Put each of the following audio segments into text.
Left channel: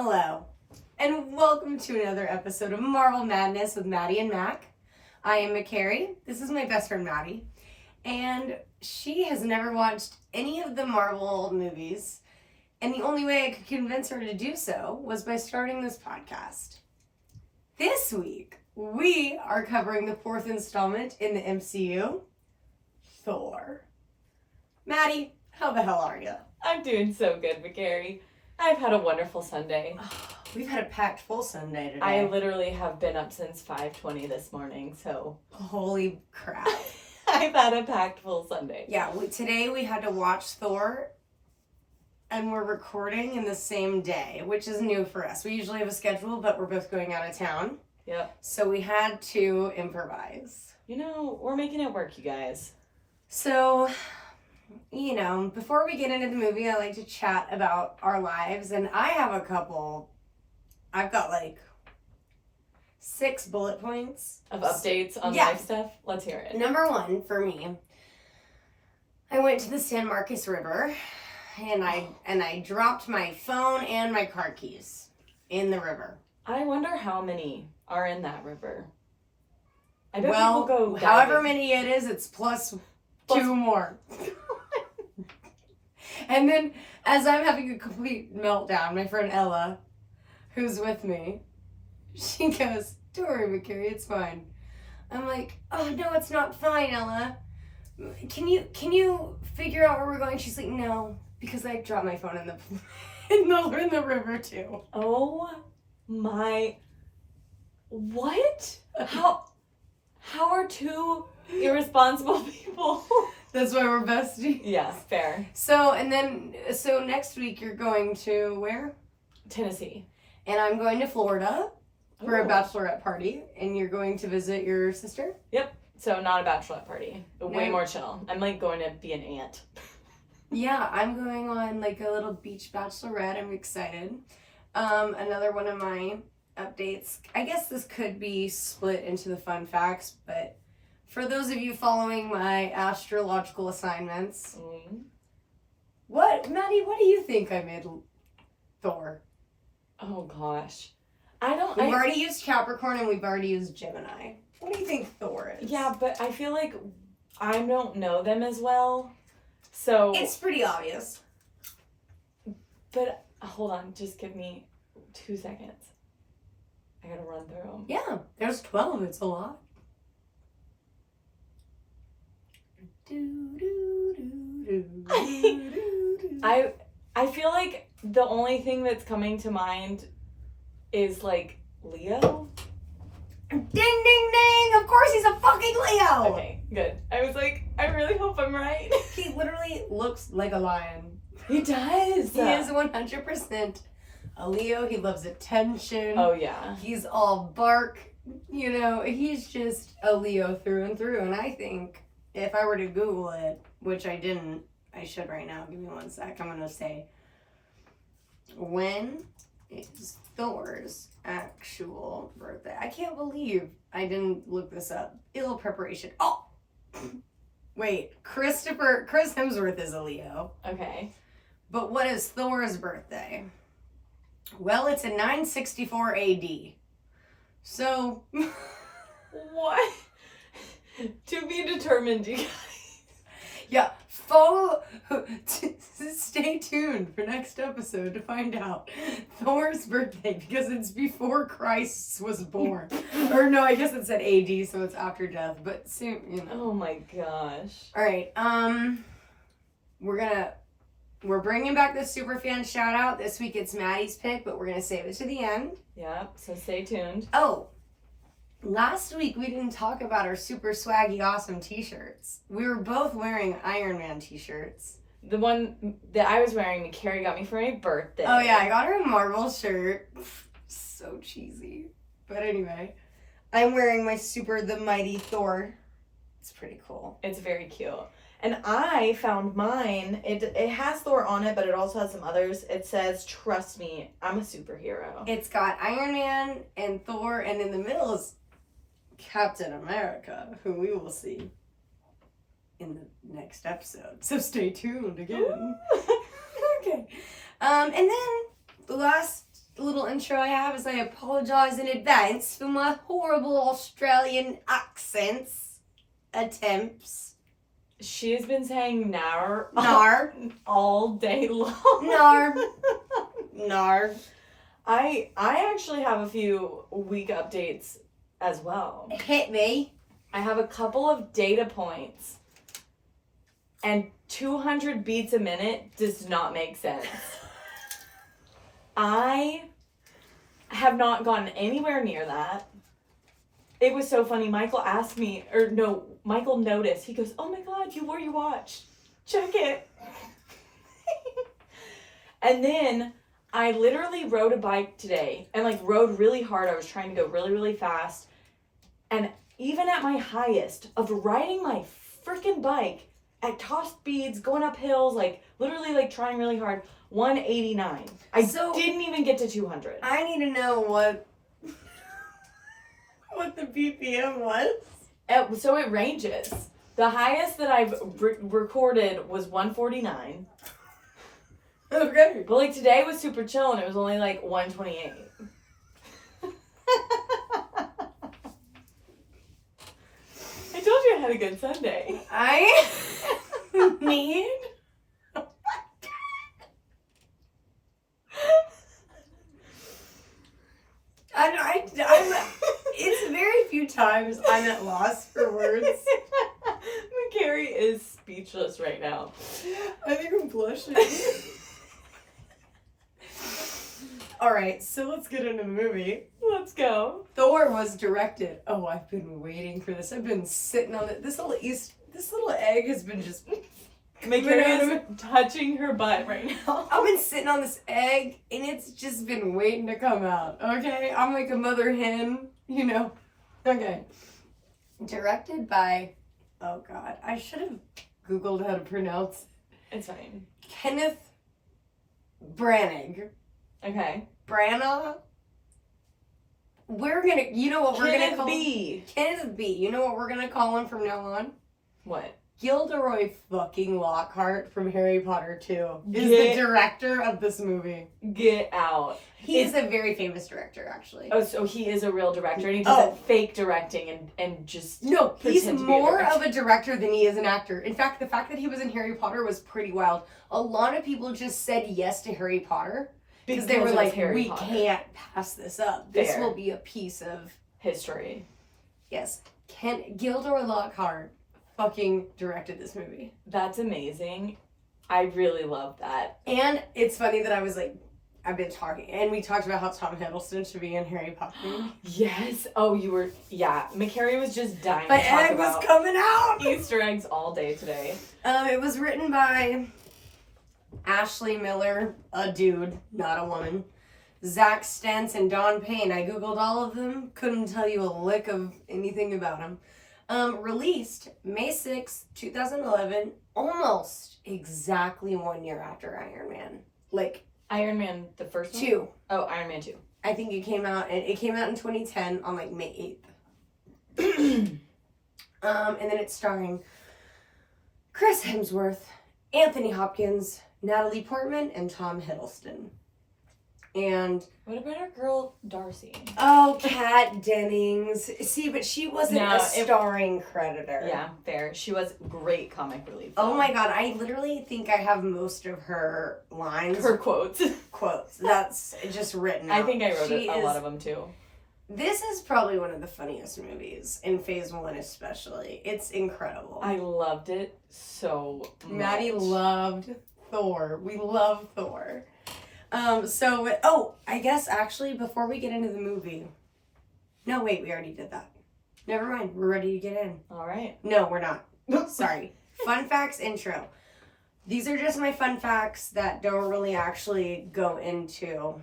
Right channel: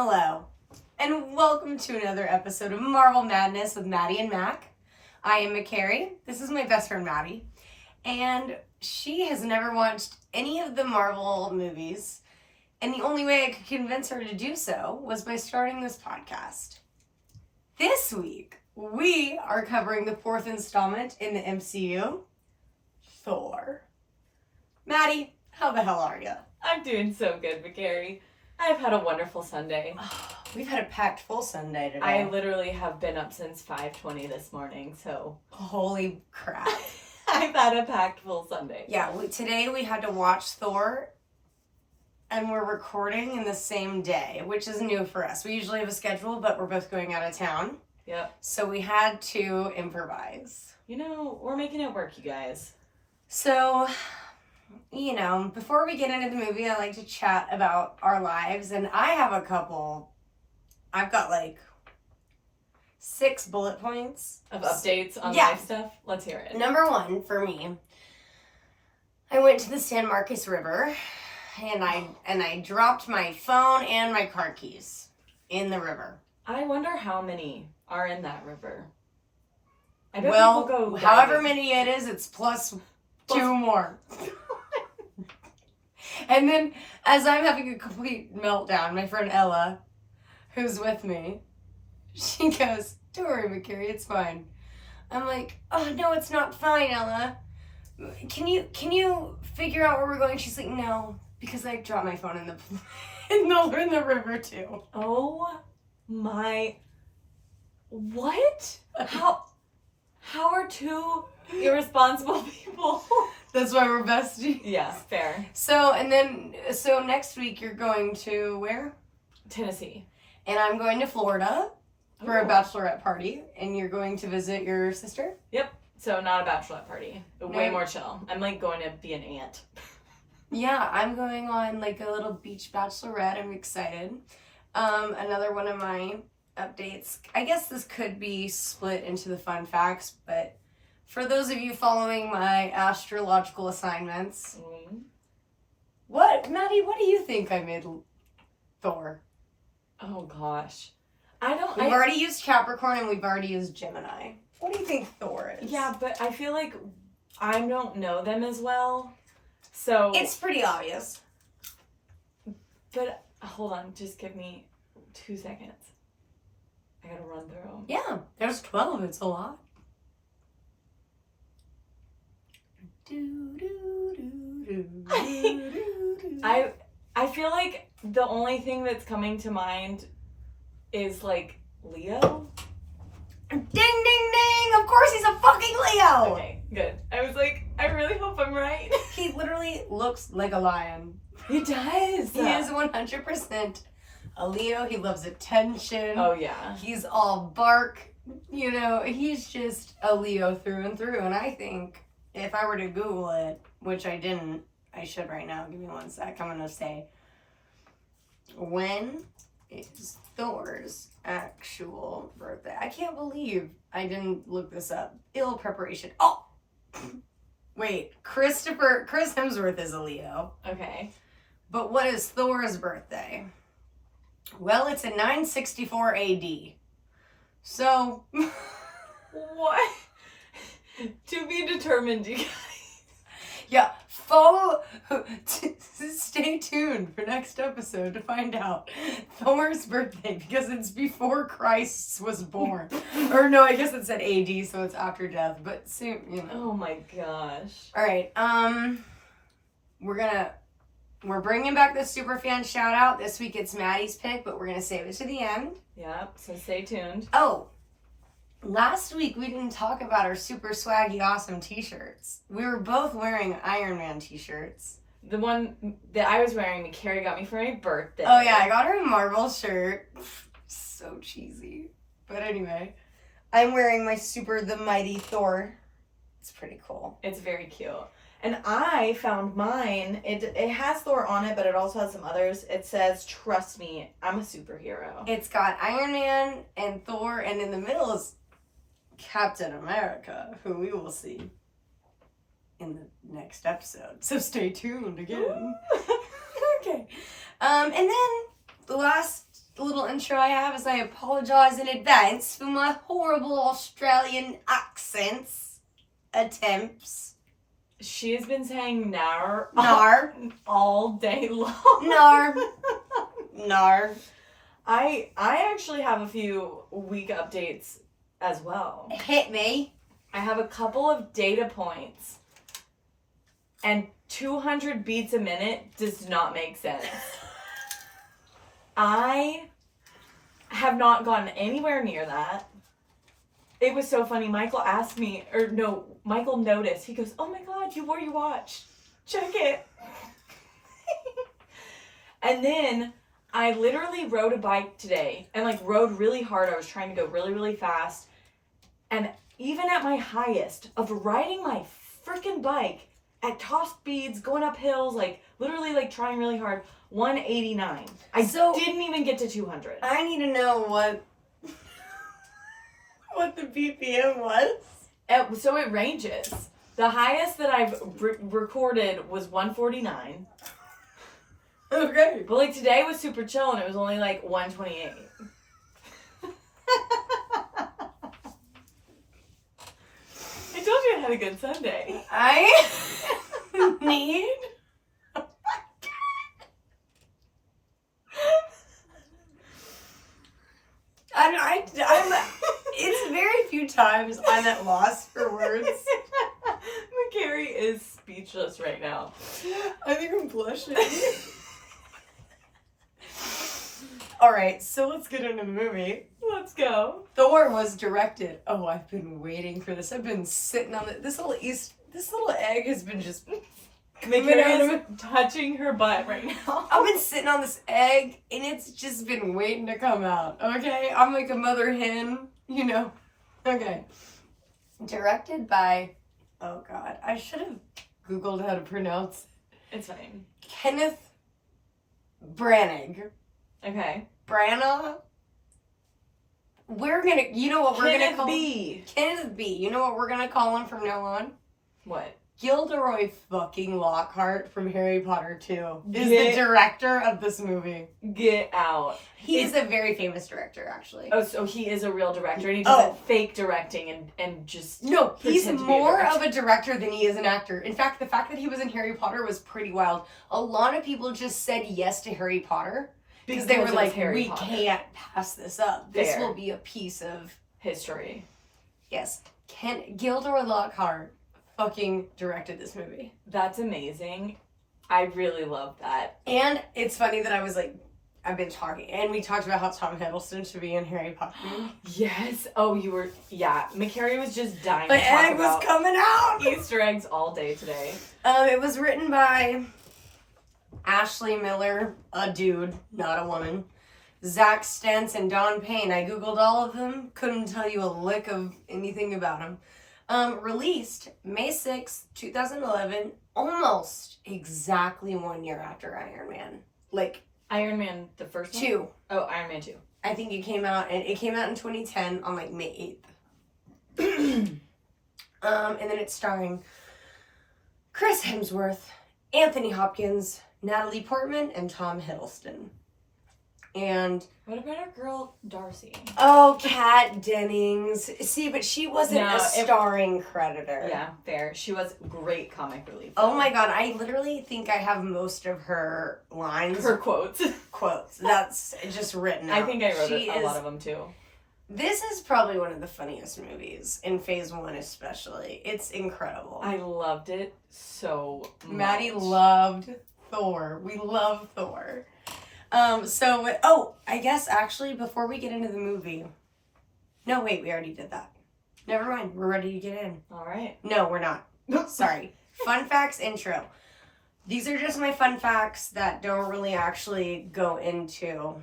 Hello, and welcome to another episode of Marvel Madness with Maddie and Mac. I am McCary. This is my best friend Maddie, and she has never watched any of the Marvel movies, and the only way I could convince her to do so was by starting this podcast. This week, we are covering the fourth installment in the MCU, THOR. Maddie, how the hell are you? I'm doing so good, McCary. I've had a wonderful Sunday. We've had a packed full Sunday today. I literally have been up since 5:20 this morning, so... Holy crap. I've had a packed full Sunday. Yeah, today we had to watch Thor, and we're recording in the same day, which is new for us. We usually have a schedule, but we're both going out of town. Yep. So we had to improvise. You know, we're making it work, you guys. So... You know, before we get into the movie, I like to chat about our lives, and I have a couple. I've got like 6 bullet points Of updates on Yeah. life stuff? Let's hear it. Number 1 for me, I went to the San Marcos River, and I dropped my phone and my car keys in the river. I wonder how many are in that river. I bet Well, people go however diving. many it is, it's plus 2 more. And then, as I'm having a complete meltdown, my friend Ella, who's with me, she goes, "Don't worry, McCary, it's fine." I'm like, "Oh, no, it's not fine, Ella. Can you figure out where we're going?" She's like, "No, because I dropped my phone in the river too." Oh my... What? How are 2 irresponsible people... That's why we're besties. Yeah, fair. So next week you're going to where? Tennessee. And I'm going to Florida for a Ooh. bachelorette party, and you're going to visit your sister? Yep. So not a bachelorette party. Way No. more chill. I'm like going to be an aunt. Yeah, I'm going on like a little beach bachelorette. I'm excited. Another one of my updates. I guess this could be split into the fun facts, but for those of you following my astrological assignments, Maddie, what do you think I made Thor? Oh gosh. We've already used Capricorn and we've already used Gemini. What do you think Thor is? Yeah, but I feel like I don't know them as well. So It's pretty obvious. But hold on, just give me 2 seconds. I gotta run through them. Yeah, there's 12. It's a lot. I feel like the only thing that's coming to mind is like Leo. Ding, ding, ding! Of course he's a fucking Leo! Okay, good. I was like, I really hope I'm right. He literally looks like a lion. He does. He is 100% a Leo. He loves attention. Oh yeah. He's all bark. You know, he's just a Leo through and through. And I think if I were to Google it, which I didn't, I should right now. Give me 1 sec. I'm going to say, when is Thor's actual birthday? I can't believe I didn't look this up. Ill preparation. Oh! Wait, Chris Hemsworth is a Leo. Okay. But what is Thor's birthday? Well, it's in 964 AD. So... What? To be determined, you guys. Yeah, stay tuned for next episode to find out Thor's birthday, because it's before Christ was born. Or no, I guess it said AD, so it's after death, but soon, you know. Oh my gosh. All right, we're bringing back the superfan shout out. This week it's Maddie's pick, but we're gonna save it to the end. Yeah, so stay tuned. Oh, last week we didn't talk about our super swaggy awesome t-shirts. We were both wearing Iron Man t-shirts. The one that I was wearing, Carrie got me for my birthday. Oh yeah, I got her a Marvel shirt. So cheesy. But anyway, I'm wearing my the mighty Thor. It's pretty cool. It's very cute. And I found mine. It has Thor on it, but it also has some others. It says, "Trust me, I'm a superhero." It's got Iron Man and Thor, and in the middle is Captain America, who we will see in the next episode. So stay tuned again. Okay. And then the last little intro I have is I apologize in advance for my horrible Australian accents attempts. She has been saying nar Nar. all day long. Nar. Nar. I actually have a few week updates as well. Hit me. I have a couple of data points. And 200 beats a minute does not make sense. I have not gotten anywhere near that. It was so funny. Michael noticed. He goes, "Oh my God, you wore your watch. Check it." And then I literally rode a bike today and like rode really hard. I was trying to go really, really fast. And even at my highest of riding my freaking bike at top speeds, going up hills, like literally like trying really hard, 189. I didn't even get to 200. I need to know what the BPM was. So it ranges. The highest that I've recorded was 149. Okay. But like today was super chill and it was only like 128. I told you I had a good Sunday. I need. Oh my God. I'm. It's very few times I'm at loss for words. McCary is speechless right now. I think I'm blushing. All right, so let's get into the movie. Let's go. Thor was directed. Oh, I've been waiting for this. I've been sitting on it. This little egg has been just. McCary is touching her butt right now. I've been sitting on this egg, and it's just been waiting to come out. Okay, I'm like a mother hen, you know. Okay. Directed by. Oh God, I should have Googled how to pronounce. It's fine. Kenneth Branagh. Okay. Branagh. We're gonna, you know what we're gonna call B. Kenneth B. You know what we're gonna call him from now on? What? Gilderoy fucking Lockhart from Harry Potter 2 is the director of this movie. Get out. He's a very famous director, actually. Oh, so he is a real director and he does that fake directing and just no, he's pretend to be a more director. of a director than he is an actor. In fact, the fact that he was in Harry Potter was pretty wild. A lot of people just said yes to Harry Potter because they were like, we can't pass this up. This will be a piece of history. Yes. Gilderoy Lockhart fucking directed this movie. That's amazing. I really love that. And it's funny that I was like, I've been talking, and we talked about how Tom Hiddleston should be in Harry Potter. Yes. Oh, you were, yeah. McCary was just dying My to talk egg about was coming out! Easter eggs all day today. It was written by Ashley Miller, a dude, not a woman. Zach Stentz and Don Payne. I googled all of them. Couldn't tell you a lick of anything about them. Released May 6th, 2011, almost exactly 1 year after Iron Man. Like Iron Man, the first one? 2. Oh, Iron Man 2. I think it came out in 2010 on like May 8th. And then it's starring Chris Hemsworth, Anthony Hopkins, Natalie Portman, and Tom Hiddleston. And what about our girl Darcy? oh, Kat Dennings. See, but she wasn't a starring creditor. Yeah, fair. She was great comic relief. Oh my God, I literally think I have most of her lines. Her quotes. That's just written out. I think I wrote a lot of them too. This is probably one of the funniest movies in Phase 1 especially. It's incredible. I loved it so much. Maddie loved Thor. We love Thor. I guess actually before we get into the movie. No, wait, we already did that. Never mind. We're ready to get in. All right. No, we're not. Sorry. Fun facts intro. These are just my fun facts that don't really actually go into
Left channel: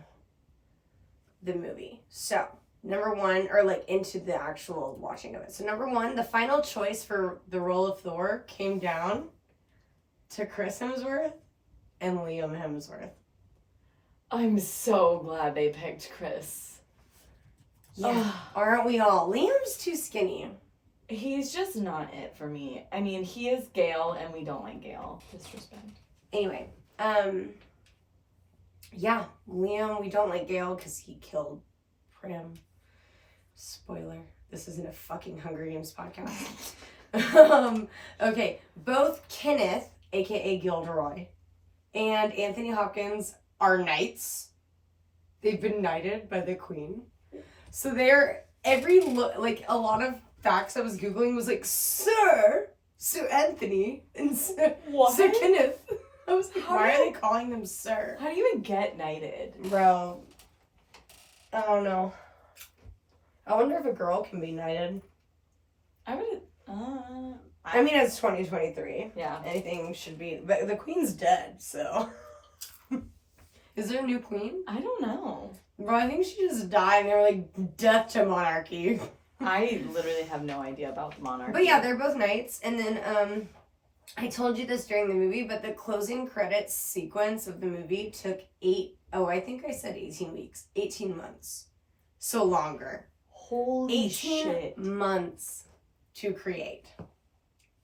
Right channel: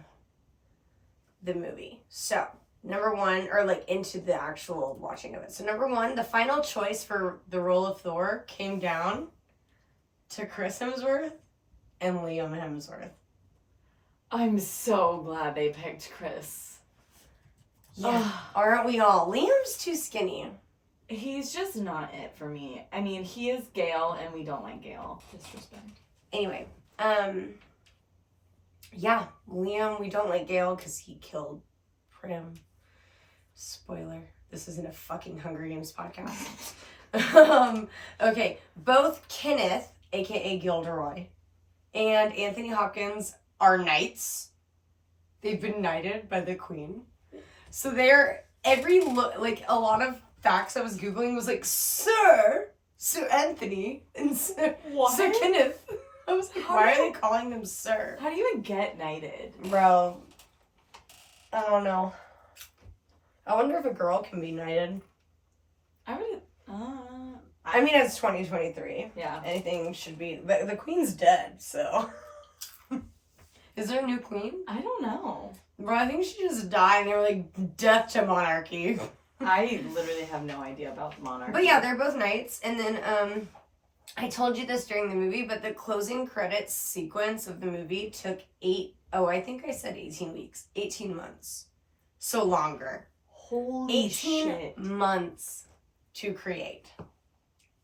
the movie. So, number one, or like into the actual watching of it. So, number one, the final choice for the role of Thor came down to Chris Hemsworth and Liam Hemsworth. I'm so glad they picked Chris. Yeah. Aren't we all? Liam's too skinny. He's just not it for me. I mean, he is Gale, and we don't like Gale. Disrespect. Anyway, Yeah, Liam, we don't like Gale because he killed Prim. Spoiler. This isn't a fucking Hunger Games podcast. Okay, both Kenneth, aka Gilderoy, and Anthony Hopkins are knights. They've been knighted by the Queen. So they're like a lot of facts I was Googling was like, Sir Anthony, and Sir Kenneth. I was like, why are they calling them Sir? How do you even get knighted? Bro, I don't know. I wonder if a girl can be knighted. I would. I mean, it's 2023. Yeah. Anything should be. But the Queen's dead, so. Is there a new Queen? I don't know. Bro, I think she just died and they were like, death to monarchy. I literally have no idea about the monarchy. But yeah, they're both knights. And then, I told you this during the movie, but the closing credits sequence of the movie took 18 weeks. 18 months. So longer. Holy 18 shit. months to create.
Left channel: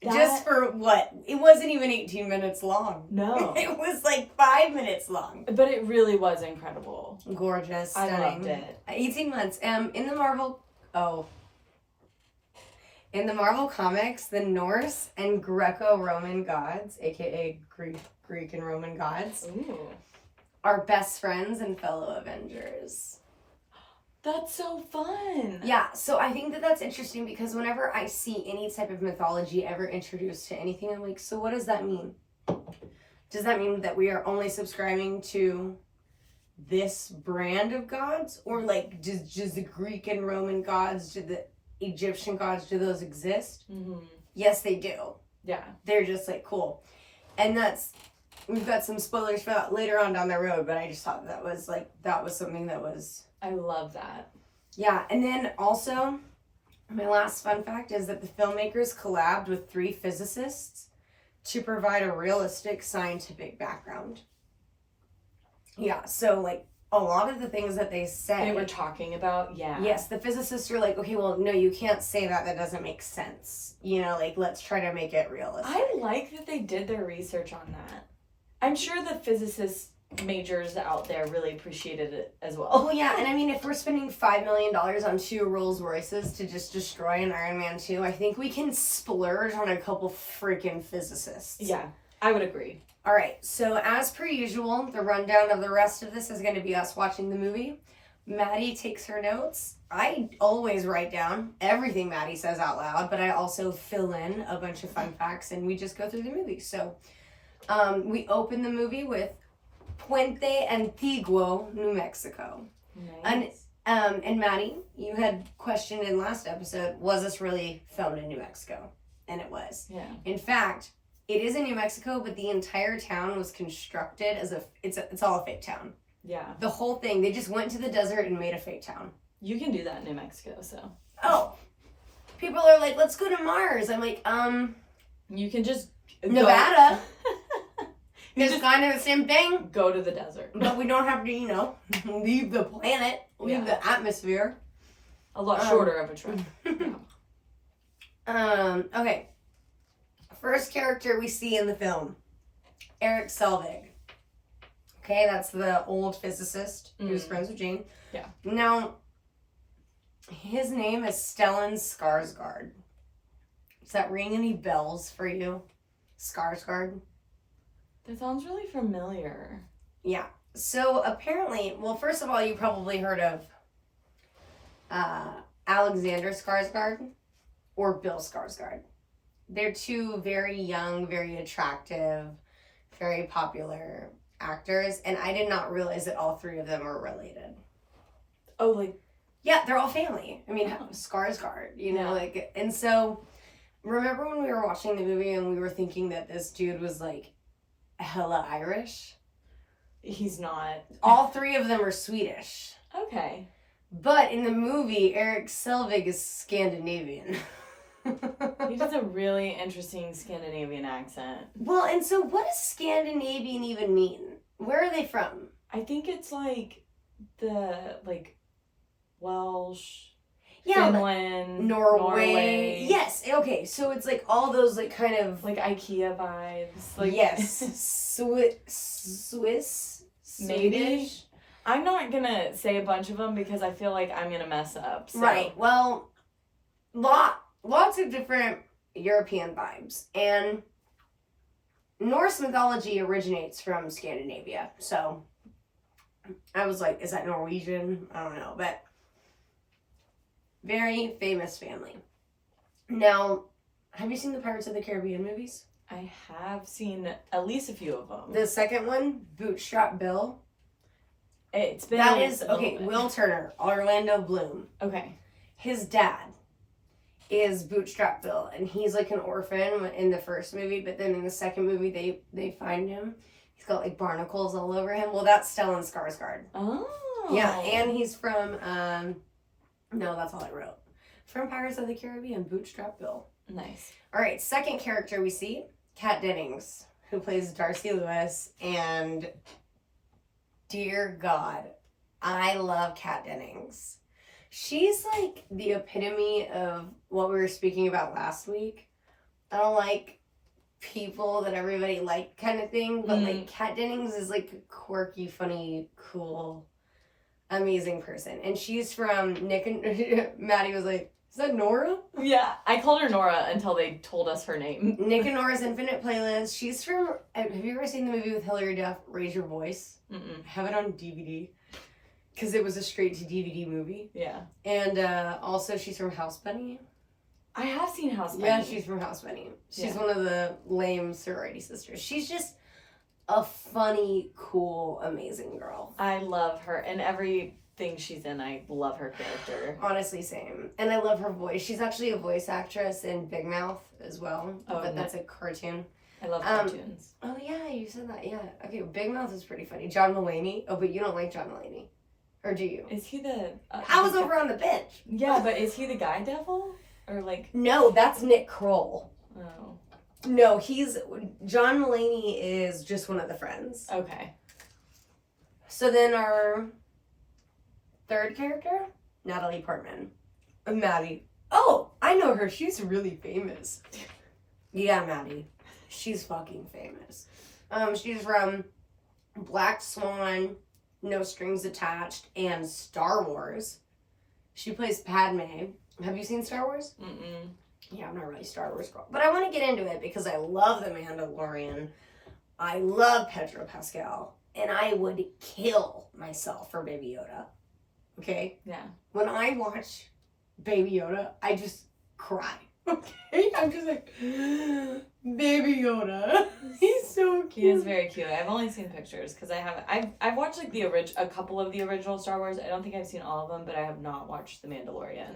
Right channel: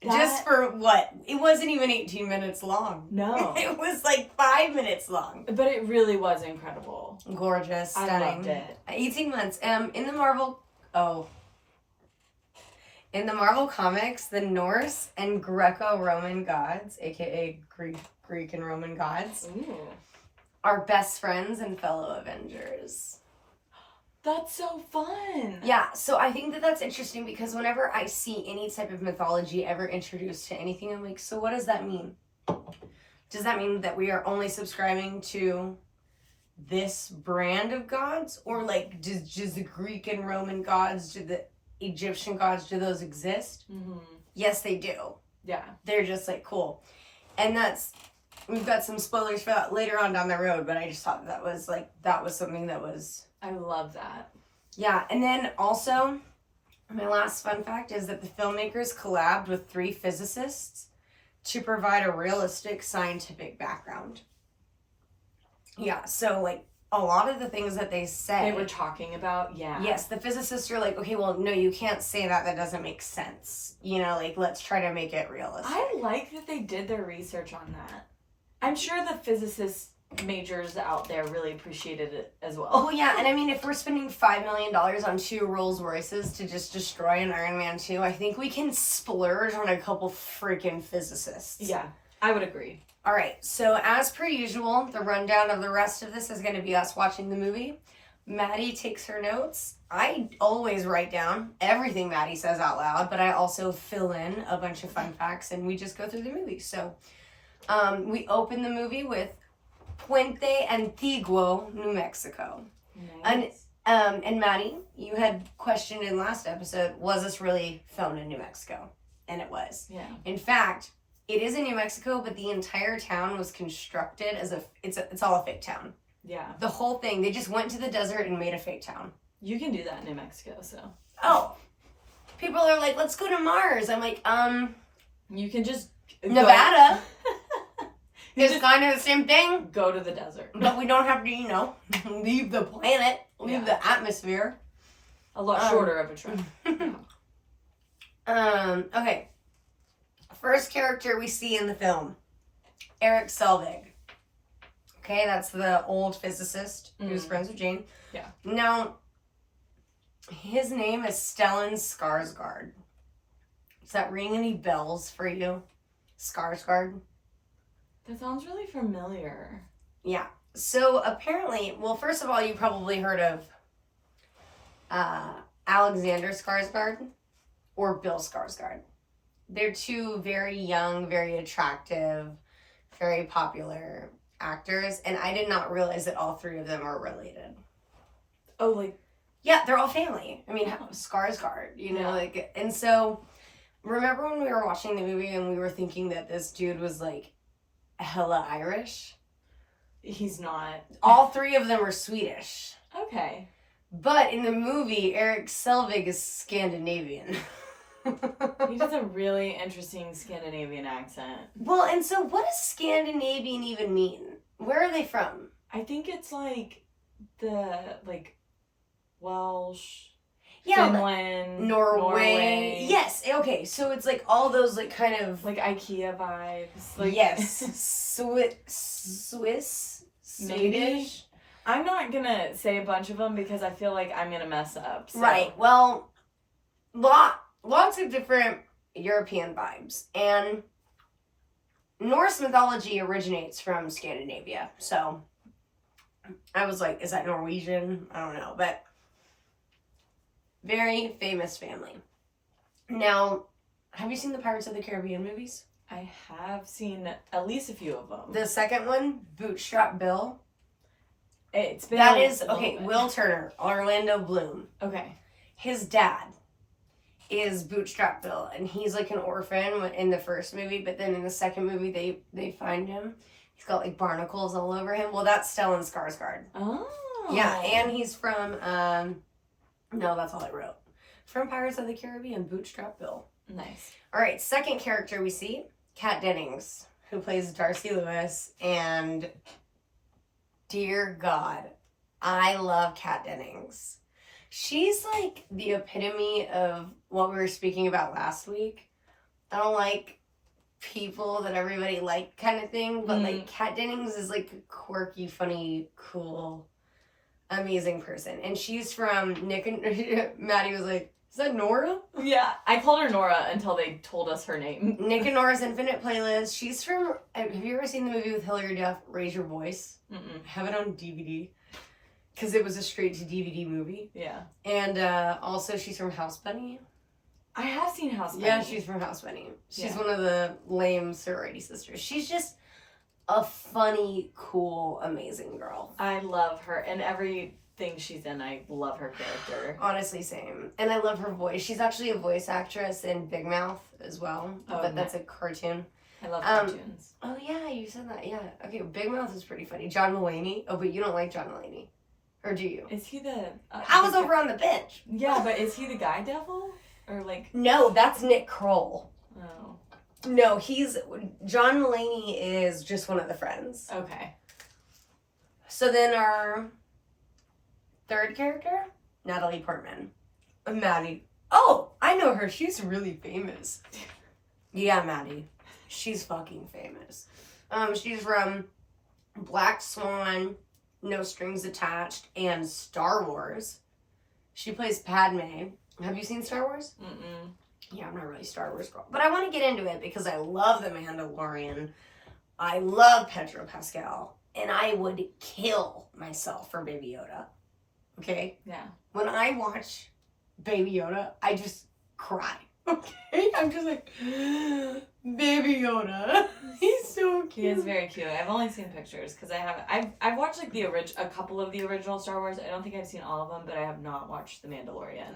Just for what? It wasn't even 18 minutes long. No. It was like 5 minutes long. But it really was incredible. Gorgeous. Stunning. I loved it. 18 months. In the Marvel comics, the Norse and Greco-Roman gods, aka Greek and Roman gods, Ooh. are best friends and fellow Avengers. That's so fun. Yeah, so I think that that's interesting because whenever I see any type of mythology ever introduced to anything, I'm like, so what does that mean? Does that mean that we are only subscribing to this brand of gods? Or like, does the Greek and Roman gods, do the Egyptian gods, do those exist? Mm-hmm. Yes, they do. Yeah. They're just like, cool. And we've got some spoilers for that later on down the road, but I just thought that was something that was... I love that. Yeah, and then also, my last fun fact is that the filmmakers collabed with 3 physicists to provide a realistic scientific background. Yeah, so like a lot of the things that they say... They were talking about, yeah. Yes, the physicists are like, okay, well, no, you can't say that. That doesn't make sense. You know, like, let's try to make it realistic. I like that they did their research on that. I'm sure the physicists majors out there really appreciated it as well. Oh yeah, and I mean, if we're spending $5 million on 2 Rolls Royces to just destroy an Iron Man 2, I think we can splurge on a couple freaking physicists. Yeah, I would agree. All right, so as per usual, the rundown of the rest of this is going to be us watching the movie. Maddie takes her notes. I always write down everything Maddie says out loud, but I also fill in a bunch of fun facts, and we just go through the movie. So we open the movie with Puente Antiguo, New Mexico. Nice. And Maddie, you had questioned in last episode, was this really filmed in New Mexico? And it was. Yeah. In fact, it is in New Mexico, but the entire town was constructed as it's all a fake town. Yeah. The whole thing, they just went to the desert and made a fake town. You can do that in New Mexico, so. Oh. People are like, let's go to Mars. I'm like, You can just Nevada. It's kind of the same thing. Go to the desert. But we don't have to, leave the planet, leave the atmosphere. A lot shorter of a trip. Okay. First character we see in the film, Eric Selvig. Okay, that's the old physicist who's friends with Jane. Yeah. Now, his name is Stellan Skarsgård. Does that ring any bells for you? Skarsgård? That sounds really familiar. Yeah. So apparently, well, first of all, you probably heard of Alexander Skarsgård or Bill Skarsgård. They're 2 very young, very attractive, very popular actors, and I did not realize that all 3 of them are related. Oh, like... Yeah, they're all family. I mean, Skarsgård, like, and so, remember when we were watching the movie and we were thinking that this dude was, like, hella Irish? He's not. All 3 of them are Swedish. Okay. But in the movie, Eric Selvig is Scandinavian. He does a really interesting Scandinavian accent. Well, and so what does Scandinavian even mean? Where are they from? I think it's like the Welsh, Finland, Norway. Yes. Okay. So it's like all those like kind of like IKEA vibes. Like yes, Swiss. Maybe. Swedish. I'm not gonna say a bunch of them because I feel like I'm gonna mess up. So. Right. Well, lots of different European vibes. And Norse mythology originates from Scandinavia. So I was like, is that Norwegian? I don't know. But very famous family. Now, have you seen the Pirates of the Caribbean movies? I have seen at least a few of them. The second one, Bootstrap Bill. It's been That a is, okay, bit. Will Turner, Orlando Bloom. Okay. His dad is Bootstrap Bill, and he's like an orphan in the first movie, but then in the second movie, they find him. He's got like barnacles all over him. Well, that's Stellan Skarsgård. Oh. Yeah, and he's from, no, that's all I wrote. From Pirates of the Caribbean, Bootstrap Bill. Nice. All right, second character we see, Kat Dennings, who plays Darcy Lewis, and dear God, I love Kat Dennings. She's like the epitome of what we were speaking about last week. I don't like people that everybody like kind of thing, but like Kat Dennings is like a quirky, funny, cool, amazing person. And she's from Nick and Maddie was like, is that Nora? Yeah, I called her Nora until they told us her name. Nick and Nora's Infinite Playlist. She's from, have you ever seen the movie with Hilary Duff, Raise Your Voice? Mm-mm. I have it on DVD because it was a straight to DVD movie. Yeah. And also she's from House Bunny. I have seen House Bunny. Yeah, she's from House Bunny. She's one of the lame sorority sisters. She's just a funny, cool, amazing girl. I love her. And everything she's in, I love her character. Honestly, same. And I love her voice. She's actually a voice actress in Big Mouth as well. Oh, but that's a cartoon. I love cartoons. Oh, yeah, you said that. Yeah. Okay, Big Mouth is pretty funny. John Mulaney. Oh, but you don't like John Mulaney. Or do you? Is he the... I was over on the bench. Yeah, but is he the guy devil? Or like... No, that's Nick Kroll. Oh. No, John Mulaney is just one of the friends. Okay. So then our third character, Natalie Portman. Maddie. Oh, I know her. She's really famous. Yeah, Maddie. She's fucking famous. She's from Black Swan, No Strings Attached, and Star Wars. She plays Padme. Have you seen Star Wars? Mm-mm. Yeah, I'm not really a Star Wars girl. But I want to get into it because I love The Mandalorian. I love Pedro Pascal. And I would kill myself for Baby Yoda. Okay? Yeah. When I watch Baby Yoda, I just cry. Okay? I'm just like, Baby Yoda. He's so cute. He is very cute. I've only seen pictures because I've watched like a couple of the original Star Wars. I don't think I've seen all of them, but I have not watched The Mandalorian.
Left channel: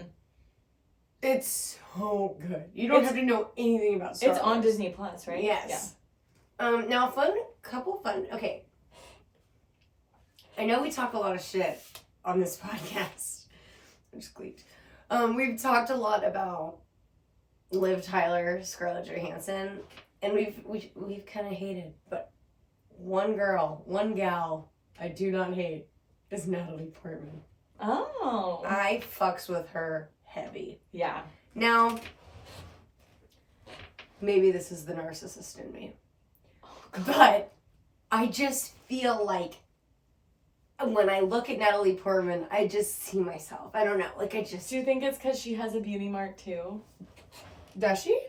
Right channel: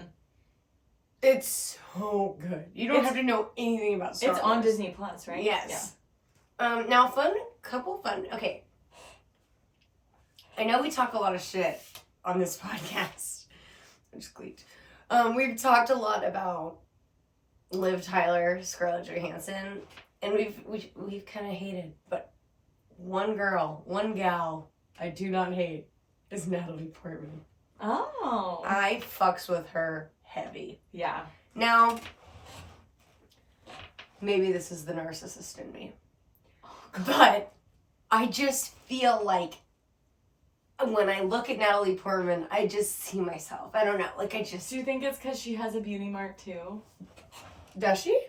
It's so good. You don't have to know anything about Star Wars. It's on Disney Plus, right? Yes. Yeah. Now okay. I know we talk a lot of shit on this podcast. I just gleeked. We've talked a lot about Liv Tyler, Scarlett Johansson, and we've kind of hated, but one gal I do not hate is Natalie Portman. Oh. I fucks with her heavy. Yeah. Now, maybe this is the narcissist in me, but I just feel like when I look at Natalie Portman, I just see myself. I don't know. Like, Do you think it's because she has a beauty mark, too? Does she?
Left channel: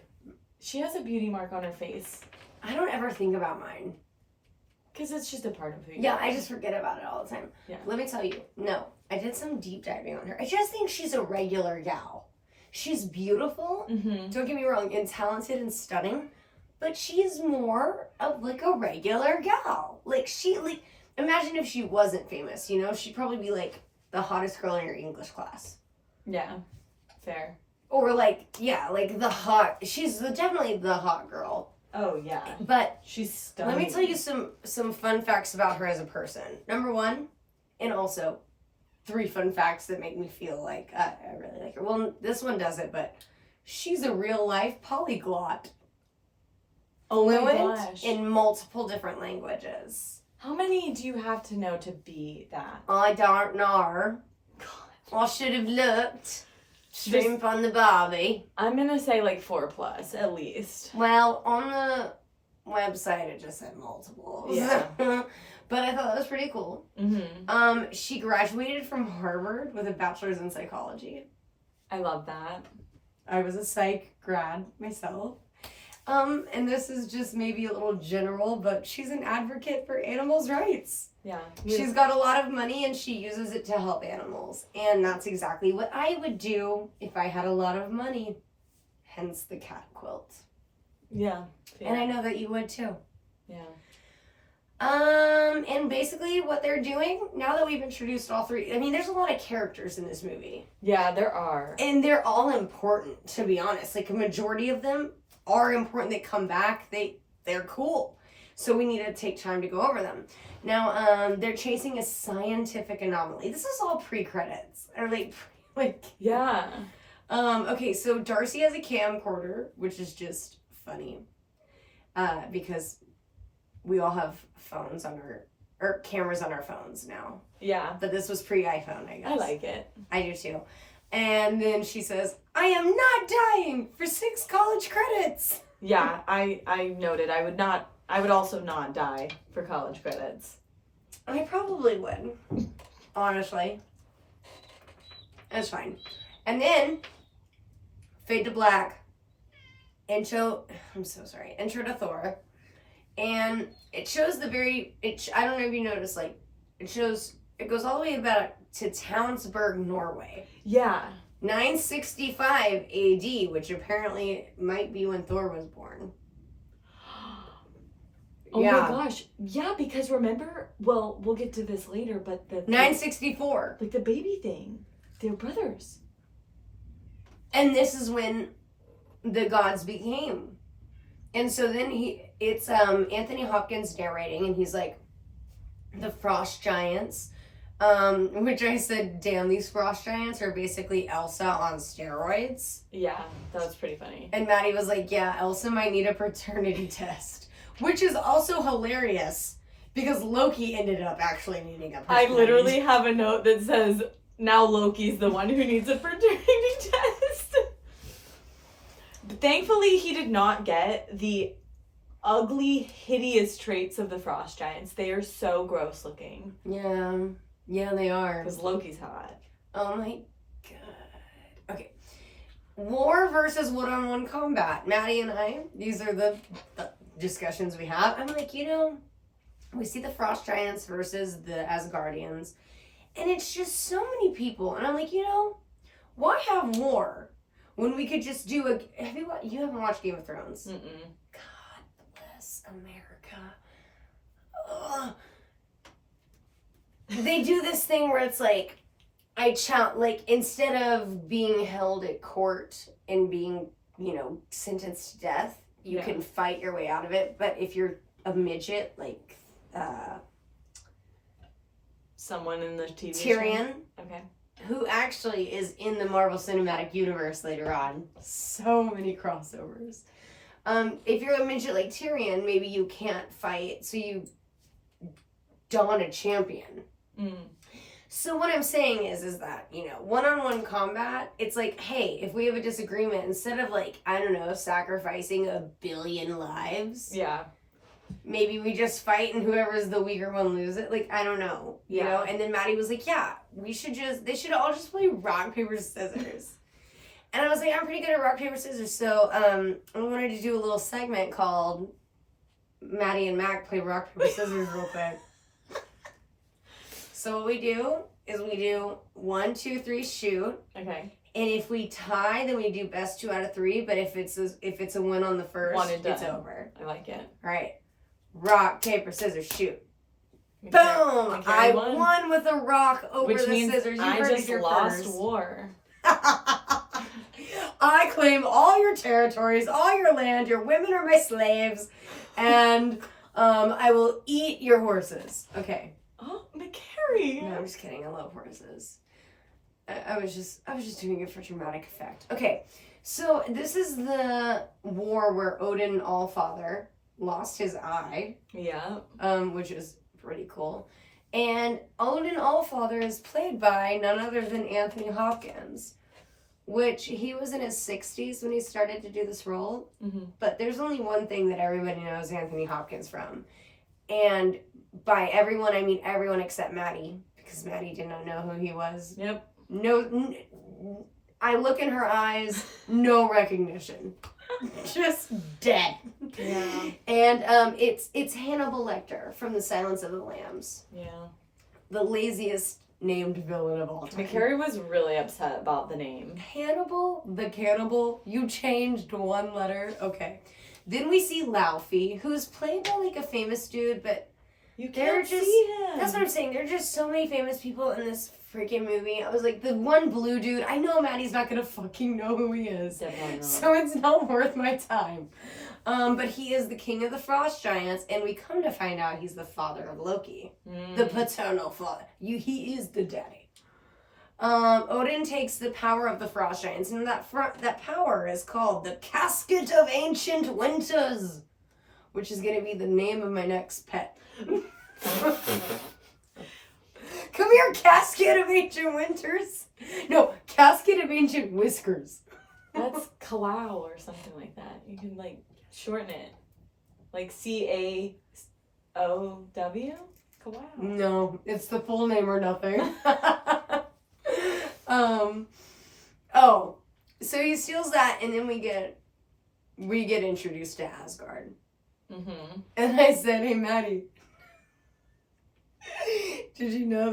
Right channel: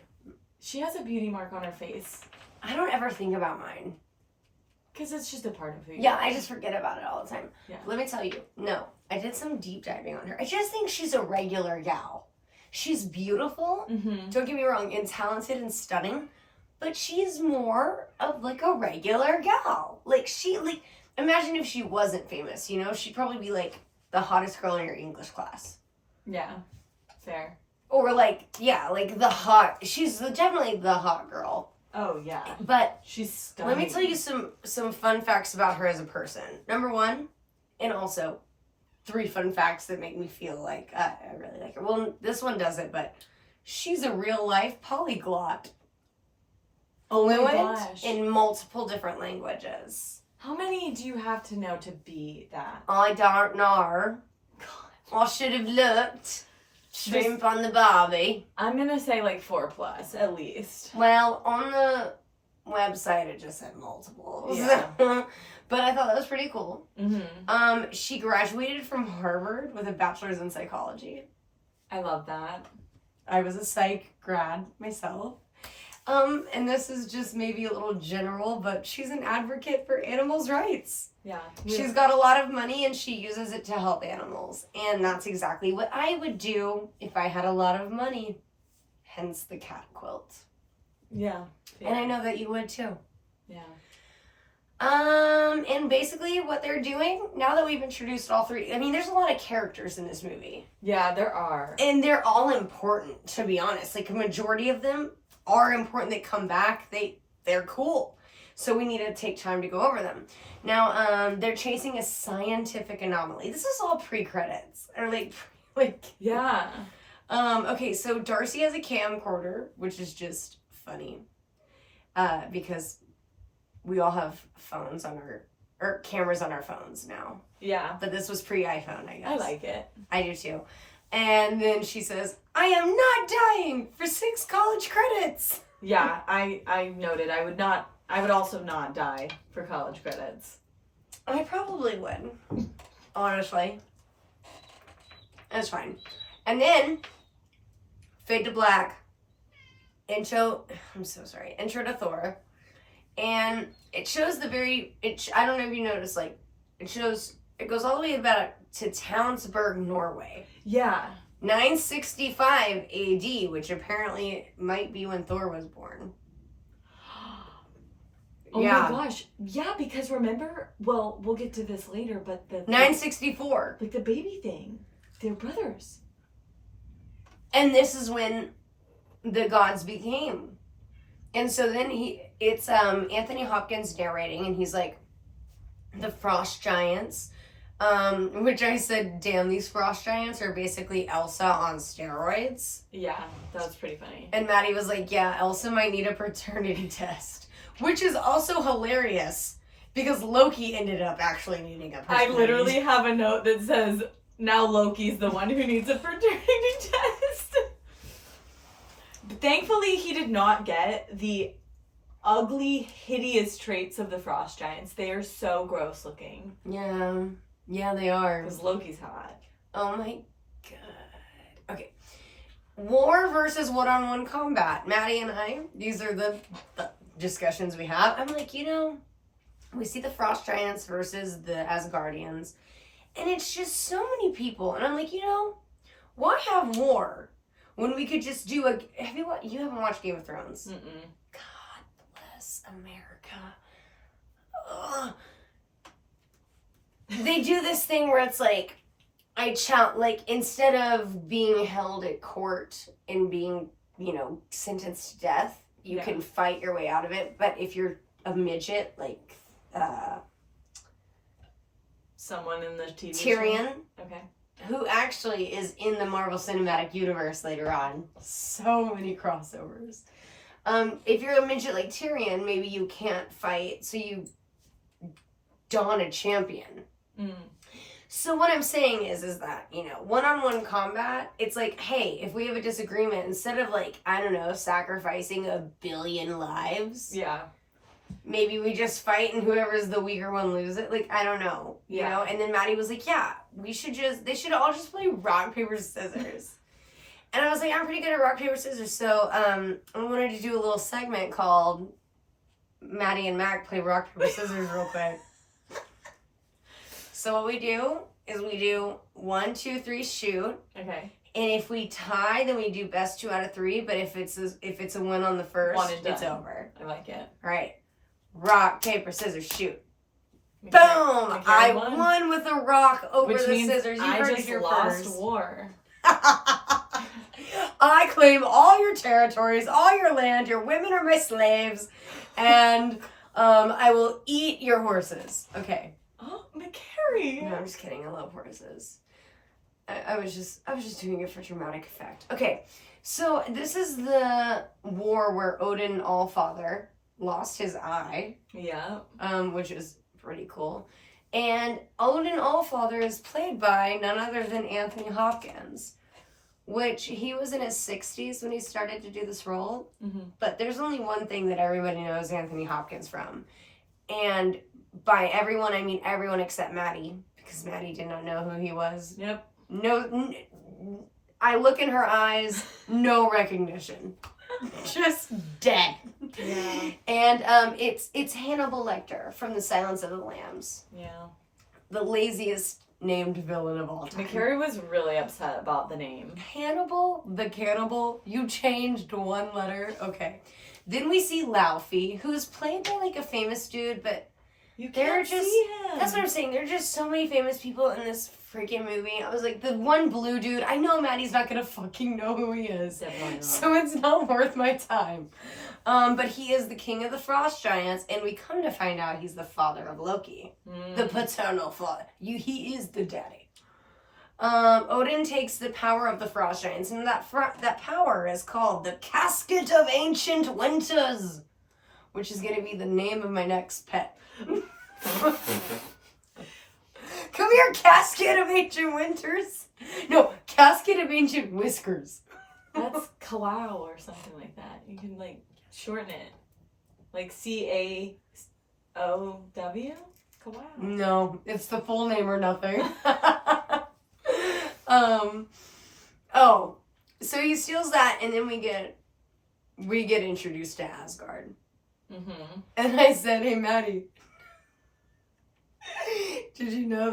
She has a beauty mark on her face. I don't ever think about mine. Because it's just a part of who you Yeah, are. I just forget about it all the time. Yeah. Let me tell you. No, I did some deep diving on her. I just think she's a regular gal. She's beautiful. Mm-hmm. Don't get me wrong, and talented and stunning. But she's more of, like, a regular gal. Imagine if she wasn't famous, you know? She'd probably be, like, the hottest girl in your English class. Yeah. Fair. Or, she's definitely the hot girl. Oh, yeah. But she's stunning. let me tell you some fun facts about her as a person. Number one, and also 3 fun facts that make me feel like I really like her. Well, this one doesn't, but she's a real-life polyglot. Fluent in multiple different languages. How many do you have to know to be that? I don't know. God. I should have looked. Shrimp on the Barbie. I'm gonna say like 4+ at least. Well, on the website it just said multiples. Yeah. But I thought that was pretty cool. Mm-hmm. She graduated from Harvard with a bachelor's in psychology. I love that. I was a psych grad myself. And this is just maybe a little general, but she's an advocate for animals' rights. Yeah. She's got a lot of money and she uses it to help animals. And that's exactly what I would do if I had a lot of money. Hence the cat quilt. Yeah. And I know that you would too. Yeah. And basically what they're doing, now that we've introduced all three, I mean, there's a lot of characters in this movie. Yeah, there are. And they're all important, to be honest. Like, a majority of them are important. They come back. They're cool. So we need to take time to go over them. Now, they're chasing a scientific anomaly. This is all pre-credits. Or like Yeah. okay, so Darcy has a camcorder, which is just funny. Because we all have phones on or cameras on our phones now. Yeah. But this was pre-iPhone, I guess. I like it. I do too. And then she says, I am not dying for 6 college credits. Yeah, I noted I would also not die for college credits. I probably would. Honestly. It's fine. And then, fade to black. Intro to Thor. And it shows I don't know if you noticed, like, it goes all the way to Townsburg, Norway. Yeah. 965 AD, which apparently might be when Thor was born. Oh my gosh. Yeah, because remember, well, we'll get to this later, but the 964. like the baby thing. They're brothers. And this is when the gods became. And so then it's Anthony Hopkins narrating, and he's like, the frost giants, which I said, damn, these frost giants are basically Elsa on steroids. Yeah, that was pretty funny. And Maddie was like, yeah, Elsa might need a paternity test, which is also hilarious because Loki ended up actually needing a paternity I literally have a note that says, now Loki's the one who needs a paternity test. But thankfully, he did not get the ugly, hideous traits of the frost giants. They are so gross looking. Yeah, they are. Because Loki's hot. Oh my god. Okay. War versus one-on-one combat. Maddie and I, these are the discussions we have. I'm like, we see the frost giants versus the Asgardians. And it's just so many people. And I'm like, why have war when we could just do you haven't watched Game of Thrones? Mm-mm. God bless America. Ugh. They do this thing where it's like, instead of being held at court and being, sentenced to death, you can fight your way out of it. But if you're a midget, like, someone in the TV Tyrion. show? Okay. Who actually is in the Marvel Cinematic Universe later on. So many crossovers. If you're a midget like Tyrion, maybe you can't fight, so you don a champion. Mm. So what I'm saying is that, one-on-one combat, it's like, hey, if we have a disagreement, instead of sacrificing 1 billion lives. Yeah. Maybe we just fight and whoever's the weaker one loses. Like, I don't know. You know? And then Maddie was like, yeah, they should all just play rock, paper, scissors. And I was like, I'm pretty good at rock, paper, scissors. So I wanted to do a little segment called Maddie and Mac play rock, paper, scissors real quick. So what we do is we do 1, 2, 3, shoot. Okay. And if we tie, then we do best 2 out of 3. But if it's a win on the first, One and done. it's over. I like it. All right. Rock, paper, scissors, shoot. Boom! I won with a rock over Which the means scissors. You I heard it just here lost first. war. I claim all your territories, all your land. Your women are my slaves, and I will eat your horses. Okay. Oh, McCary. No, I'm just kidding. I love horses. I was just doing it for dramatic effect. Okay, so this is the war where Odin Allfather lost his eye. Yeah. Which is pretty cool. And Odin Allfather is played by none other than Anthony Hopkins, which he was in his 60s when he started to do this role. Mm-hmm. But there's only one thing that everybody knows Anthony Hopkins from. And by everyone, I mean everyone except Maddie, because Maddie did not know who he was. Yep. No, I look in her eyes, no recognition. Just dead. Yeah. And it's Hannibal Lecter from The Silence of the Lambs. Yeah. The laziest named villain of all time. McCary was really upset about the name. Hannibal the Cannibal, you changed one letter. Okay. Then we see Laufey, who's played by like a famous dude, but You they're can't just see him. that's what I'm saying. There are just so many famous people in this freaking movie. I was like, the one blue dude, I know Maddie's not gonna fucking know who he is. Definitely not. So it's not worth my time. But he is the king of the frost giants, and we come to find out he's the father of Loki. The paternal father. He is the daddy. Odin takes the power of the frost giants, and that power is called the Casket of Ancient Winters, which is gonna be the name of my next pet. Come here, Casket of Ancient Winters. No, Casket of Ancient Whiskers. That's Kawau or something like that. You can like shorten it. Like CAOW? Kawau. No, it's the full name or nothing. Oh, so he steals that, and then we get introduced to Asgard. Mm-hmm. And I said, "Hey, Maddie, did you know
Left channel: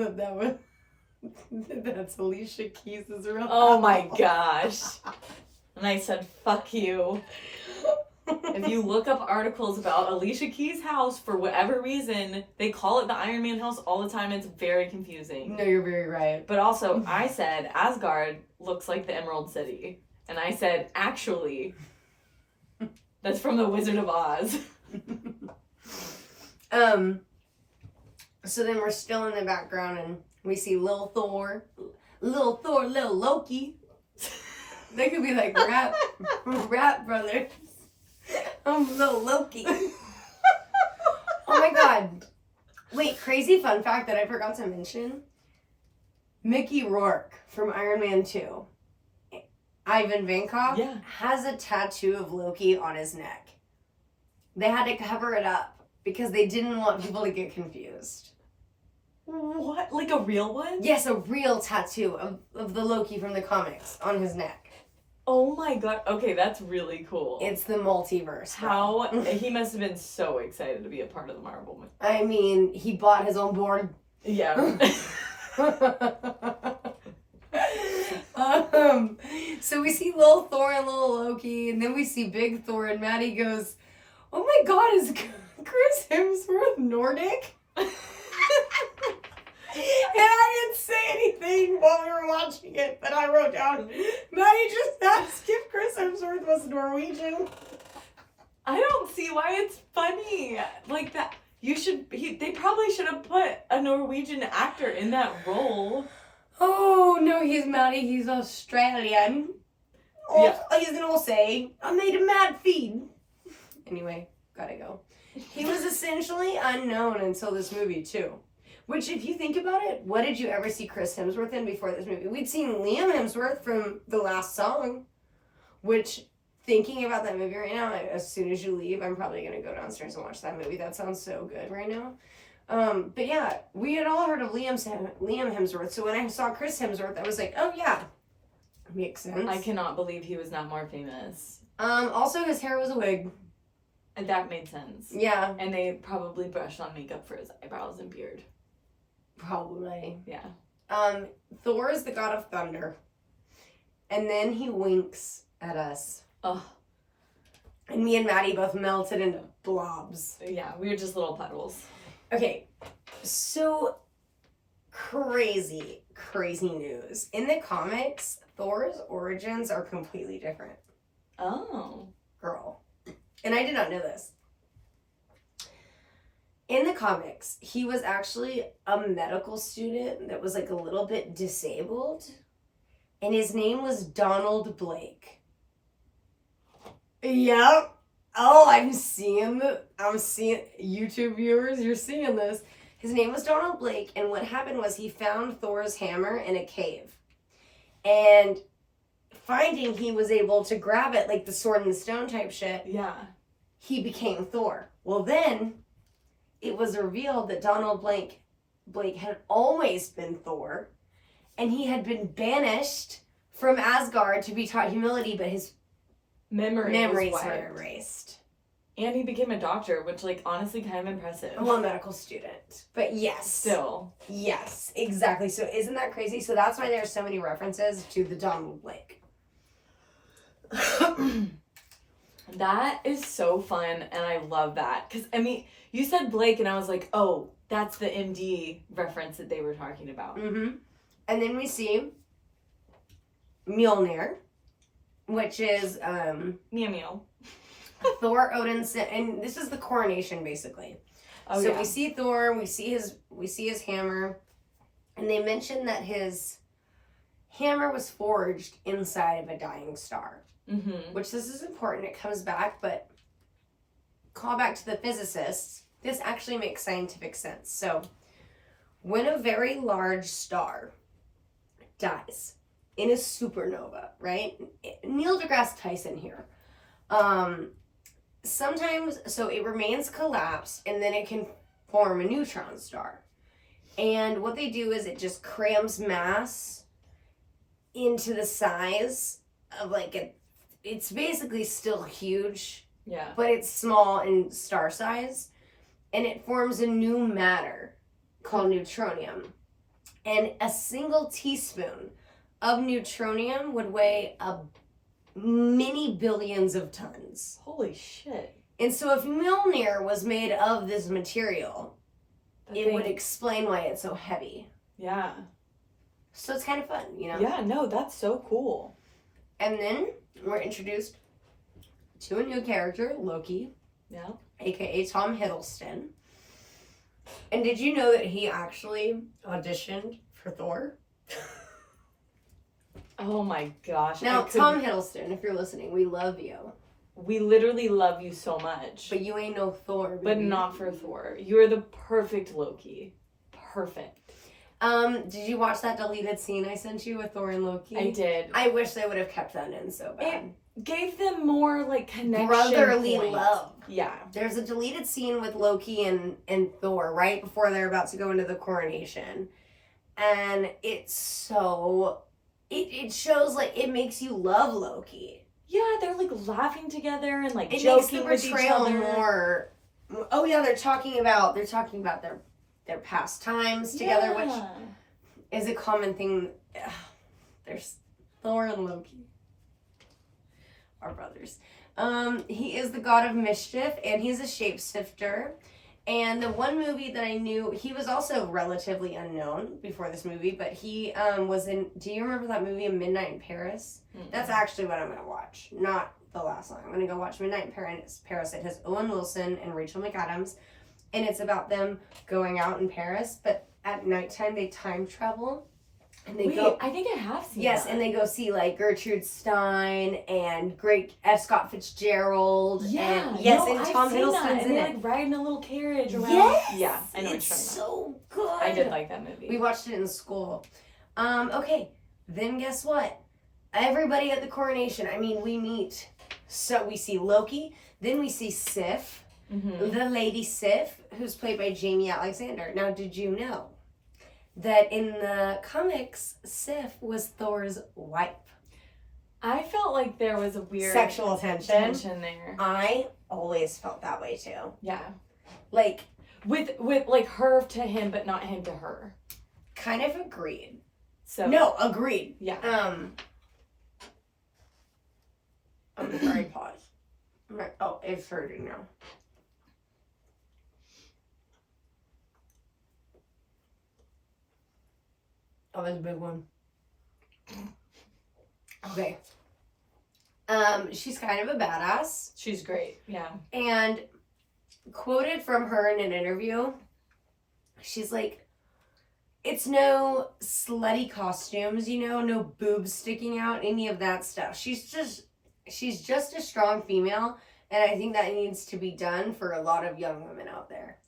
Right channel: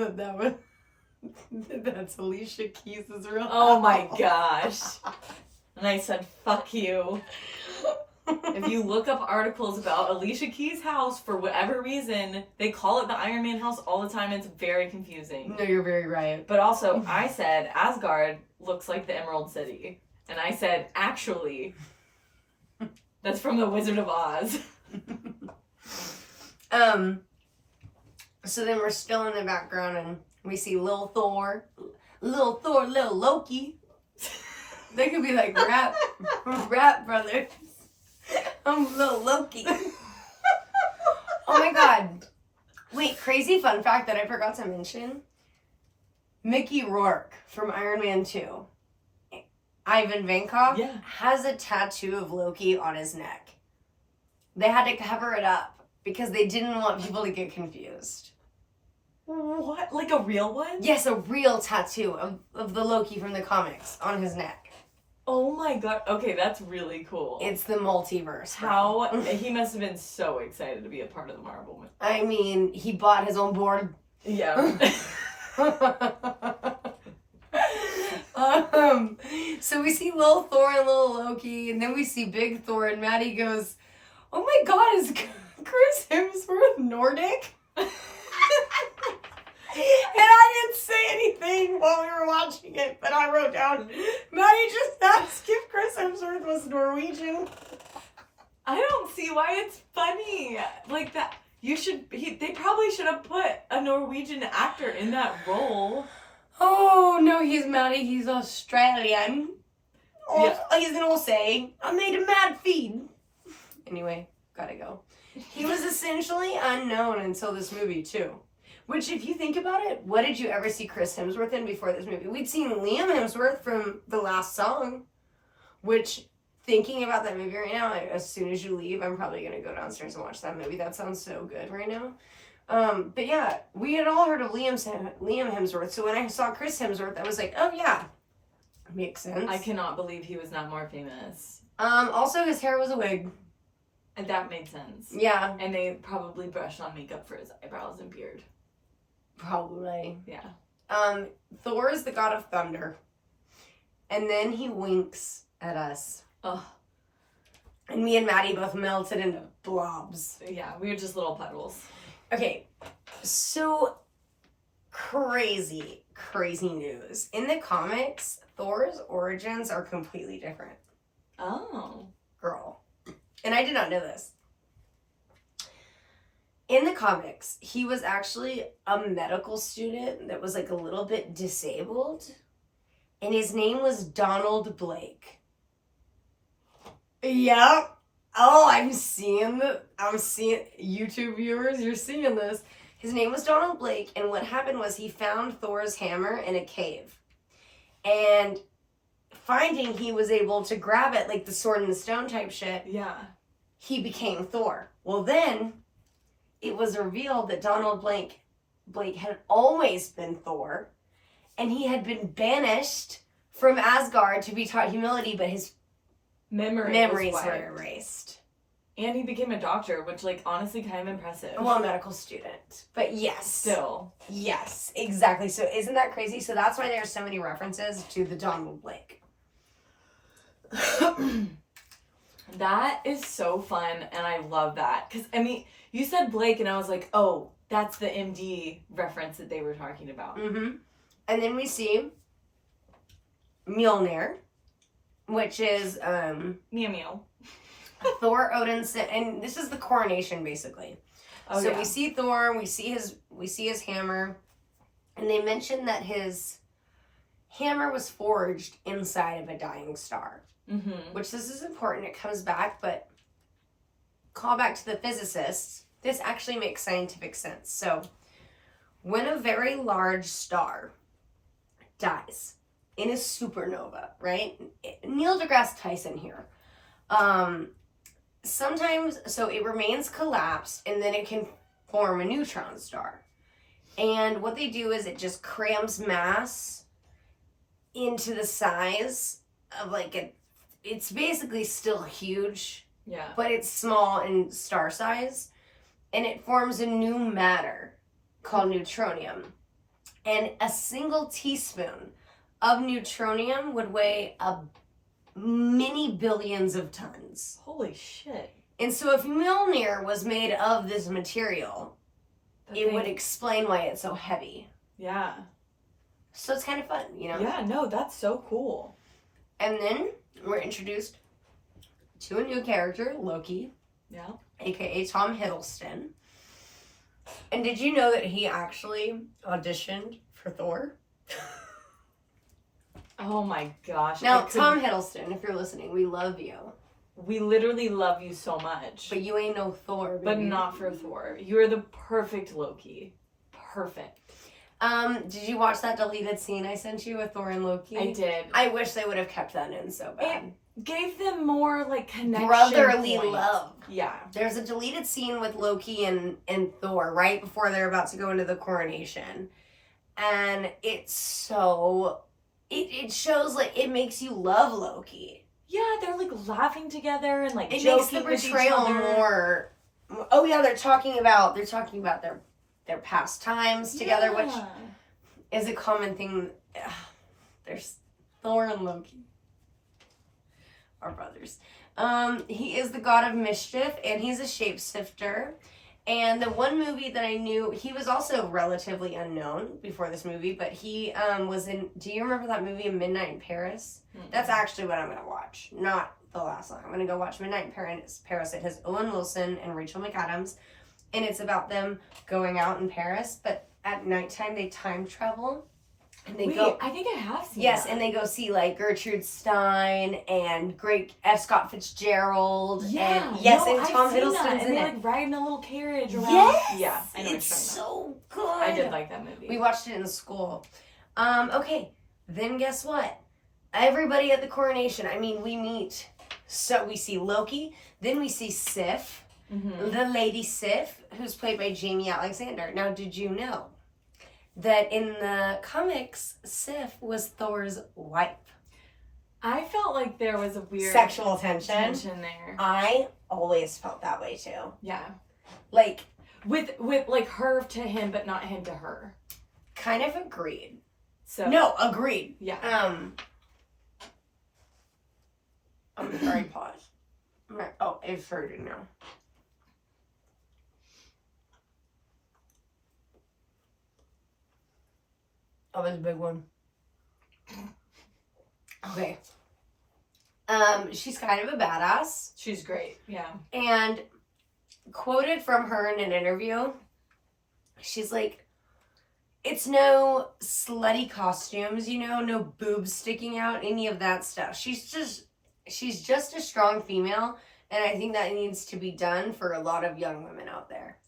that's Alicia Keys' real?" Oh my gosh. And I said, fuck you. If you look up articles about Alicia Keys' house, for whatever reason, they call it the Iron Man house all the time. It's very confusing. No, you're very right. But also, I said, Asgard looks like the Emerald City. And I said, actually, that's from The Wizard of Oz. So then we're still in the background, and we see Lil Thor, Lil Loki. They could be like rap brothers. I'm Lil Loki. Oh my god. Wait, crazy fun fact that I forgot to mention. Mickey Rourke from Iron Man 2, Ivan Vankoff, Yeah. has a tattoo of Loki on his neck. They had to cover it up because they didn't want people to get confused. What? Like a real one? Yes, a real tattoo of the Loki from the comics on his neck. Oh my god. Okay, that's really cool. It's the multiverse. bro. How he must have been so excited to be a part of the Marvel movie. I mean, he bought his own board. Yeah. So we see Lil Thor and Lil Loki, and then we see Big Thor, and Maddie goes, "Oh my god, is Chris Hemsworth Nordic?" And I didn't say anything while we were watching it, but I wrote down, Maddie just asked if Chris Hemsworth was Norwegian. I don't see why it's funny. Like that. They probably should have put a Norwegian actor in that role. Oh, no, he's Maddie. He's Australian. Yeah. He's an Aussie. I made a mad feed. Anyway, gotta go. He was essentially unknown until this movie, too. Which, if you think about it, what did you ever see Chris Hemsworth in before this movie? We'd seen Liam Hemsworth from The Last Song, which, thinking about that movie right now, as soon as you leave, I'm probably going to go downstairs and watch that movie. That sounds so good right now. But yeah, we had all heard of Liam Hemsworth, so when I saw Chris Hemsworth, I was like, oh yeah, makes sense. I cannot believe he was not more famous. Also, his hair was a wig. And that made sense. Yeah. And they probably brushed on makeup for his eyebrows and beard. Probably. Yeah. Thor is the god of thunder. And then he winks at us. Oh. And me and Maddie both melted into blobs. Yeah, we were just little puddles. Okay, so crazy news. In the comics, Thor's origins are completely different. Oh. Girl. And I did not know this. In the comics, he was actually a medical student that was like a little bit disabled. And his name was Donald Blake. Yep. Oh, I'm seeing YouTube viewers, you're seeing this. His name was Donald Blake, and what happened was he found Thor's hammer in a cave. And finding he was able to grab it like the sword and the stone type shit, Yeah. he became Thor. Well, then it was revealed that Donald Blake had always been Thor, and he had been banished from Asgard to be taught humility, but his memories were erased. And he became a doctor, which, like, honestly, kind of impressive. Well, a medical student. But yes. Still. Yes, exactly. So isn't that crazy? So that's why there's so many references to the Donald Blake. That is so fun, and I love that. Because, I mean, you said Blake, and I was like, oh, that's the MD reference that they were talking about. Mm-hmm. And then we see Mjolnir, which is Meow meow. Thor, Odin's, and this is the coronation basically. Oh, so yeah. we see Thor, we see his hammer, and they mention that his hammer was forged inside of a dying star. Mm-hmm. Which this is important. It comes back, but call back to the physicists. This actually makes scientific sense. So, when a very large star dies in a supernova, right? Neil deGrasse Tyson here. Sometimes, so it remains collapsed, and then it can form a neutron star. And what they do is it just crams mass into the size of like it's basically still huge, Yeah. but it's small in star size, and it forms a new matter called neutronium. And a single teaspoon of neutronium would weigh many billions of tons. Holy shit. And so if Mjolnir was made of this material, it would explain why it's so heavy. Yeah. So it's kind of fun, you know? Yeah, no, that's so cool. And then we're introduced to a new character, Loki. Yeah. AKA Tom Hiddleston. And did you know that he actually auditioned for Thor? Oh my gosh. Now, Tom Hiddleston, if you're listening, we love you. We literally love you so much. But you ain't no Thor, baby. But not for Thor. You're the perfect Loki. Perfect. Did you watch that deleted scene I sent you with Thor and Loki? I did. I wish they would have kept that in so bad. It gave them more, like, connection. Brotherly point. love. Yeah. There's a deleted scene with Loki and Thor right before they're about to go into the coronation. And it's so... It shows, like, it makes you love Loki. Yeah, they're, like, laughing together and, like, It joking makes the with each portrayal other. more... Oh, yeah, they're talking about their past times together, which is a common thing. There's Thor and Loki. Our brothers. He is the god of mischief, and he's a shapeshifter. And the one movie that I knew, he was also relatively unknown before this movie, but he was in, do you remember that movie, Midnight in Paris? Mm-mm. That's actually what I'm going to watch, not the last one. I'm going to go watch Midnight in Paris. It has Owen Wilson and Rachel McAdams, and it's about them going out in Paris, but at nighttime they time travel. And they go. I think I have seen Yes, that. and they go see like Gertrude Stein and great F. Scott Fitzgerald. Yeah, and, yes, no, and I've Tom seen that. Hiddleston's And in they it. like ride in a little carriage around. Yes, Yeah, I know what you're it's talking about. so good. I did like that movie. We watched it in school. Okay, then guess what? Everybody at the coronation. I mean, we meet. So we see Loki. Then we see Sif, the Lady Sif, who's played by Jamie Alexander. Now, did you know that in the comics, Sif was Thor's wife? I felt like there was a weird Sexual tension there. I always felt that way too. Yeah, Like, with like her to him, but not him to her. kind of agreed. So No, agreed. yeah. I'm sorry, pause. Oh, it's hurting now. Oh, that's a big one. Okay. She's kind of a badass. She's great. Yeah. And quoted from her in an interview, she's like, it's no slutty costumes, you know, no boobs sticking out, any of that stuff. She's just a strong female, and I think that needs to be done for a lot of young women out there.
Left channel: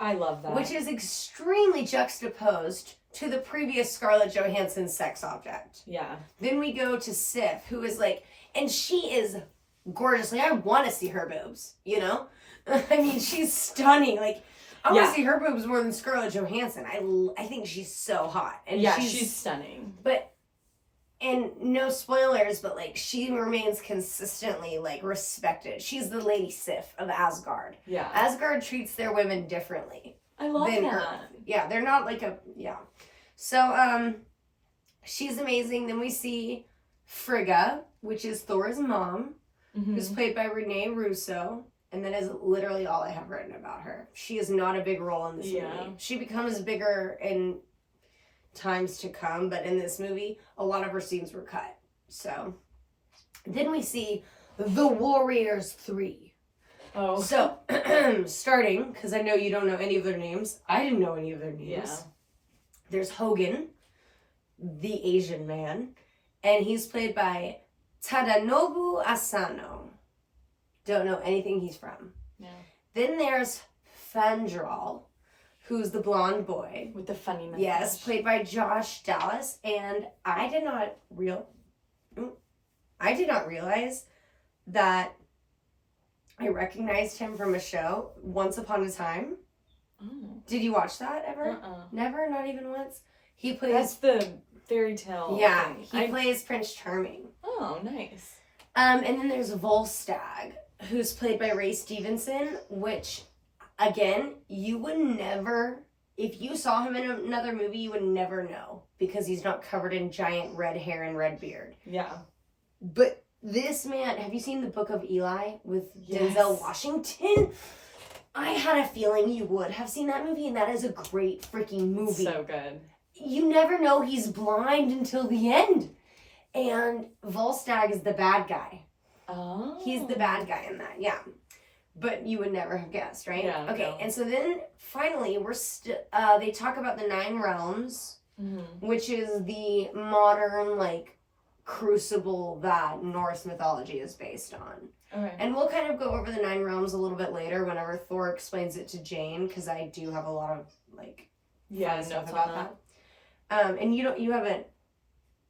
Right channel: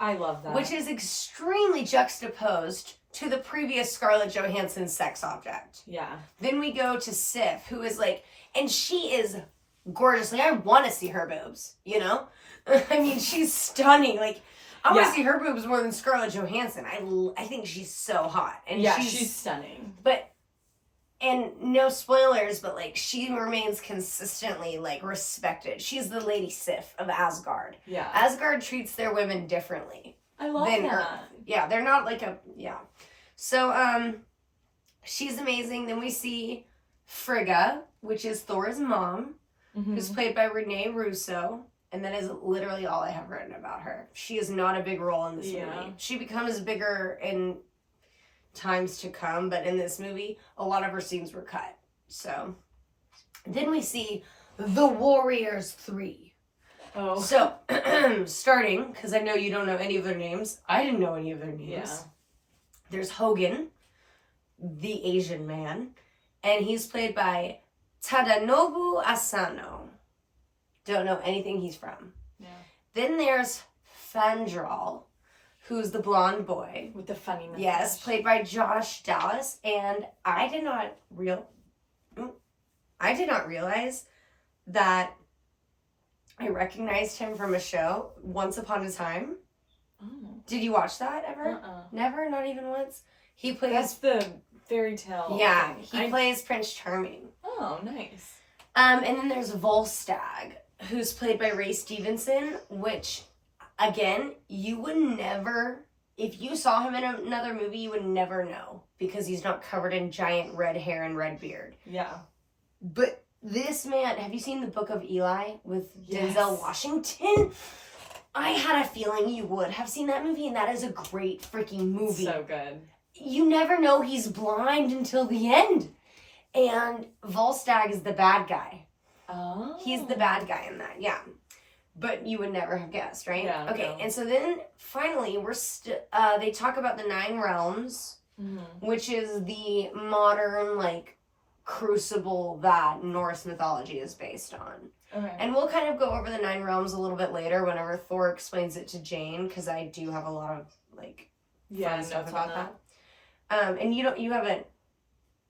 I love that. which is extremely juxtaposed to the previous Scarlett Johansson sex object. Yeah. Then we go to Sif, who is like, and she is gorgeous. Like, I want to see her boobs, you know? I mean, she's stunning. Like, I want to see her boobs more than Scarlett Johansson. I think she's so hot. And she's stunning. But, and no spoilers, but like, she remains consistently like respected. She's the Lady Sif of Asgard. Yeah. Asgard treats their women differently. I love that. Earth. Yeah, they're not like So, she's amazing. Then we see Frigga, which is Thor's mom, who's played by Renee Russo. And that is literally all I have written about her. She is not a big role in this movie. She becomes bigger in times to come, but in this movie, a lot of her scenes were cut. So, then we see The Warriors 3. Oh. So, starting, because I know you don't know any of their names. I didn't know any of their names. Yeah. There's Hogan, the Asian man, and he's played by Tadanobu Asano. Don't know anything he's from. Yeah. Then there's Fandral, who's the blonde boy. With the funny mustache. Yes, played by Josh Dallas, and I did not realize that I recognized him from a show, Once Upon a Time. Oh. Did you watch that ever? Never? Not even once? He plays... That's the fairy tale thing. He plays Prince Charming. Oh, nice. And then there's Volstagg, who's played by Ray Stevenson, which, again, you would never... If you saw him in another movie, you would never know, because he's not covered in giant red hair and red beard. Yeah. But this man... Have you seen The Book of Eli with Denzel Washington? I had a feeling you would have seen that movie, and that is a great freaking movie. So good. You never know he's blind until the end. And Volstagg is the bad guy. Oh. He's the bad guy in that, yeah. But you would never have guessed, right? Yeah. Okay, no. And so then, finally, they talk about the 9 realms, which is the modern, like, crucible that Norse mythology is based on. Okay. And we'll kind of go over the 9 realms a little bit later whenever Thor explains it to Jane, because I do have a lot of, like, fun stuff about that. And you haven't,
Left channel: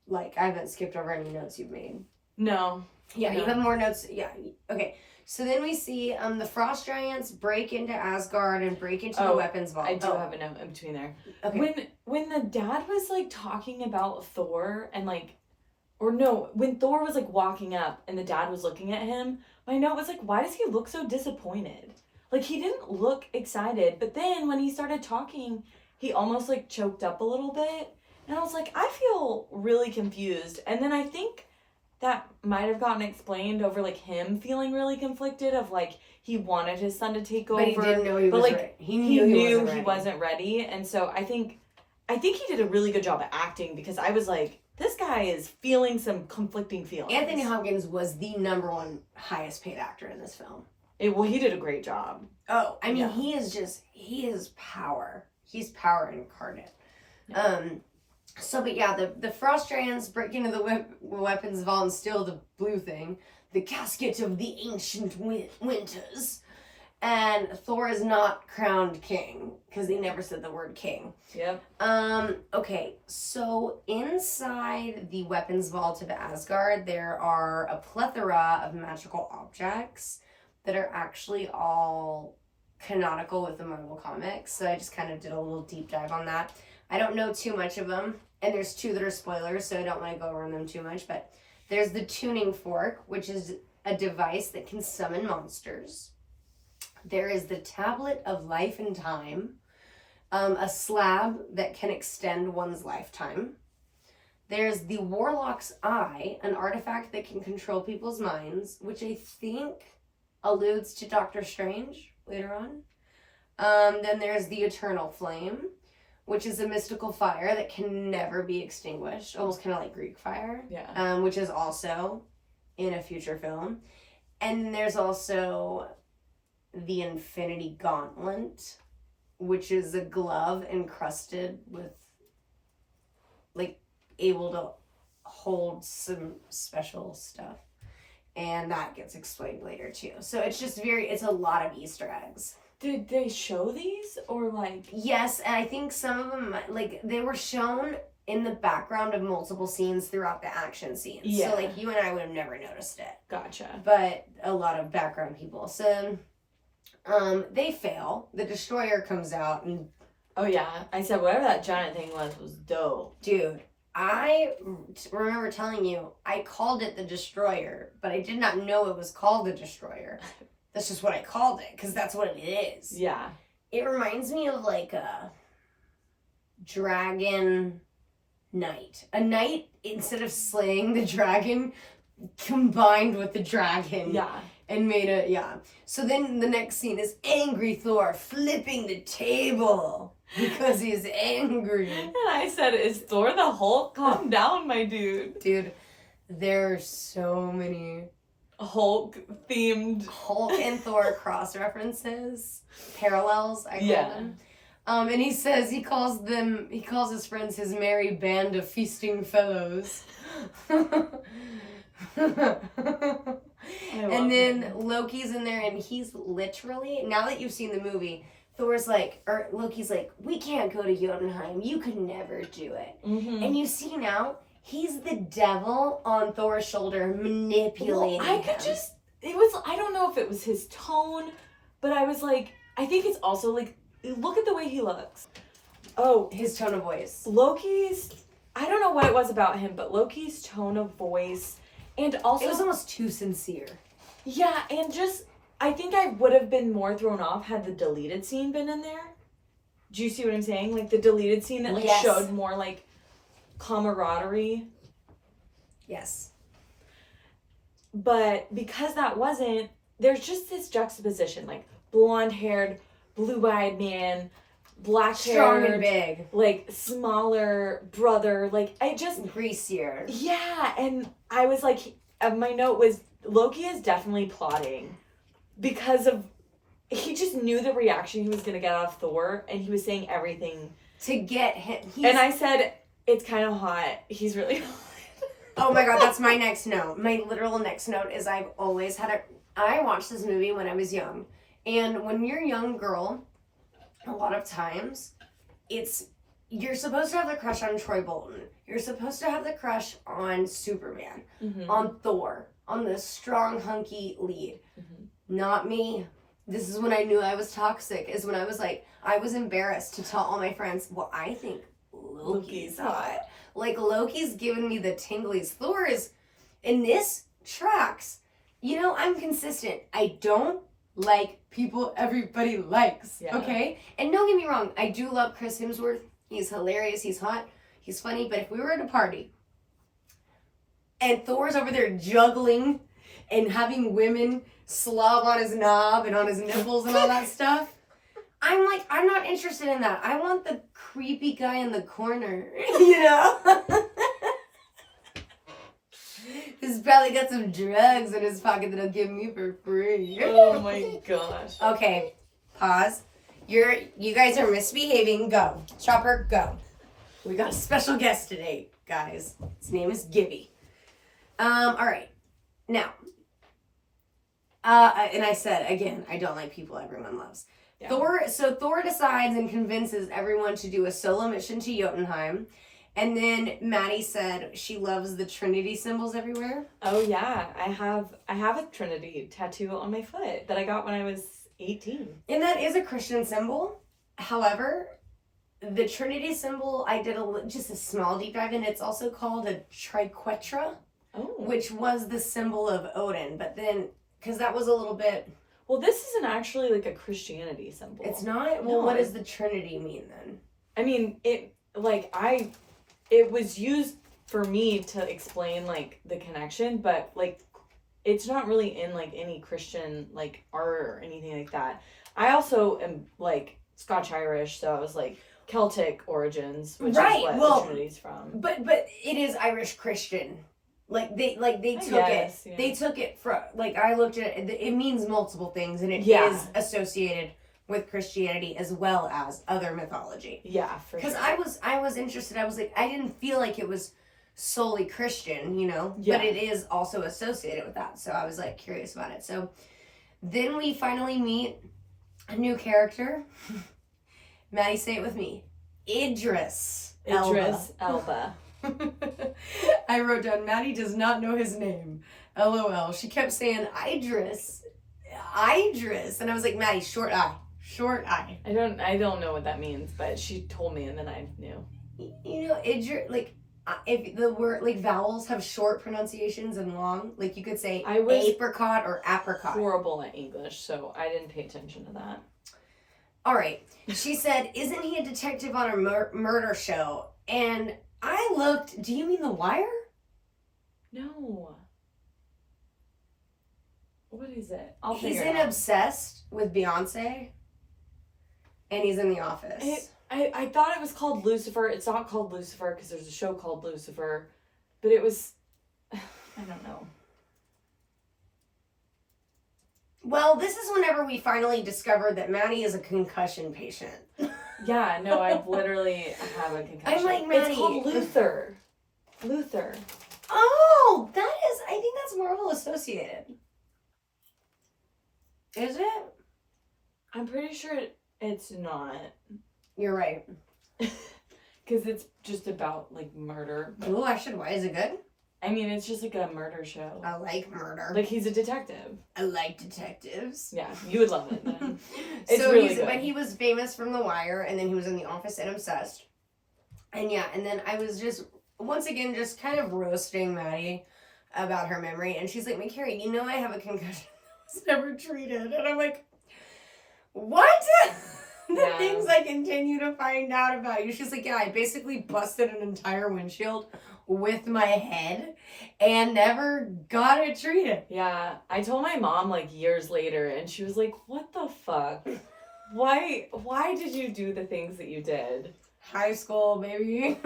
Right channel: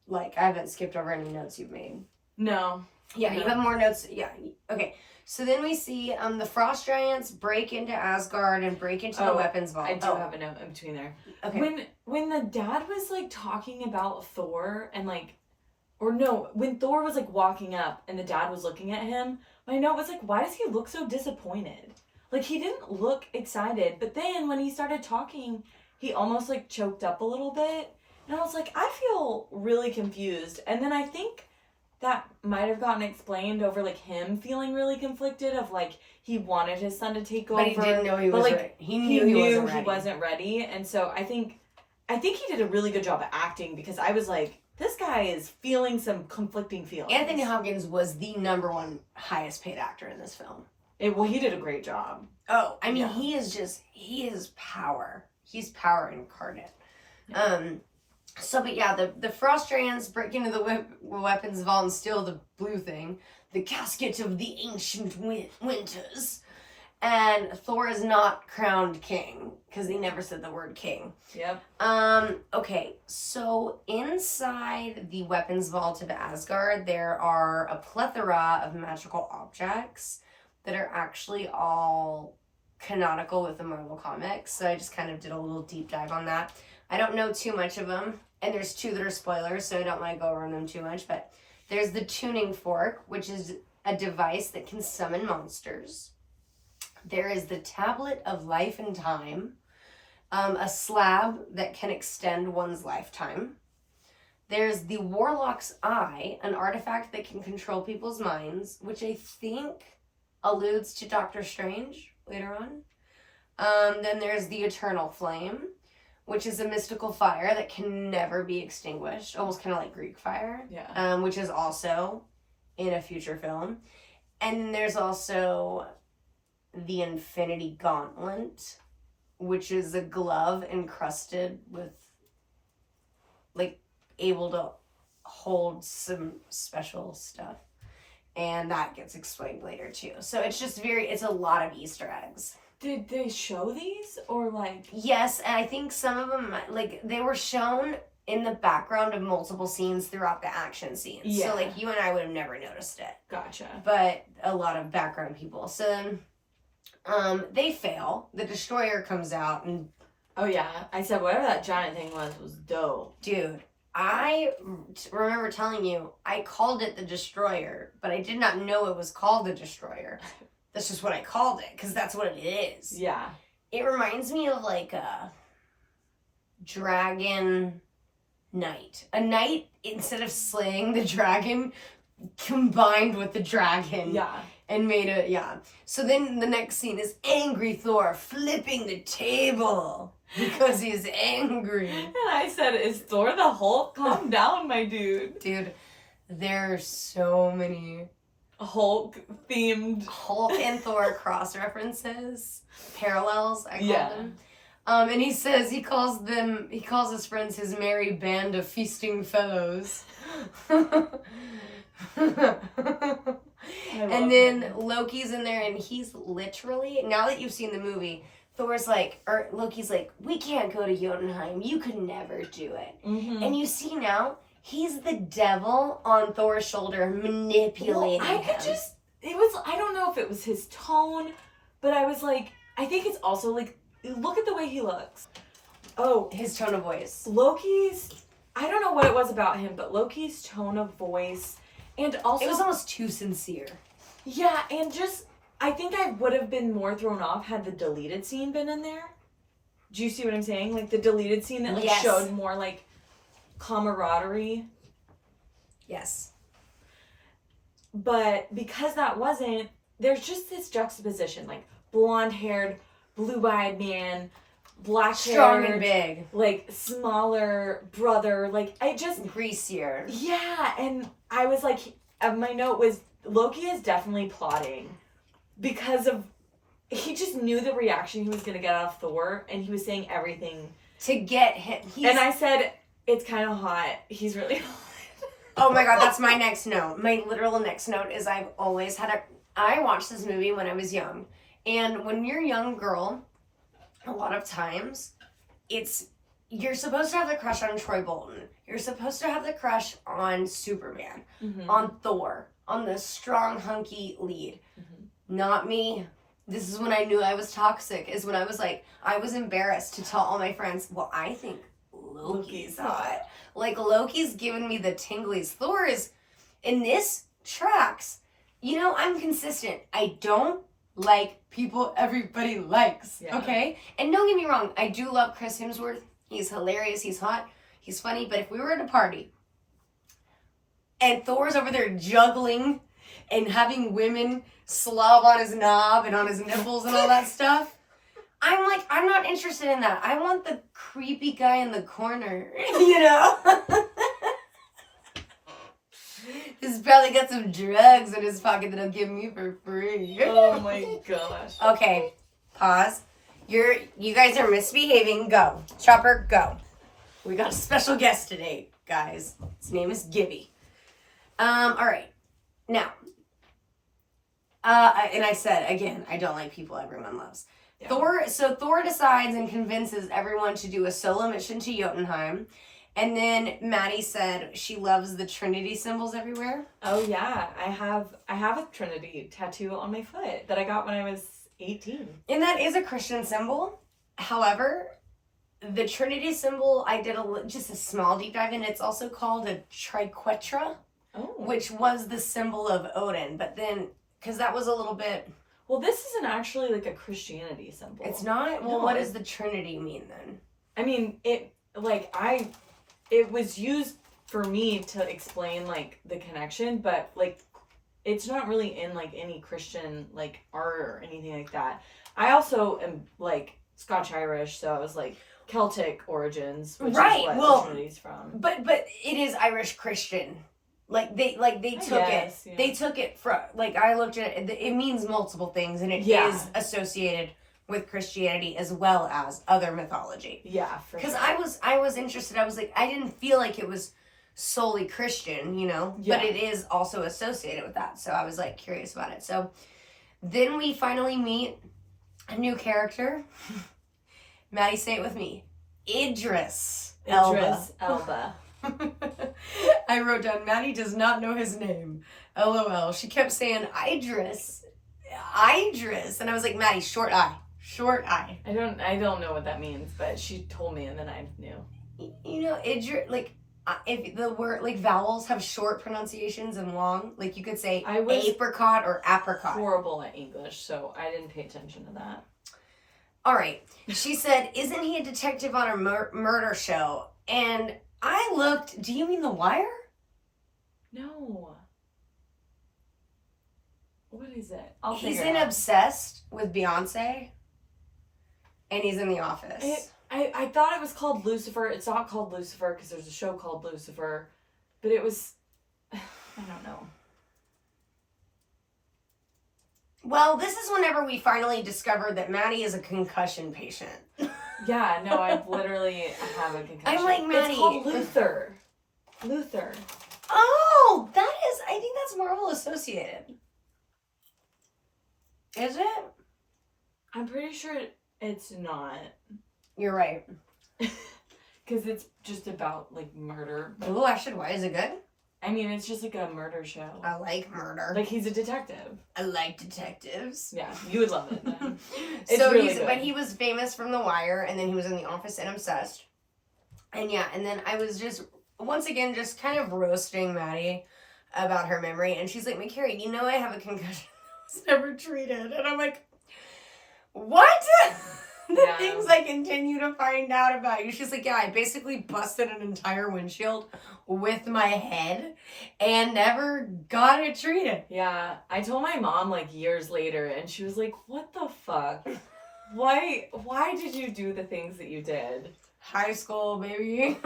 like, I haven't skipped over any notes you've made. No. Yeah, no. You have more notes. Yeah. Okay. So then we see the frost giants break into Asgard and break into the weapons vault. I do have a note in between there. Okay. When the dad was like talking about Thor and like, or no, when Thor was like walking up and the dad was looking at him, my note was like, why does he look so disappointed? Like, he didn't look excited, but then when he started talking, he almost like choked up a little bit. And I was like, I feel really confused. And then I think that might have gotten explained over like him feeling really conflicted of like he wanted his son to take over. But he didn't know he was ready. He knew he wasn't ready. And so I think he did a really good job at acting, because I was like, this guy is feeling some conflicting feelings. Anthony Hopkins was the #1 highest paid actor in this film. He did a great job. Oh, I mean, he is power. He's power incarnate. Yeah. But yeah, the frost giants break into the weapons vault and steal the blue thing, the casket of the ancient winters. And Thor is not crowned king, because he never said the word king. Yep. Okay, so inside the weapons vault of Asgard, there are a plethora of magical objects that are actually all canonical with the Marvel Comics. So I just kind of did a little deep dive on that. I don't know too much of them, and there's 2 that are spoilers, so I don't want to go over them too much, but there's the tuning fork, which is a device that can summon monsters. There is the tablet of life and time, a slab that can extend one's lifetime. There's the Warlock's Eye, an artifact that can control people's minds, which I think alludes to Doctor Strange later on. Then there's the Eternal Flame, which is a mystical fire that can never be extinguished, almost kind of like Greek fire. Yeah. Which is also in a future film. And there's also the Infinity Gauntlet, which is a glove encrusted with, like, able to hold some special stuff. And that gets explained later, too. So it's just it's a lot of Easter eggs. Did they show these or like? Yes, and I think some of them, like, they were shown in the background of multiple scenes throughout the action scenes. Yeah. So, like, you and I would have never noticed it. Gotcha. But a lot of background people. So, they fail. The destroyer comes out and... Oh, yeah. I said whatever that giant thing was dope. Dude, I remember telling you, I called it the destroyer, but I did not know it was called the destroyer. That's just what I called it, because that's what it is. Yeah. It reminds me of, like, a dragon knight. A knight, instead of slaying the dragon, combined with the dragon. Yeah. And made it, yeah. So then the next scene is angry Thor flipping the table because he's angry. And I said, is Thor the Hulk? Calm down, my dude. Dude, there's so many Hulk-themed... Hulk and Thor cross-references, parallels, I call Yeah. them. And he says, he calls his friends his merry band of feasting fellows. And then Loki's in there and he's literally, now that you've seen the movie, Loki's like, we can't go to Jotunheim. You could never do it. Mm-hmm. And you see now, he's the devil on Thor's shoulder manipulating him. I don't know if it was his tone, but I was like, I think it's also like, look at the way he looks. Oh. His tone of voice. I don't know what it was about him, but Loki's tone of voice, and also... It was almost too sincere. Yeah, and just, I think I would have been more thrown off had the deleted scene been in there. Do you see what I'm saying? Like, the deleted scene that, like, showed more, like, camaraderie. Yes. But because that wasn't, there's just this juxtaposition, like, blonde-haired, blue-eyed man, black-haired, strong and big, like, smaller brother, like, I just... greasier. Yeah, and I was like, my note was, Loki is definitely plotting because of, he just knew the reaction he was going to get out of Thor, and he was saying everything. To get him. And I said, it's kind of hot. He's really hot. Oh my god, that's my next note. My literal next note is I watched this movie when I was young. And when you're a young girl, a lot of times, you're supposed to have the crush on Troy Bolton. You're supposed to have the crush on Superman, on Thor, on the strong, hunky lead. Mm-hmm. Not me. This is when I knew I was toxic, is when I was like, I was embarrassed to tell all my friends, well, I think Loki's hot. Like, Loki's giving me the tinglies. Thor is, in this tracks, you know, I'm consistent. I don't like people everybody likes, okay? And don't get me wrong, I do love Chris Hemsworth. He's hilarious, he's hot, he's funny, but if we were at a party and Thor's over there juggling and having women slob on his knob and on his nipples and all that stuff, I'm like, I'm not interested in that. I want the creepy guy in the corner, you know? He's probably got some drugs in his pocket that he'll give me for free. Oh my gosh. Okay, pause. You guys are misbehaving. Go. Chopper, go. We got a special guest today, guys. His name is Gibby. All right. Now, and I said, again, I don't like people everyone loves. Yeah. Thor decides and convinces everyone to do a solo mission to Jotunheim. And then Maddie said she loves the Trinity symbols everywhere. Oh yeah, I have a Trinity tattoo on my foot that I got when I was 18. And that is a Christian symbol. However, the Trinity symbol, I did just a small deep dive in. It's also called a triquetra, which was the symbol of Odin. But then, because that was a little bit... Well, this isn't actually like a Christianity symbol. It's not? Well, what does the Trinity mean then? I mean, it was used for me to explain like the connection, but like it's not really in like any Christian like art or anything like that. I also am like Scotch Irish, so I was like Celtic origins, which is what the Trinity's from. But it is Irish Christian. They took it. Yeah. They took it from, like, I looked at it. It means multiple things, and it is associated with Christianity as well as other mythology. Yeah, for sure. Because I was interested. I was like, I didn't feel like it was solely Christian, you know, but it is also associated with that. So I was like curious about it. So then we finally meet A new character. Maddie, say it with me. Idris Idris Elba. I wrote down, Maddie does not know his name. LOL. She kept saying Idris. Idris. And I was like, Maddie, short I. Short I. I don't know what that means, but she told me and then I knew. You know, Idris, like, if the word, like, vowels have short pronunciations and long, like, you could say apricot or apricot. Horrible at English, so I didn't pay attention to that. All right. She said, isn't he a detective on a murder show? And I looked, do you mean The Wire? No. What is it? He's in Obsessed with Beyonce. And he's in The Office. I thought it was called Lucifer. It's not called Lucifer because there's a show called Lucifer. But it was... I don't know. Well, this is whenever we finally discovered that Maddie is a concussion patient. Yeah, no, I literally have a concussion. I'm like, Maddie. It's called Luther. Luther. Oh, I think that's Marvel Associated. Is it? I'm pretty sure it's not. You're right. Because it's just about, like, murder. Ooh, I should. Why is it good? I mean, it's just like a murder show. I like murder. Like, he's a detective. I like detectives. Yeah, you would love it then. But he was famous from The Wire, and then he was in The Office and Obsessed. And yeah, and then I was just, once again, just kind of roasting Maddie about her memory. And she's like, McCary, you know I have a concussion that was never treated. And I'm like, what? Things I continue to find out about you. She's like, yeah, I basically busted an entire windshield with my head and never got it treated. Yeah, I told my mom like years later and she was like, what the fuck? Why did you do the things that you did? High school, baby.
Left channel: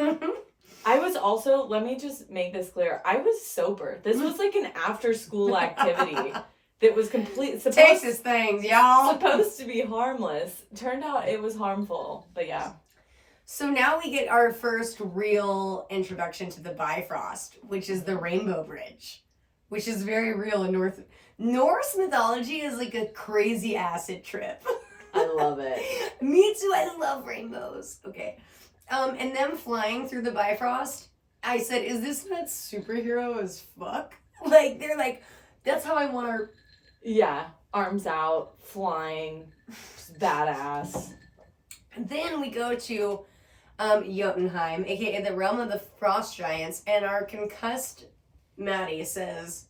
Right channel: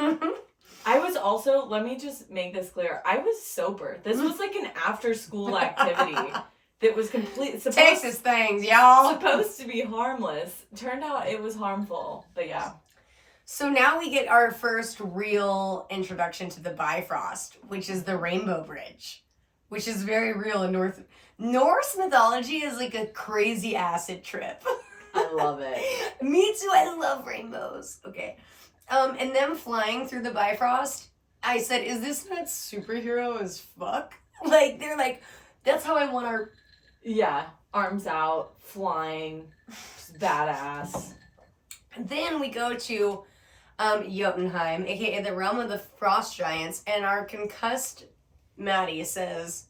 I was also, let me just make this clear, I was sober. This was like an after school activity. That was Texas things, y'all. Supposed to be harmless. Turned out it was harmful. But yeah. So now we get our first real introduction to the Bifrost, which is the Rainbow Bridge, which is very real in Norse mythology is like a crazy acid trip. I love it. Me too. I love rainbows. Okay. And them flying through the Bifrost, I said, is this not superhero as fuck? Like, they're like, that's how I want our... Yeah, arms out, flying, just badass. Then we go to Jotunheim, aka the realm of the frost giants, and our concussed Maddie says,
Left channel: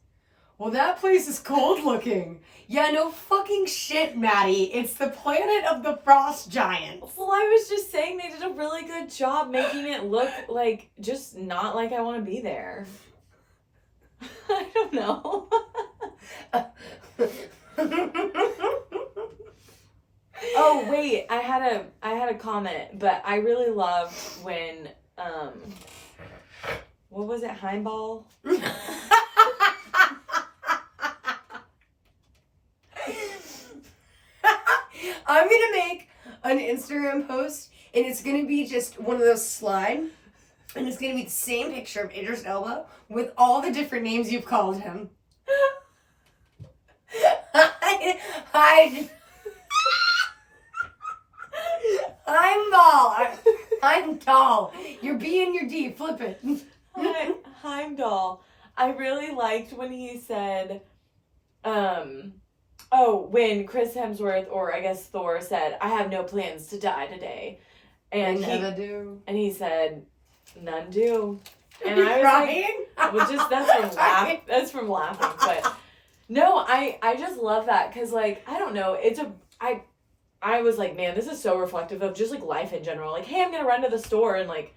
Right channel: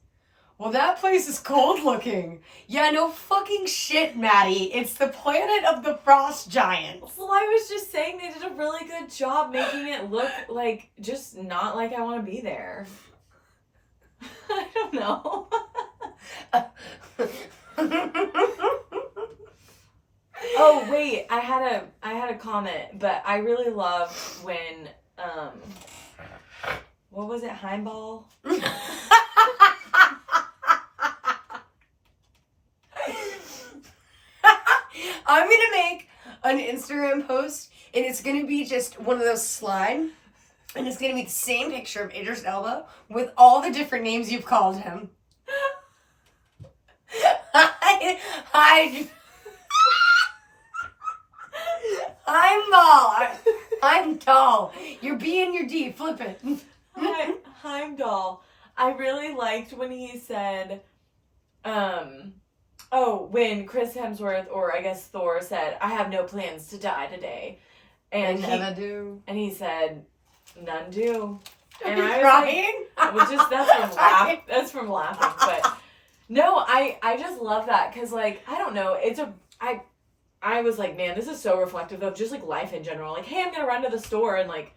well, that place is cold looking. Yeah, no fucking shit, Maddie. It's the planet of the frost giants. Well, I was just saying they did a really good job making it look like, just not like I want to be there. I don't know. Oh wait, I had a comment, but I really loved when what was it, Heimball? I'm gonna make an Instagram post and it's gonna be just one of those slide and it's gonna be the same picture of Idris Elba with all the different names you've called him. I'm tall. You're B and you're D. Flip it. Heimdall. I really liked when he said, when Chris Hemsworth, or I guess Thor, said, I have no plans to die today. And never do. And he said, none do. And I was crying? Like, well, just that's from laughing. But no, I just love that because, like, I don't know, I was like, man, this is so reflective of just like life in general. Like, hey, I'm gonna run to the store and like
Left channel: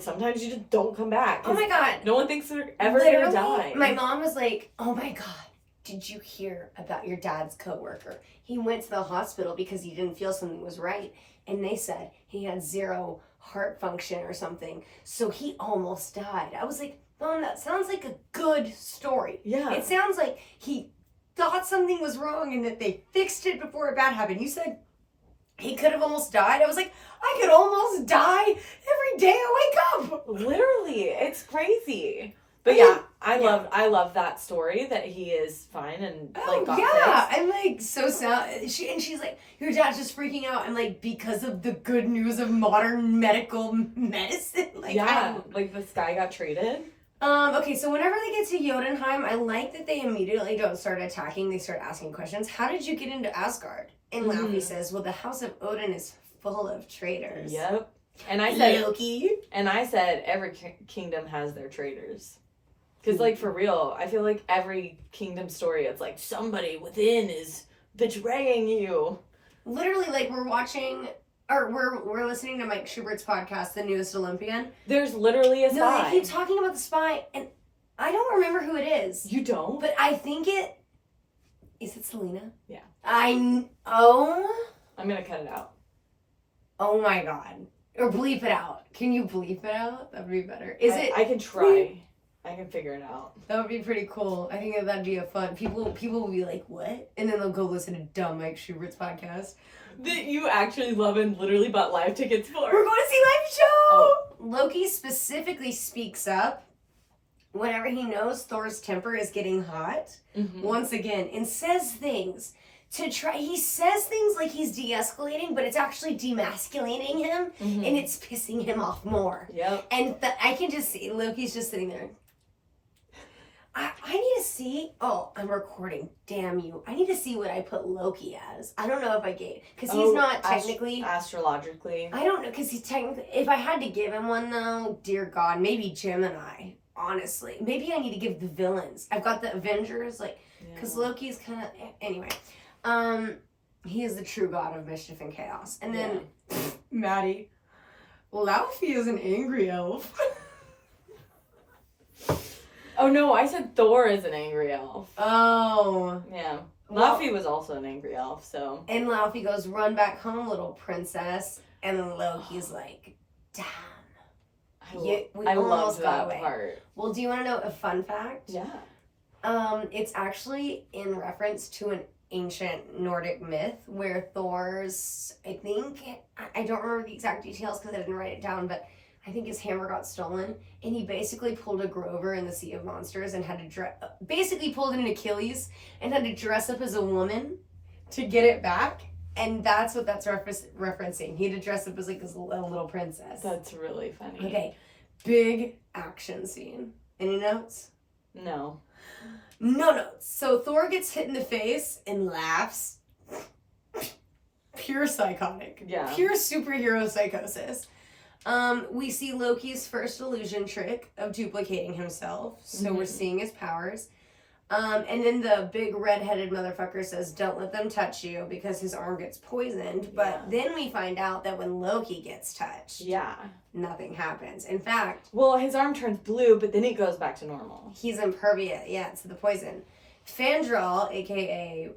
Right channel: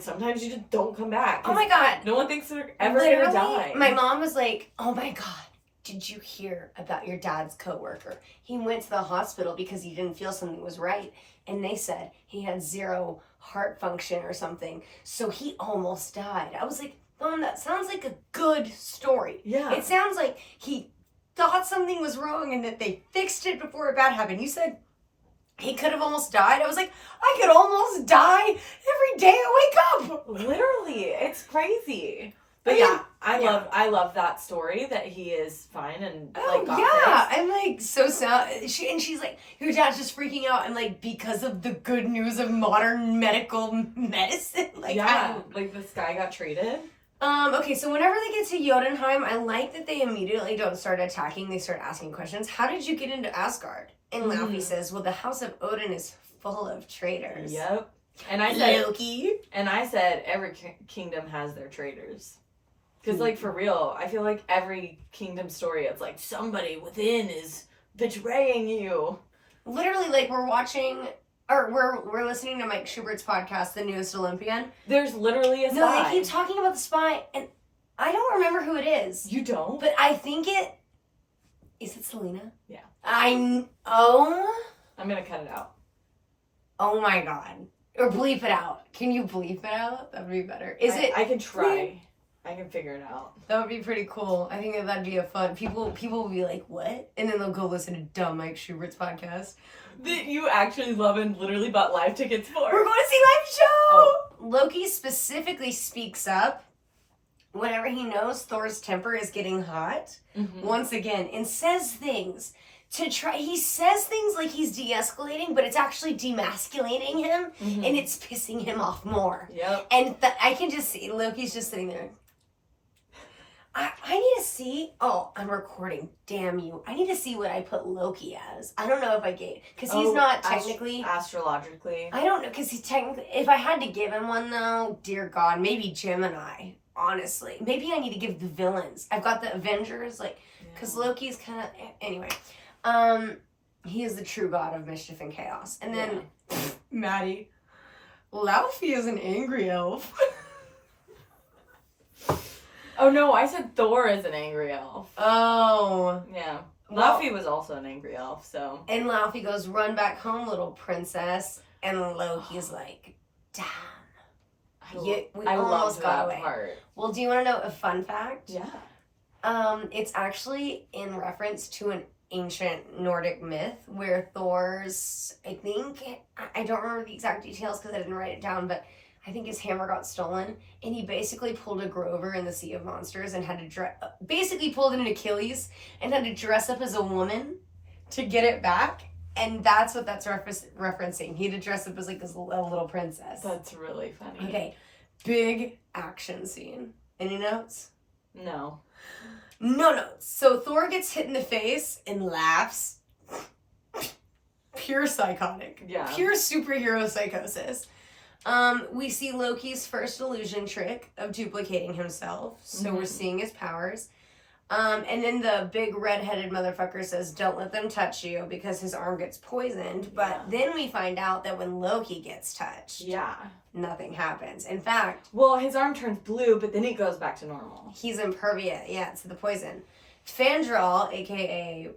sometimes you just don't come back. Oh my god, no one thinks they're ever gonna die. My mom was like, oh my god, did you hear about your dad's coworker? He went to the hospital because he didn't feel something was right, and they said he had 0 heart function or something, so he almost died. I was like, Mom, that sounds like a good story. Yeah, it sounds like he thought something was wrong and that they fixed it before it bad happened. You said he could have almost died. I was like, I could almost die every day I wake up. Literally, it's crazy. But I I love that story that he is fine and got fixed. I'm like so sad. She's like, your dad's just freaking out, and like because of the good news of modern medical medicine. Like like this guy got treated. Okay, so whenever they get to Jotunheim, I like that they immediately don't start attacking. They start asking questions. How did you get into Asgard? And Laufey says, well, the House of Odin is full of traitors. Yep. And I said Loki. And I said every kingdom has their traitors. Because, like, for real, I feel like every kingdom story, it's like somebody within is betraying you. Literally, like, we're watching, or we're listening to Mike Schubert's podcast, The Newest Olympian. There's literally a spy. No, they keep talking about the spy, and I don't remember who it is. You don't? But I think is it Selena? Yeah. I'm gonna cut it out. Oh my god. Or bleep it out. Can you bleep it out? That would be better. I can try. I can figure it out. That would be pretty cool. I think that'd be a fun. People will be like, what? And then they'll go listen to dumb Mike Schubert's podcast. That you actually love and literally bought live tickets for. We're going to see live show! Oh. Loki specifically speaks up whenever he knows Thor's temper is getting hot. Once again. And says things. He says things like he's de-escalating, but it's actually demasculating him, and it's pissing him off more. Yep. And I can just see, Loki's just sitting there. I need to see, I'm recording, damn you. I need to see what I put Loki as. I don't know if I gave, because he's not technically. Astrologically. I don't know, because he's technically, if I had to give him one though, dear God, maybe Gemini, honestly. Maybe I need to give the villains. I've got the Avengers, because Loki's kind of, anyway. He is the true god of mischief and chaos. And then, Maddie, Laufey is an angry elf. Oh no, I said Thor is an angry elf. Oh. Yeah. Laufey was also an angry elf, so. And Laufey goes, run back home, little princess. And Loki's like, damn. We almost got away. Part. Well, do you want to know a fun fact? Yeah. It's actually in reference to an ancient Nordic myth where Thor's, I don't remember the exact details because I didn't write it down, but I think his hammer got stolen, and he basically pulled a Grover in the Sea of Monsters and had to basically pulled an Achilles and had to dress up as a woman to get it back, and that's what that's referencing. He had to dress up as like a little princess. That's really funny. Okay, big action scene. Any notes? No. No notes. So Thor gets hit in the face and laughs. Pure psychotic. Yeah. Pure superhero psychosis. We see Loki's first illusion trick of duplicating himself. So we're seeing his powers. And then the big red-headed motherfucker says, don't let them touch you, because his arm gets poisoned. But then we find out that when Loki gets touched, nothing happens. In fact... Well, his arm turns blue, but then it goes back to normal. He's impervious, to the poison. Fandral, a.k.a.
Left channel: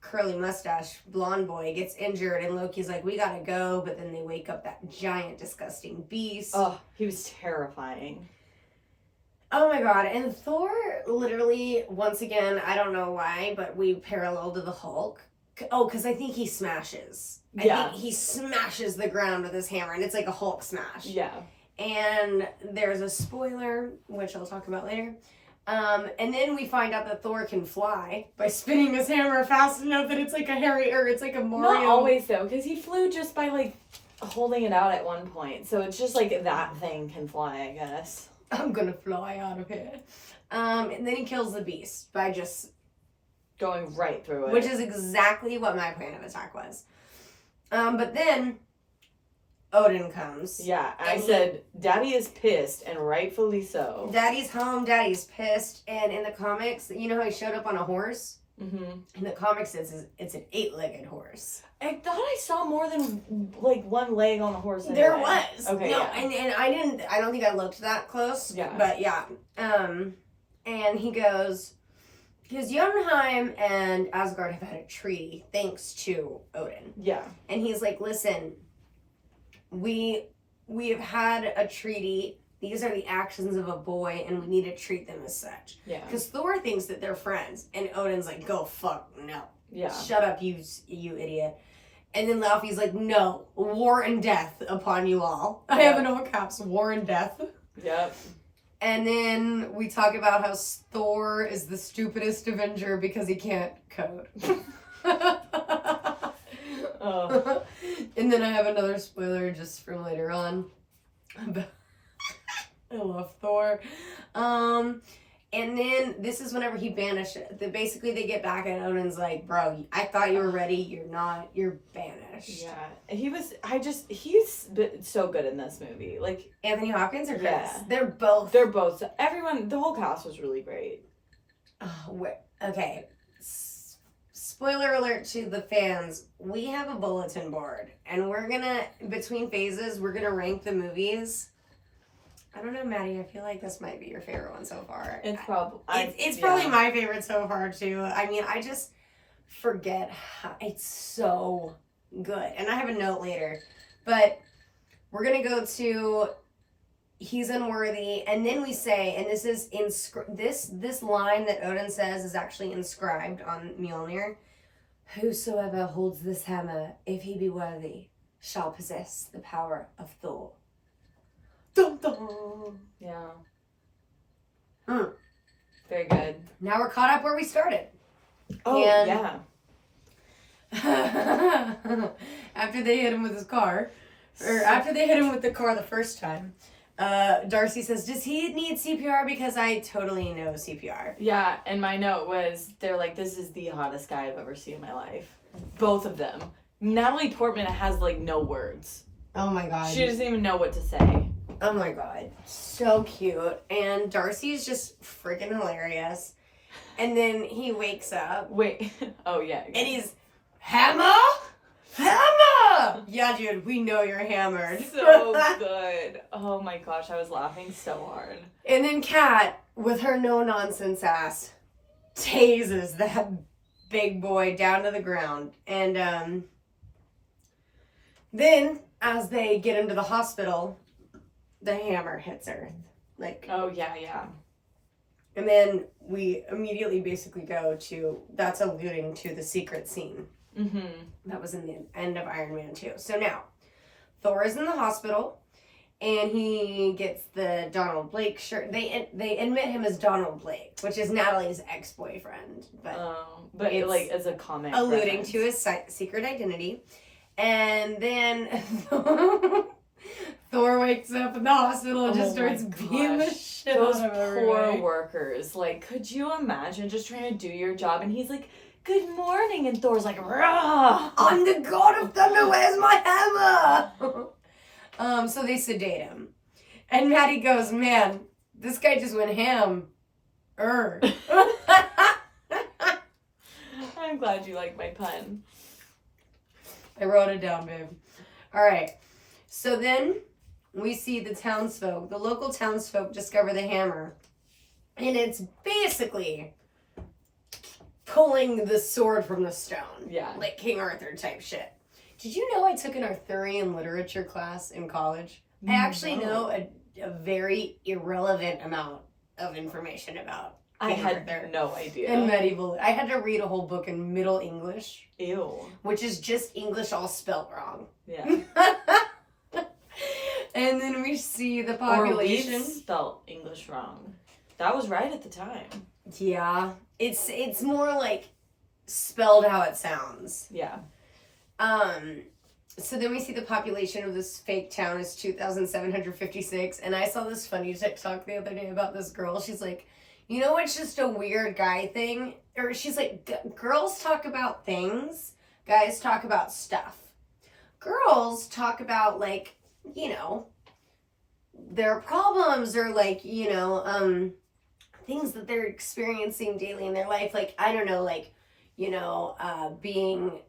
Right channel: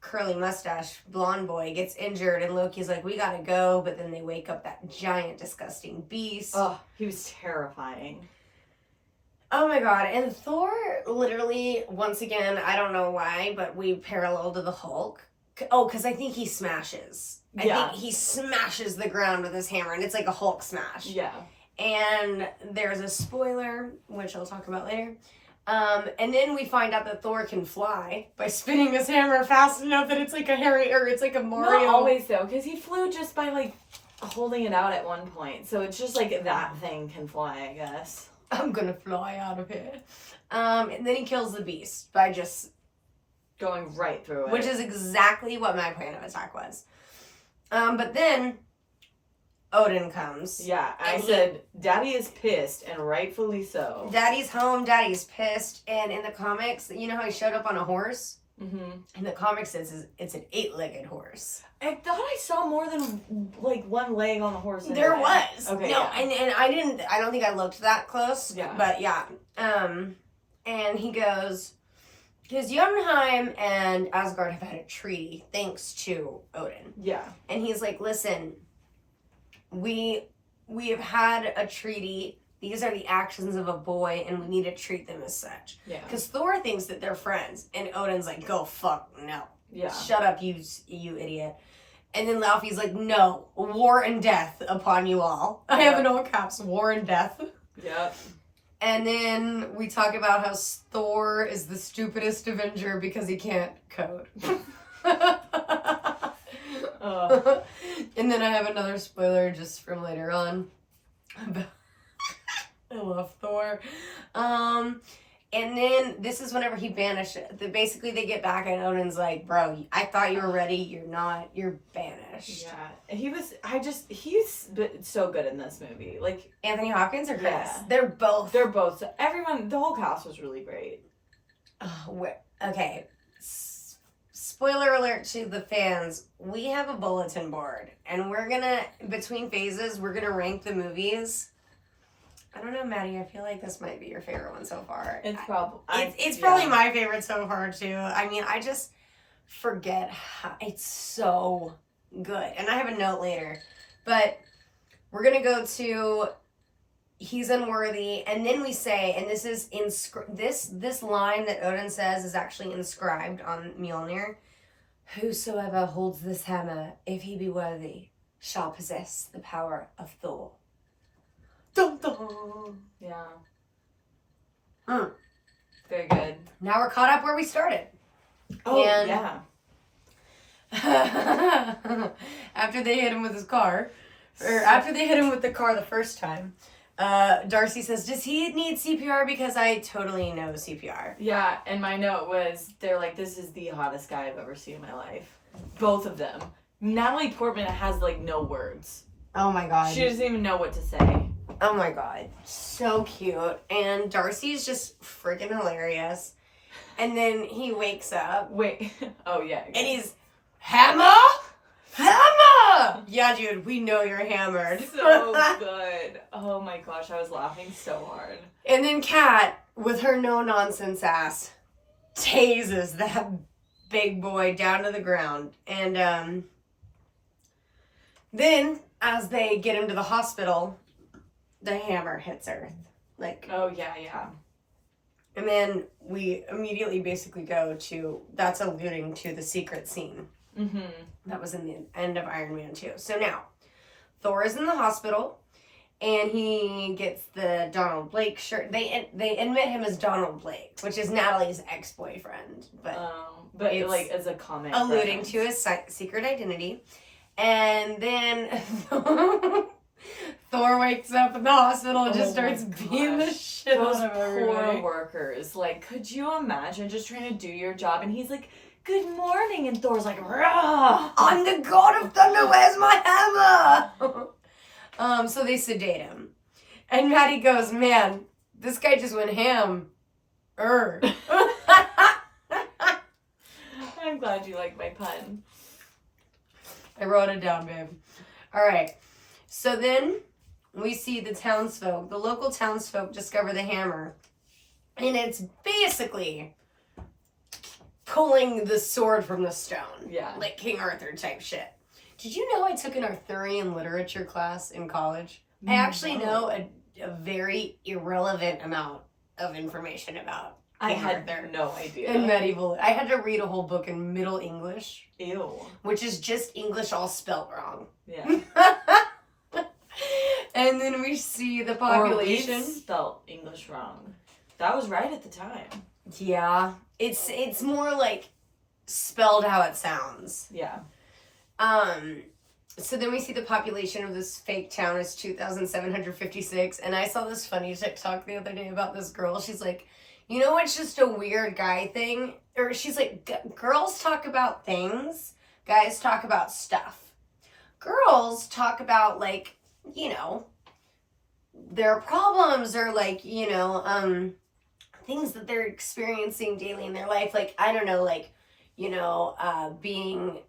curly mustache blonde boy, gets injured, and Loki's like, we gotta go. But then they wake up that giant, disgusting beast. Oh, he was terrifying. Oh my god, and Thor literally, once again, I don't know why, but we parallel to the Hulk. Oh, because I think he smashes. I think he smashes the ground with his hammer, and it's like a Hulk smash. Yeah. And there's a spoiler, which I'll talk about later. And then we find out that Thor can fly by spinning his hammer fast enough that it's like a it's like a Mario. Not always, though, because he flew just by, like, holding it out at one point. So it's just like that thing can fly, I guess. I'm gonna fly out of here. And then he kills the beast by just going right through it. Which is exactly what my plan of attack was. But then Odin comes. Yeah, I said, Daddy is pissed, and rightfully so. Daddy's home, Daddy's pissed, and in the comics, you know how he showed up on a horse? Mm-hmm. In the comics, it's an 8-legged horse. I thought I saw more than, like, one leg on the horse. Anyway. There was. Okay, no, and I don't think I looked that close. Yeah. But, yeah. And he goes, because Jotunheim and Asgard have had a treaty thanks to Odin. Yeah. And he's like, listen, we have had a treaty. These are the actions of a boy, and we need to treat them as such. Yeah. Because Thor thinks that they're friends, and Odin's like, go fuck, no. Yeah. Shut up, you idiot. And then Laufey's like, no, war and death upon you all. I have in all caps, war and death. Yep. And then we talk about how Thor is the stupidest Avenger because he can't code. And then I have another spoiler just from later on. I love Thor. And then this is whenever he banished. Basically, they get back and Odin's like, bro, I thought you were ready. You're not. You're banished. Yeah. He's so good in this movie. Like, Anthony Hopkins or Chris? Yeah. They're both. Everyone, the whole cast was really great. Okay. Spoiler alert to the fans. We have a bulletin board. And we're gonna, between phases, we're gonna rank the movies. I don't know, Maddie. I feel like this might be your favorite one so far. It's probably it's probably my favorite so far too. I mean, I just forget how it's so good. And I have a note later, but we're gonna go to he's unworthy, and then we say, and this is this line that Odin says is actually inscribed on Mjolnir: "Whosoever holds this hammer, if he be worthy, shall possess the power of Thor." Dun, dun. Yeah. Mm. Very good. Now we're caught up where we started. Oh, And yeah. after they hit him with his car, or after they hit him with the car the first time, Darcy says, does he need CPR? Because I totally know CPR. Yeah, and my note was, they're like, this is the hottest guy I've ever seen in my life. Both of them. Natalie Portman has, like, no words. Oh my god. She doesn't even know what to say. Oh my god. So cute. And Darcy's just freaking hilarious. And then he wakes up. Wait. Oh, yeah. And he's, hammer? Hammer! Yeah, dude, we know you're hammered. So good. Oh my gosh, I was laughing so hard. And then Kat, with her no-nonsense ass, tases that big boy down to the ground. And then, as they get him to the hospital, the hammer hits Earth. Like, oh, yeah. and then we immediately basically go to, that's alluding to the secret scene. Mm-hmm. That was in the end of Iron Man 2. So now, Thor is in the hospital, and he gets the Donald Blake shirt. They admit him as Donald Blake, which is Natalie's ex-boyfriend. But it's like, as a comic alluding reference. to his secret identity. And then Thor wakes up in the hospital and just starts beating the shit Those out of poor everybody. workers. Like, could you imagine just trying to do your job? And he's like, good morning. And Thor's like, rah! I'm the god of thunder, where's my hammer? So they sedate him. And Maddie goes, man, this guy just went ham. I'm glad you like my pun. I wrote it down, babe. All right. So then we see the townsfolk, the local townsfolk discover the hammer. And it's basically pulling the sword from the stone. Yeah. Like King Arthur type shit. Did you know I took an Arthurian literature class in college? I actually know a very irrelevant amount of information about I King had Arthur no idea. and medieval. I had to read a whole book in Middle English. Ew. Which is just English all spelt wrong. Yeah. And then we see the population. Or we spelt English wrong. That was right at the time. Yeah. It's more like spelled how it sounds. Yeah. So then we see the population of this fake town is 2,756. And I saw this funny TikTok the other day about this girl. She's like, you know what's just a weird guy thing? Or she's like, girls talk about things, guys talk about stuff. Girls talk about, like, you know, their problems or, like, you know, things that they're experiencing daily in their life. Like, I don't know, like, you know, being,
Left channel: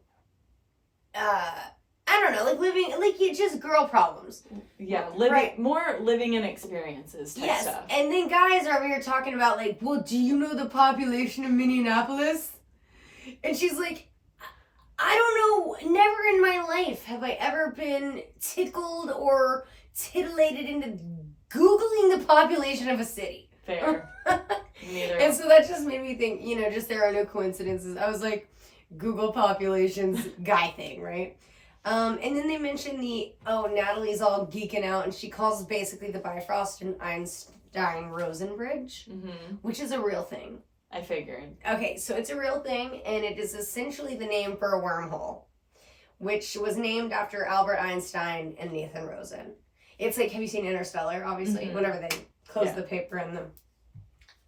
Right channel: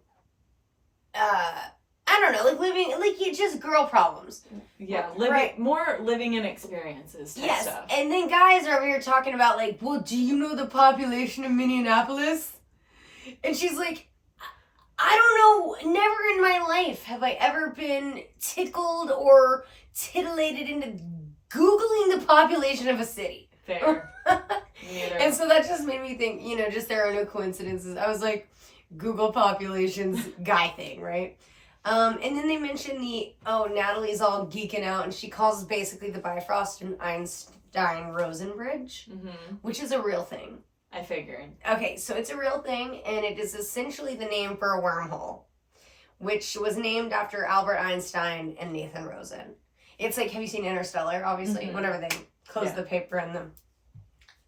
I don't know, like living, like just girl problems. Yeah, more living in experiences type stuff. And then guys are over here talking about like, well, do you know the population of Minneapolis? And she's like, I don't know, never in my life have I ever been tickled or titillated into Googling the population of a city. Fair. Neither. And so that just made me think, you know, just there are no coincidences. I was like, Google populations guy thing, right? And then they mention Natalie's all geeking out, and she calls basically the Bifrost an Einstein-Rosen bridge, which is a real thing. I figured. Okay, so it's a real thing, and it is essentially the name for a wormhole, which was named after Albert Einstein and Nathan Rosen. It's like, have you seen Interstellar? Obviously, whenever they close the paper and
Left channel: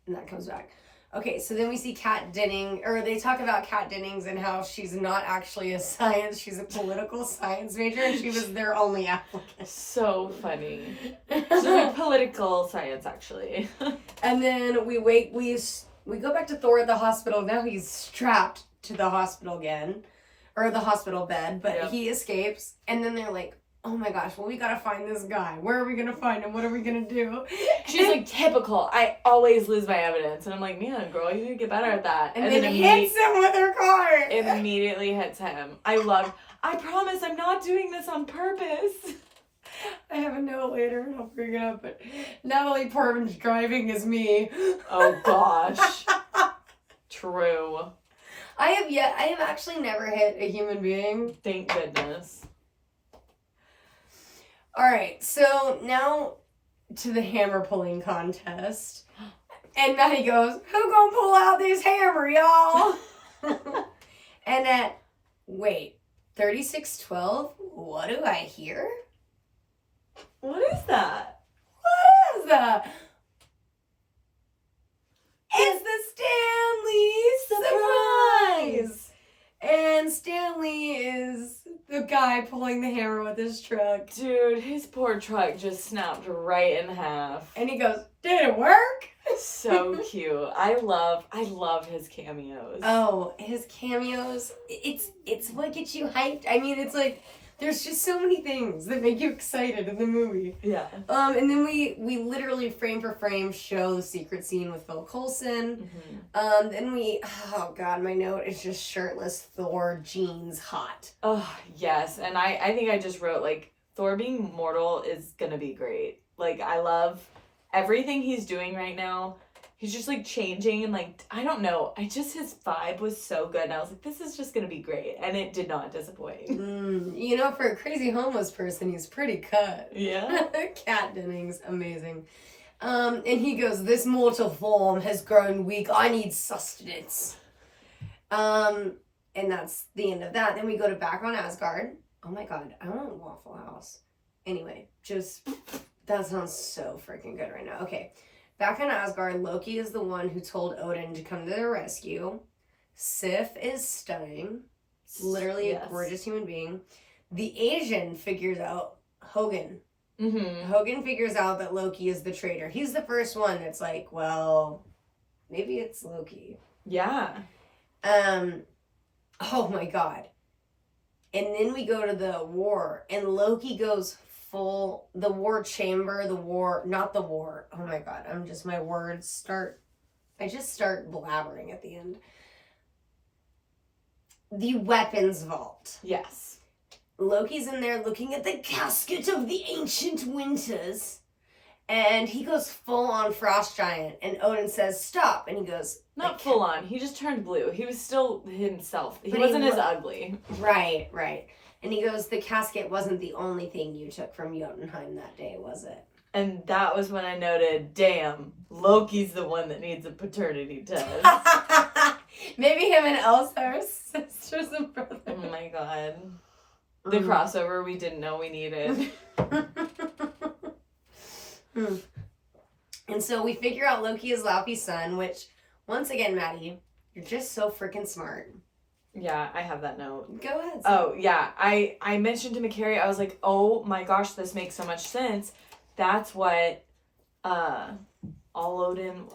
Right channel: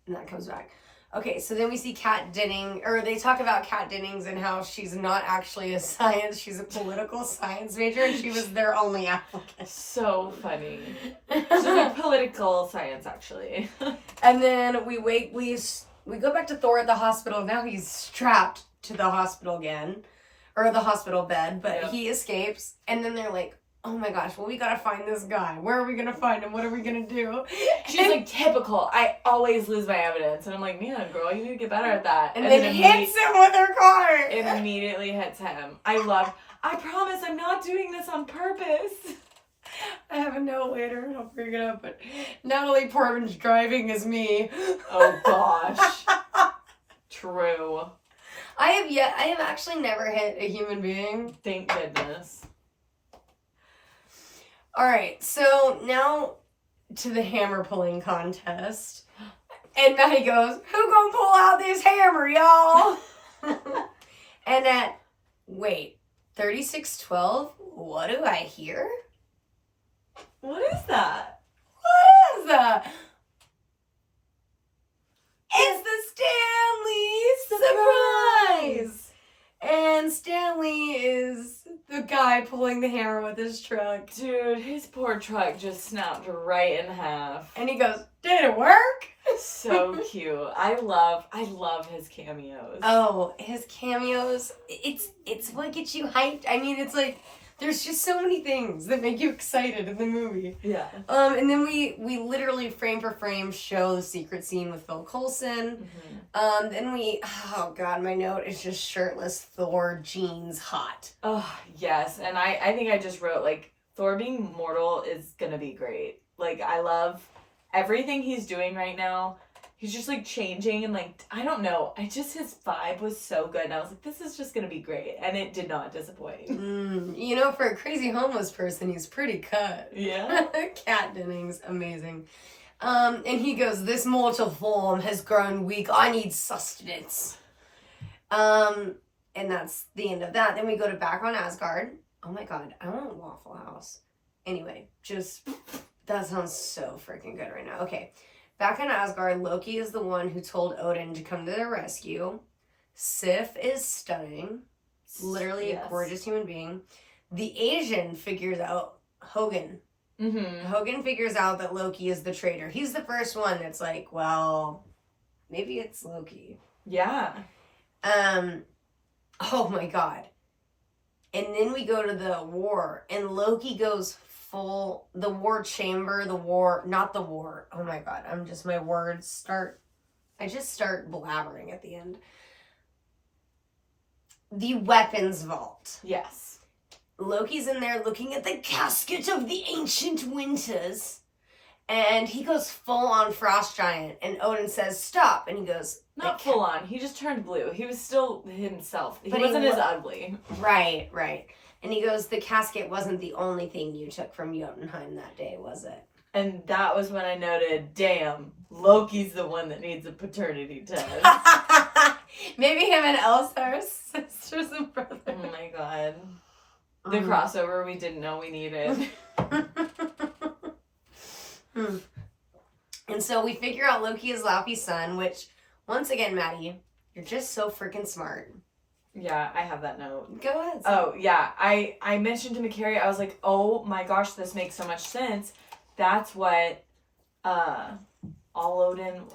that comes back. Okay, so then we see Kat Denning, or they talk about Kat Dennings and how she's not actually a science, she's a political science major, and she was their only applicant. So funny. She's like political science, actually. And then we go back to Thor at the hospital. Now he's strapped to the hospital again, or the hospital bed, but he escapes. And then they're like, oh my gosh, well, we gotta find this guy. Where are we gonna find him? What are we gonna do? She's like, typical. I always lose my evidence. And I'm like, man, girl, you need to get better at that. And then hits him with her car. Immediately hits him. I promise I'm not doing this on purpose. I have a note later. I'll bring it up. But Natalie Portman's driving as me. Oh, gosh. True. I have actually never hit a human being. Thank goodness. All right, so now to the hammer pulling contest. And Maddie goes, who gonna pull out this hammer, y'all? And at, 3612, what do I hear? What is that? What is that? It's the Stanley surprise! And Stanley is the guy pulling the hammer with his truck. Dude, his poor truck just snapped right in half. And he goes, did it work? So cute. I love his cameos. Oh, his cameos. It's what gets you hyped. I mean, it's like, there's just so many things that make you excited in the movie. Yeah. And then we literally frame for frame show the secret scene with Phil Coulson. Then oh god, my note is just shirtless Thor jeans hot. Oh, yes. And I think I just wrote, like, Thor being mortal is gonna be great. Like, I love everything he's doing right now. He's just, like, changing and, like, I don't know. his vibe was so good. And I was like, this is just going to be great. And it did not disappoint. You know, for a crazy homeless person, he's pretty cut. Yeah. Kat Dennings, amazing. And he goes, this mortal form has grown weak. I need sustenance. And that's the end of that. Then we go to back on Asgard. Oh my god, I want Waffle House. Anyway, that sounds so freaking good right now. Okay. Back in Asgard, Loki is the one who told Odin to come to their rescue. Sif is stunning. Literally a gorgeous human being. The Asian figures out Hogan. Hogan figures out that Loki is the traitor. He's the first one that's like, well, maybe it's Loki. Yeah. Oh my god. And then we go to the war, and Loki goes full, oh my god, I just start blabbering at the end. The weapons vault. Yes. Loki's in there looking at the casket of the ancient winters, and he goes full on frost giant, and Odin says stop, and he goes, not full on, he just turned blue. He was still himself. He wasn't as ugly. Right. And he goes, the casket wasn't the only thing you took from Jotunheim that day, was it? And that was when I noted, damn, Loki's the one that needs a paternity test. Maybe him and Elsa are sisters and brothers. Oh my god. The crossover we didn't know we needed. And so we figure out Loki is Laufey's son, which, once again, Maddie, you're just so freaking smart. Yeah, I have that note. Go ahead. Oh, yeah. I mentioned to McCary, I was like, oh my gosh, this makes so much sense. That's what Odin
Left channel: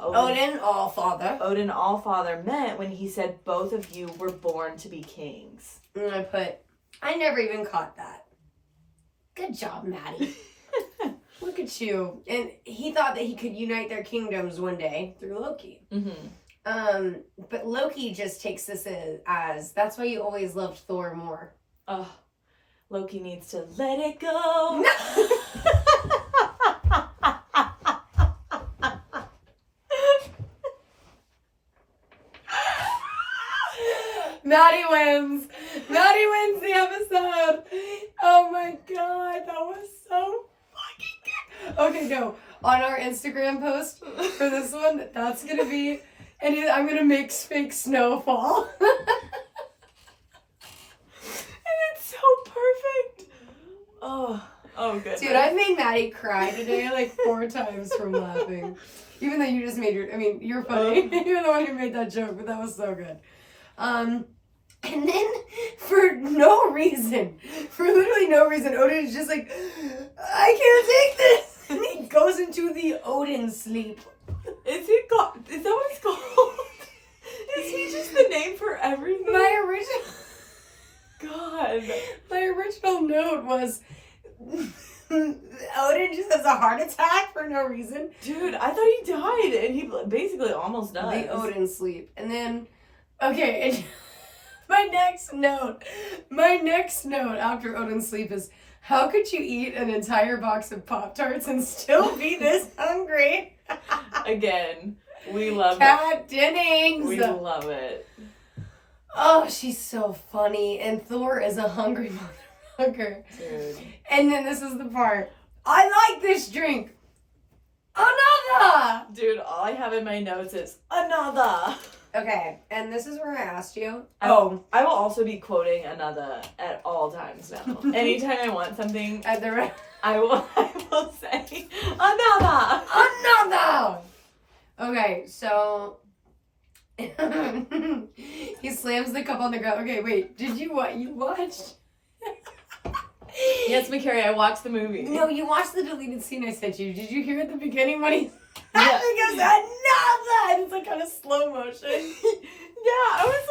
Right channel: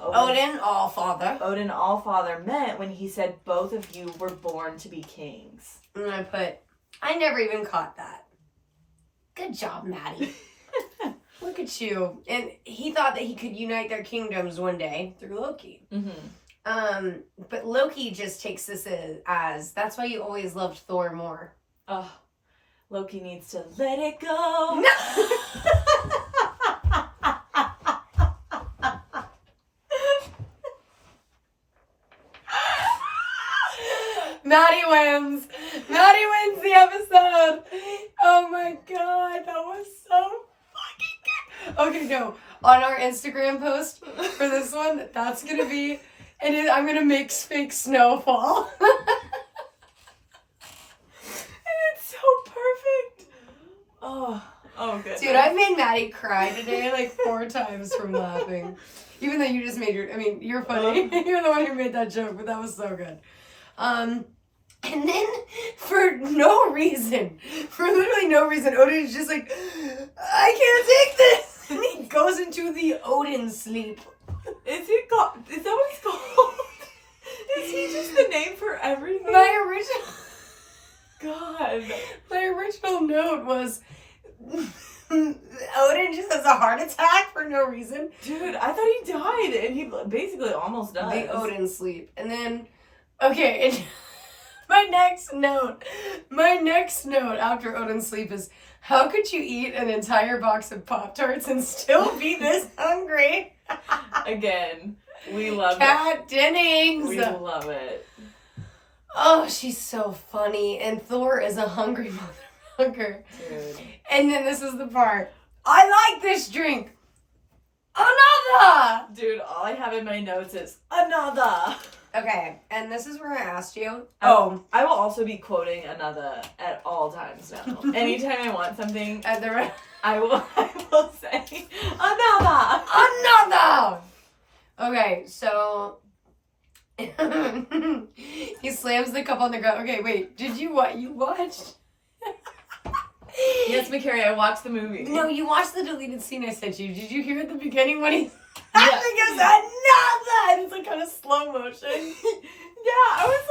Allfather meant when he said both of you were born to be kings. And I never even caught that. Good job, Maddie. Look at you. And he thought that he could unite their kingdoms one day through Loki. But Loki just takes this as that's why you always loved Thor more. Oh, Loki needs to let it go. Maddie wins. Maddie wins the episode. Oh my god, that was so fucking good. Okay, no. On our Instagram post for this one, that's gonna be, I'm gonna make fake snow fall. It's so perfect. Oh, good. Dude, I've made Maddie cry today like 4 times from laughing. Even though you just made you're funny. You're the one who made that joke, but that was so good. And then for literally no reason, Odin is just like, I can't take this. And he goes into the Odin sleep. Is that what it's called? Is he just the name for everything? My original note was Odin just has a heart attack for no reason. Dude, I thought he died, and he basically almost died. The Odin sleep. And then, okay, and my next note after Odin sleep is, how could you eat an entire box of Pop-Tarts and still be this hungry? Again, we love Kat Dennings. We love it. Oh, she's so funny. And Thor is a hungry motherfucker. Dude. And then this is the part. I like this drink. Another! Dude, all I have in my notes is another. Okay, and this is where I asked you. I will also be quoting another at all times now. Anytime I want something, I will say another. Another! Okay, so he slams the cup on the ground. Okay, wait, did you watched? Yes, McCary, I watched the movie. No, you watched the deleted scene I sent you. Did you hear at the beginning when he Yeah. he goes, another! And it's like kind of slow motion. Yeah, I was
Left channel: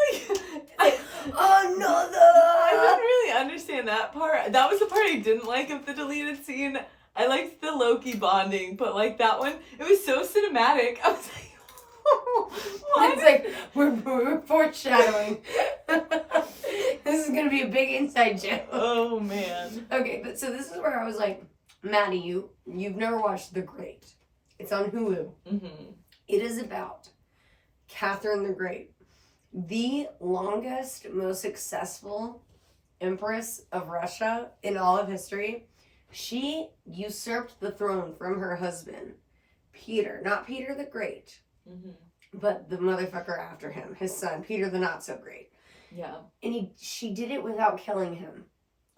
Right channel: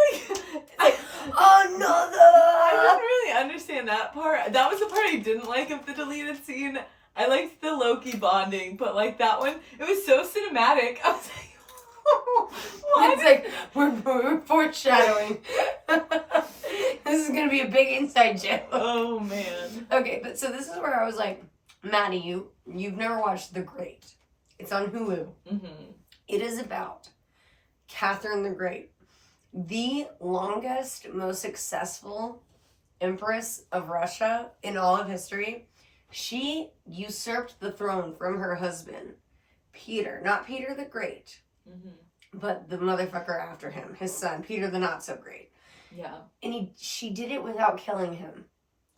like, another! I didn't really understand that part. That was the part I didn't like of the deleted scene. I liked the Loki bonding, but like that one, it was so cinematic. I was like, what? It's like, we're foreshadowing. This is going to be a big inside joke. Oh, man. Okay, but so this is where I was like, Maddie, you've never watched The Great. It's on Hulu. Mm-hmm. It is about Catherine the Great, the longest, most successful empress of Russia in all of history. She usurped the throne from her husband, Peter. Not Peter the Great, but the motherfucker after him, his son, Peter the Not So Great. Yeah. And she did it without killing him.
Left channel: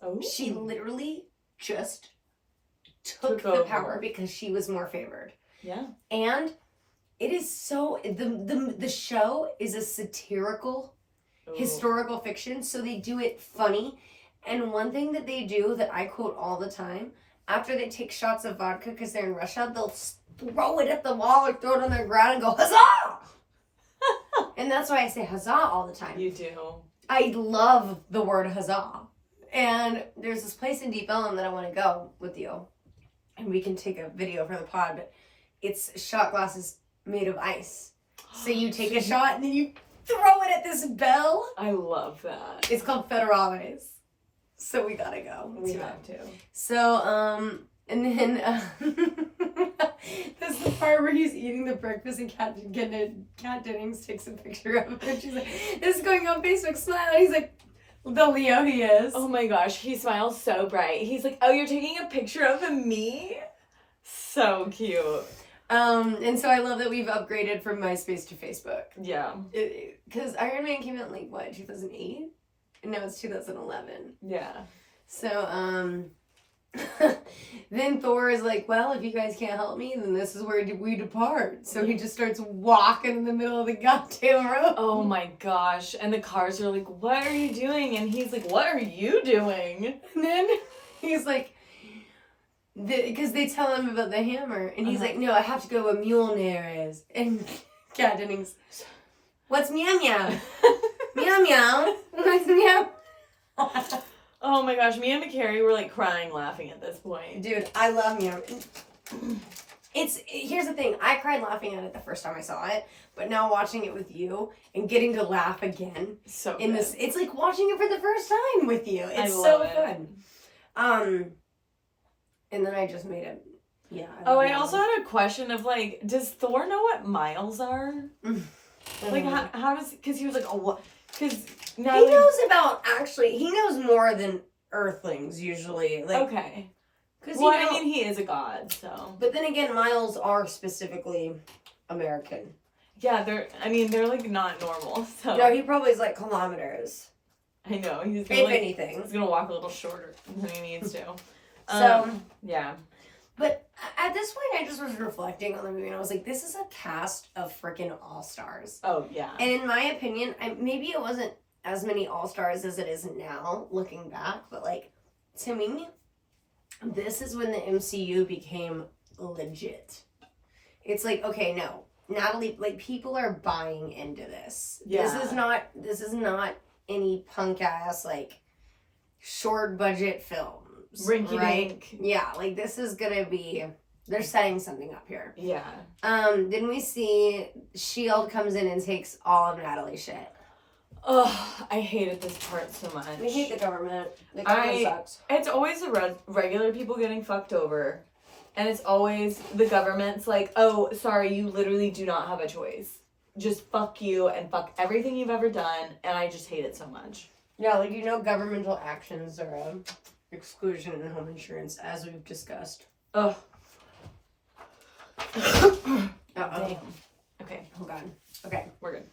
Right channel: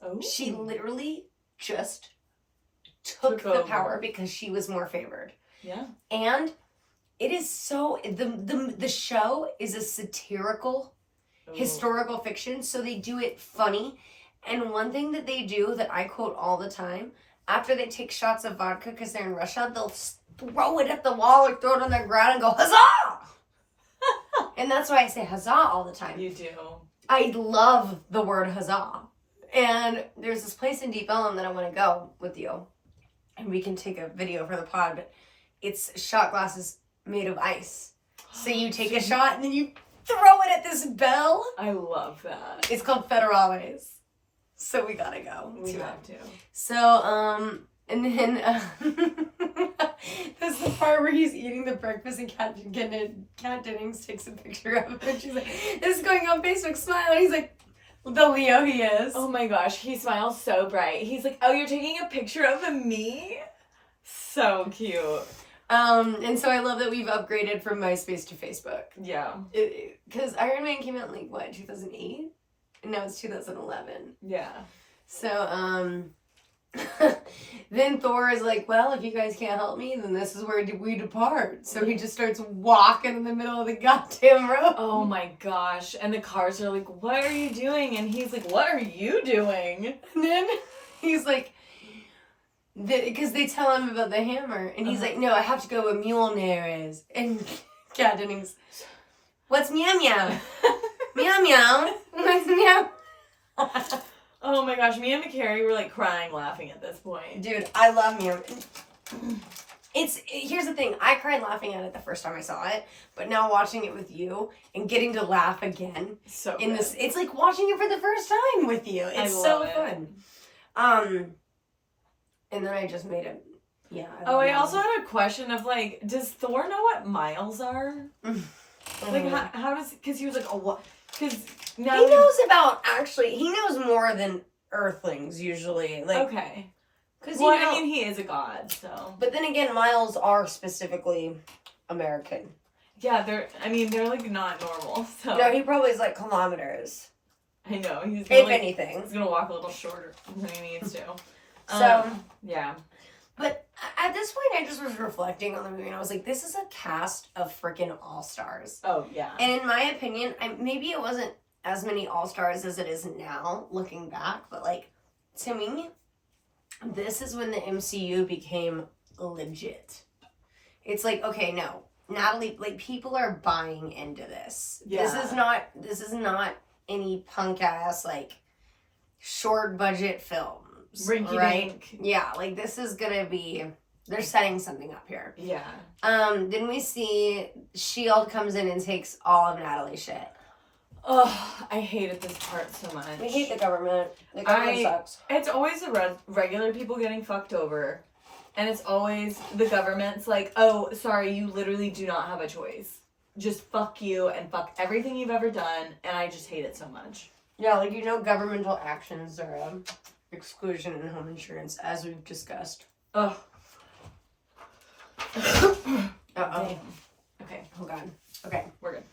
Oh. She literally just took the power because she was more favored. Yeah. And it is so, the show is a satirical, historical fiction, so they do it funny. And one thing that they do that I quote all the time, after they take shots of vodka because they're in Russia, they'll throw it at the wall or throw it on the ground and go, huzzah! And that's why I say huzzah all the time. You do. I love the word huzzah. And there's this place in Deep Ellum that I want to go with you. And we can take a video for the pod, but it's shot glasses made of ice. So you take a shot and then you throw it at this bell. I love that. It's called Federales. So we gotta go. We have to. So, and then that's the part where he's eating the breakfast and Kat Dennings takes a picture of him and she's like, this is going on Facebook, smile. And he's like, the Leo he is. Oh my gosh, he smiles so bright. He's like, oh, you're taking a picture of me? So cute. And so I love that we've upgraded from MySpace to Facebook. Yeah. Because Iron Man came out in like, what, 2008? And now it's 2011. Yeah. So, then Thor is like, well, if you guys can't help me, then this is where we depart. So he just starts walking in the middle of the goddamn road. Oh my gosh. And the cars are like, what are you doing? And he's like, what are you doing? And then he's like, because they tell him about the hammer. And he's like, no, I have to go where Mjolnir is. And Kat Dennings, what's meow meow? Meow meow. What's meow? Oh my gosh, me and McCary were like crying laughing at this point. Dude, I love meow. Here's the thing, I cried laughing at it the first time I saw it, but now watching it with you and getting to laugh again it's like watching it for the first time with you. It's so fun. And then I just made it. Yeah. I also had a question of like, does Thor know what miles are? Like how does? Because he was like, oh, what? Because he knows about, actually, he knows more than Earthlings, usually. Like, okay. Cause Well, I mean, he is a god, so. But then again, Miles are specifically American. Yeah, they're like not normal, so. No, he probably is like kilometers. I know, he's If gonna, anything. He's gonna walk a little shorter than he needs to. So. Yeah. But at this point, I just was reflecting on the movie, and I was like, this is a cast of freaking all-stars. Oh, yeah. And in my opinion, maybe it wasn't as many all-stars as it is now, looking back, but, like, to me, this is when the MCU became legit. It's like, okay, no, Natalie, like, people are buying into this. Yeah. This is not any punk-ass, like, short-budget film. Rinky right? dink. Yeah, like this is gonna be, they're setting something up here. Yeah. Then we see S.H.I.E.L.D. comes in and takes all of Natalie's shit. Oh, I hated this part so much. We hate the government. The government sucks. It's always the regular people getting fucked over. And it's always the government's like, oh, sorry, you literally do not have a choice. Just fuck you and fuck everything you've ever done. And I just hate it so much. Yeah, like, governmental actions are exclusion in home insurance, as we've discussed. Ugh. Uh-oh. Damn. Okay. Oh, God. Okay. We're good.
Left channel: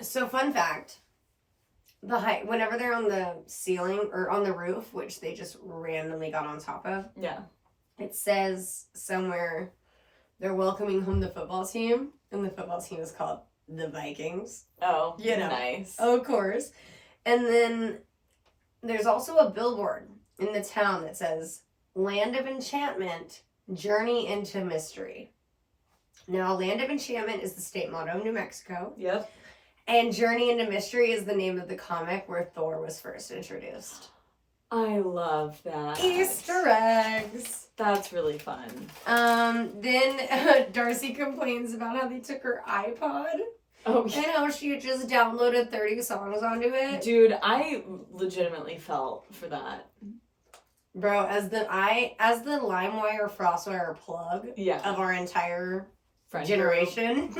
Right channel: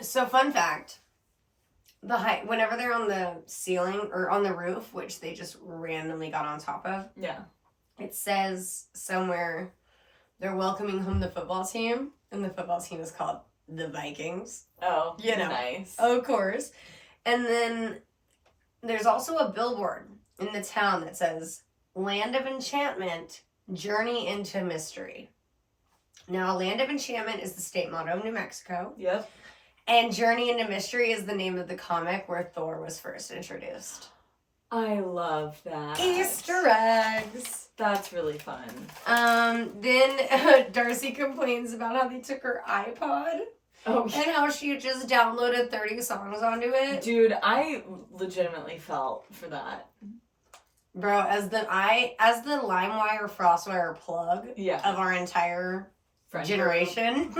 So fun fact, the height, whenever they're on the ceiling, or on the roof, which they just randomly got on top of, Yeah. it says somewhere they're welcoming home the football team, and the football team is called the Vikings. Oh, Nice. Nice. Of course. And then there's also a billboard in the town that says, Land of Enchantment, Journey into Mystery. Now, Land of Enchantment is the state motto of New Mexico. Yep. And Journey into Mystery is the name of the comic where Thor was first introduced. I love that. Easter eggs. That's really fun. Then Darcy complains about how they took her iPod. Oh, And how she had just downloaded 30 songs onto it. dude, I legitimately felt for that. Bro, as the LimeWire FrostWire plug of our entire generation,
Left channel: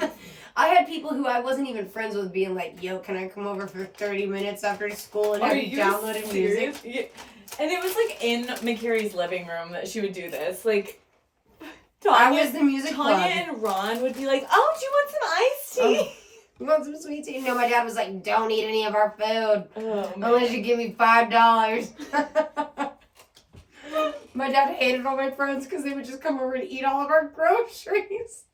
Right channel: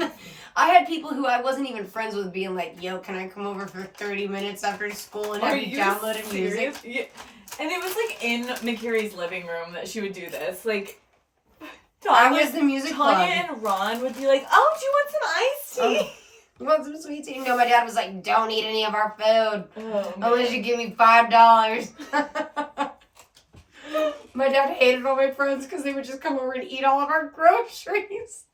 I had people who I wasn't even friends with being like, yo, can I come over for 30 minutes after school and have you downloaded music? Yeah. And it was like in McCary's living room that she would do this. Like, I was the music Tanya plug. and Ron would be like, oh, do you want some iced tea? You want some sweet tea? No, my dad was like, don't eat any of our food. Oh, Unless you give me $5. My dad hated all my friends because they would just come over and eat all of our groceries.